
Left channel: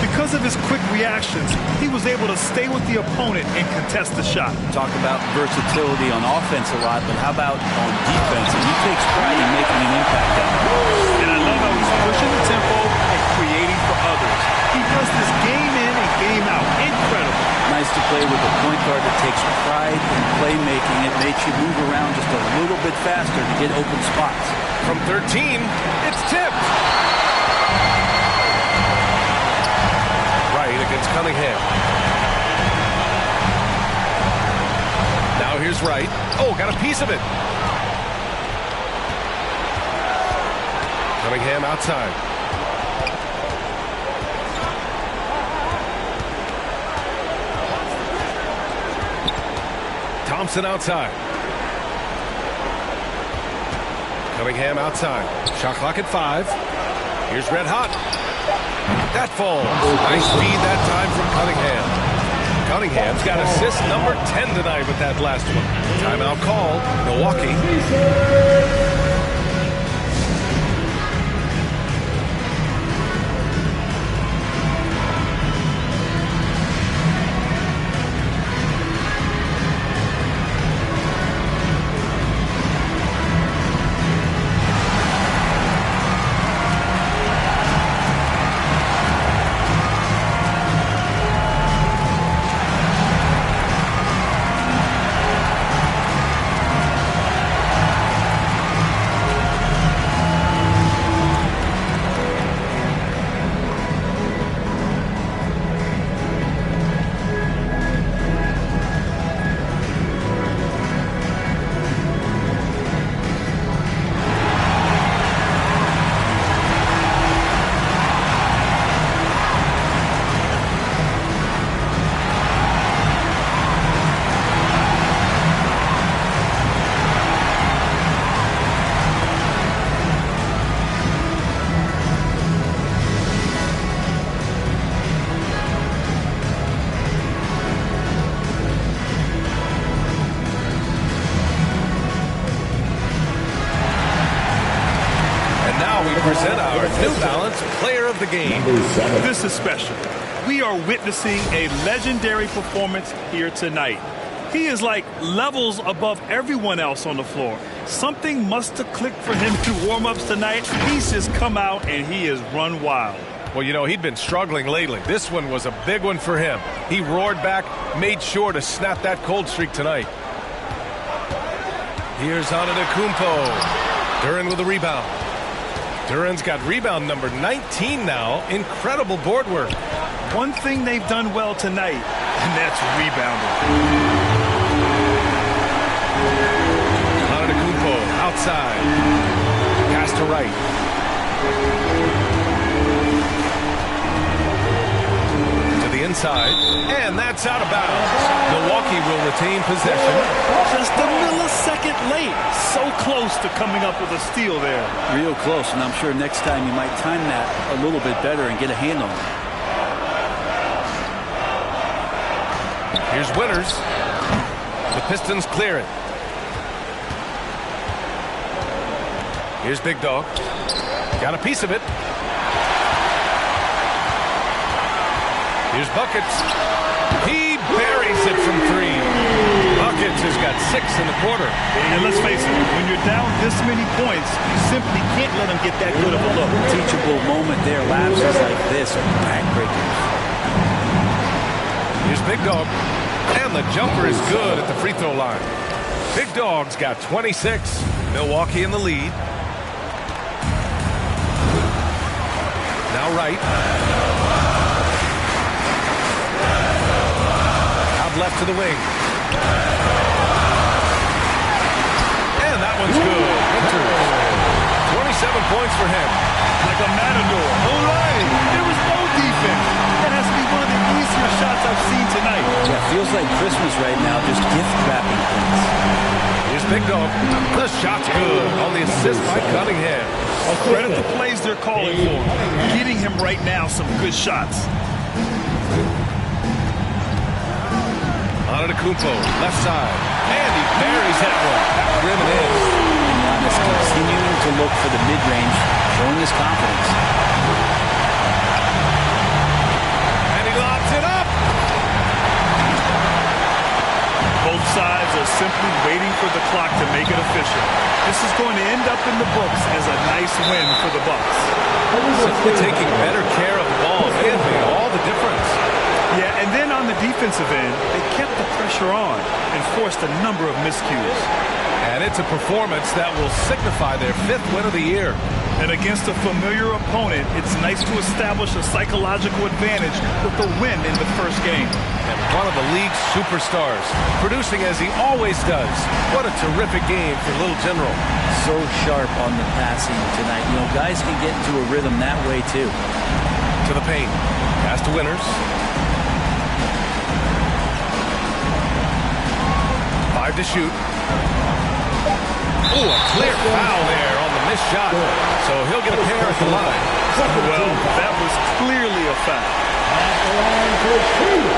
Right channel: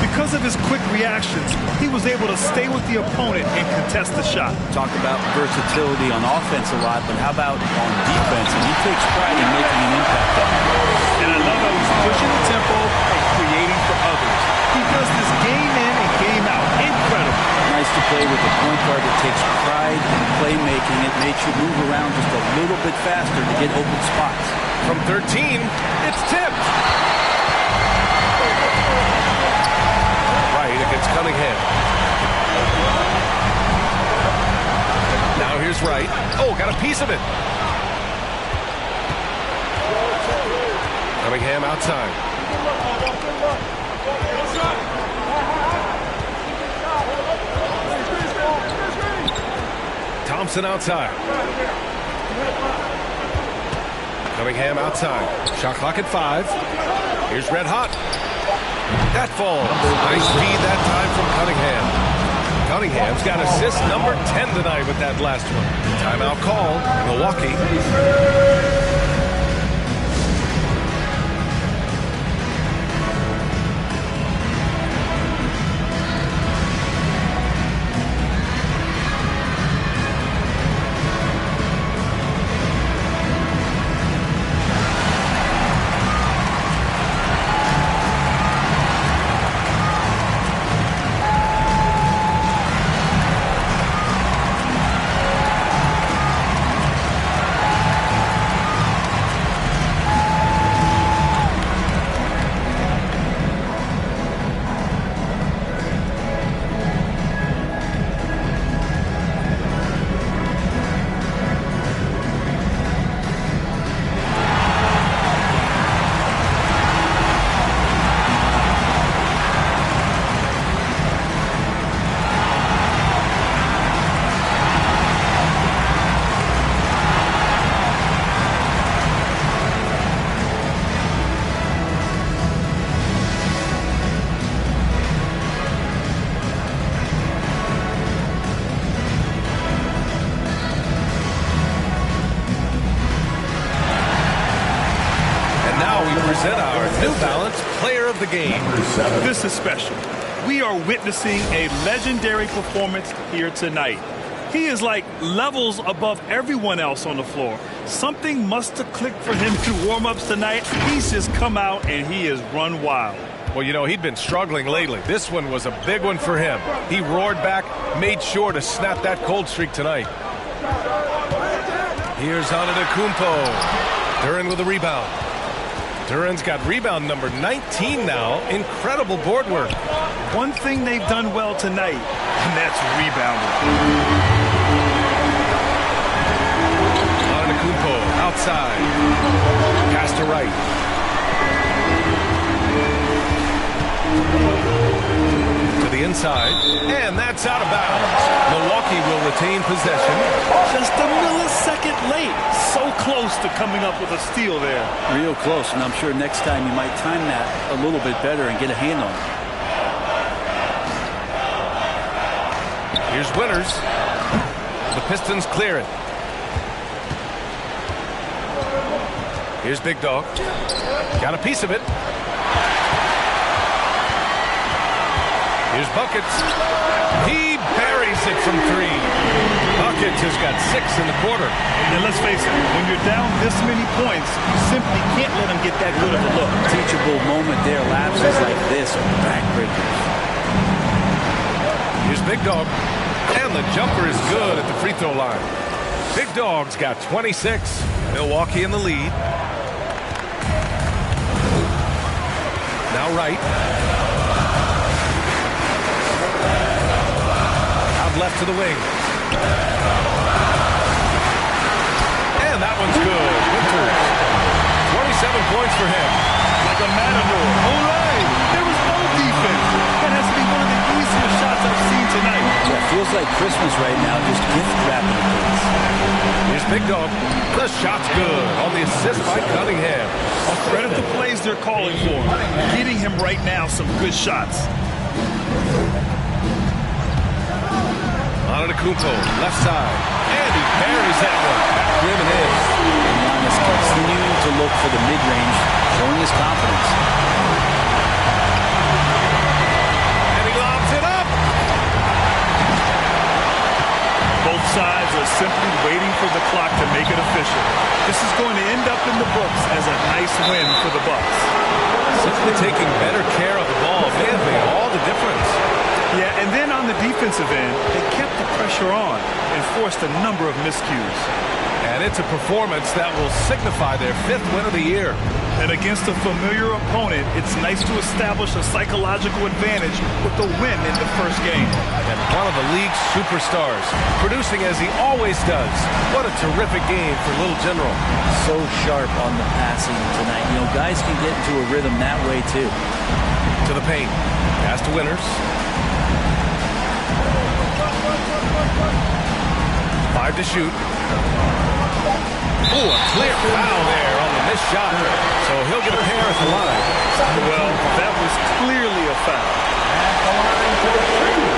Because of his quick reactions, he was able to stay with the opponent and contest the shot. Talk about versatility on offense a lot, but how about on defense? And he takes pride in making an impact down there. And I love how he's pushing the tempo and creating for others. He does this game in and game out. Incredible. Nice to play with a point guard that takes pride in playmaking. It makes you move around just a little bit faster to get open spots. From 13, it's tipped. Right against Cunningham. Now here's Wright. Oh, got a piece of it. Cunningham outside. Thompson outside. Cunningham outside. Shot clock at 5. Here's Red Hot. That falls. Nice feed that time from Cunningham. Cunningham's got assist number 10 tonight with that last one. Timeout called. Milwaukee. Present our New Balance Player of the Game. This is special. We are witnessing a legendary performance here tonight. He is like levels above everyone else on the floor. Something must have clicked for him through warm-ups tonight. He's just come out and he has run wild. Well, you know, he'd been struggling lately. This one was a big one for him. He roared back, made sure to snap that cold streak tonight. Here's Antetokounmpo. Duran with a rebound. Duran's got rebound number 19 now. Incredible board work. One thing they've done well tonight, and that's rebounding. Antetokounmpo outside. Pass to Wright. To the inside, and that's out of bounds. Milwaukee will retain possession. Just a millisecond late. So close to coming up with a steal there. Real close, and I'm sure next time you might time that a little bit better and get a hand on it. Here's Winters. The Pistons clear it. Here's Big Dog. Got a piece of it. Here's Buckets. He buries it from 3. Buckets has got 6 in the quarter. And let's face it, when you're down this many points, you simply can't let them get that good of a look. Teachable moment there. Lapses like this are backbreakers. Here's Big Dog. And the jumper is good at the free throw line. Big Dog's got 26. Milwaukee in the lead. Now Wright. Out left to the wing. And that one's good. Winters. 27 points for him. Like a matador. Olay! There was no defense. That has to be one of the easier shots I've seen tonight. Yeah, feels like Christmas right now, just gift wrapping things. Here's Big Dog. The shot's good on the assist by Cunningham. I'll credit the plays they're calling for. Getting him right now some good shots. Antetokounmpo, left side. And he buries that one. Back rim and in. And Giannis continuing to look for the mid-range, showing his confidence. Both sides are simply waiting for the clock to make it official. This is going to end up in the books as a nice win for the Bucks. Simply taking better care of the ball may have made all the difference. Yeah, and then on the defensive end, they kept the pressure on and forced a number of miscues. And it's a performance that will signify their 5th win of the year. And against a familiar opponent, it's nice to establish a psychological advantage with the win in the first game. And one of the league's superstars, producing as he always does. What a terrific game for Little General. So sharp on the passing tonight. You know, guys can get into a rhythm that way too. To the paint. Pass to Winters. 5 to shoot. Oh, a clear foul there on the missed shot. So he'll get a pair at the line. Well, that was clearly a foul. At the line for 2.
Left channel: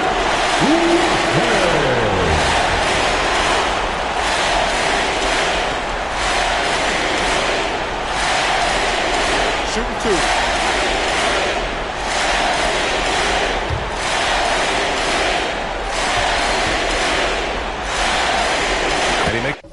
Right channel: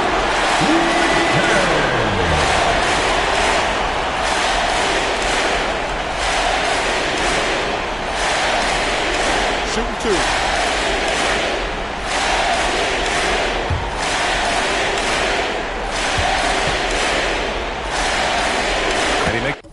Shooting 2. And he makes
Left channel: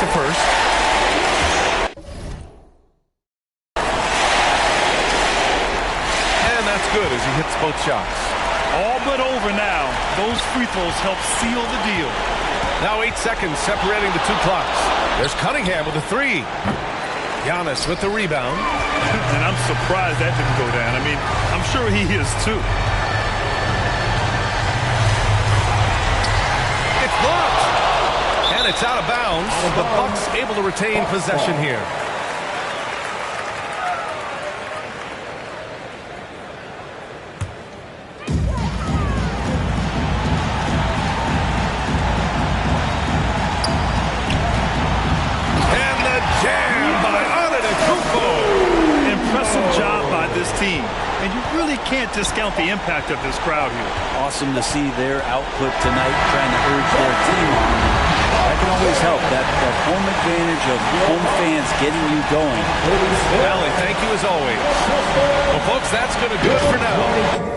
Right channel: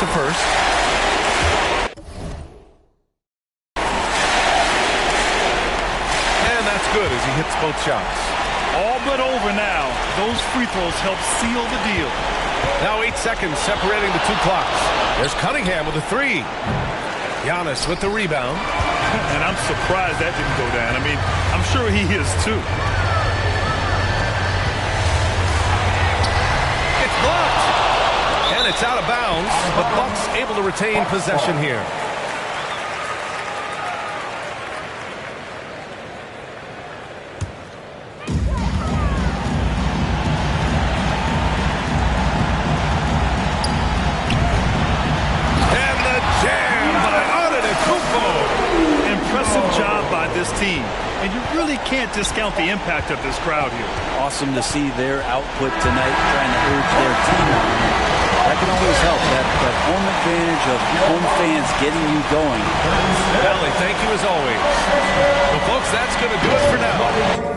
takes a first. And that's good as he hits both shots. All but over now. Those free throws help seal the deal. Now 8 seconds separating the two clocks. There's Cunningham with a three. Giannis with the rebound. And I'm surprised that didn't go down. I mean, I'm sure he is too. It's blocked. And it's out of bounds. The Bucks able to retain possession here. And the jam by Antetokounmpo. Impressive job by this team. And you really can't discount the impact of this crowd here. Awesome to see their output tonight, trying to urge their team on. And that can always help. That home advantage of home fans getting you going. Allie, thank you as always. Well, folks, that's going to do it for now.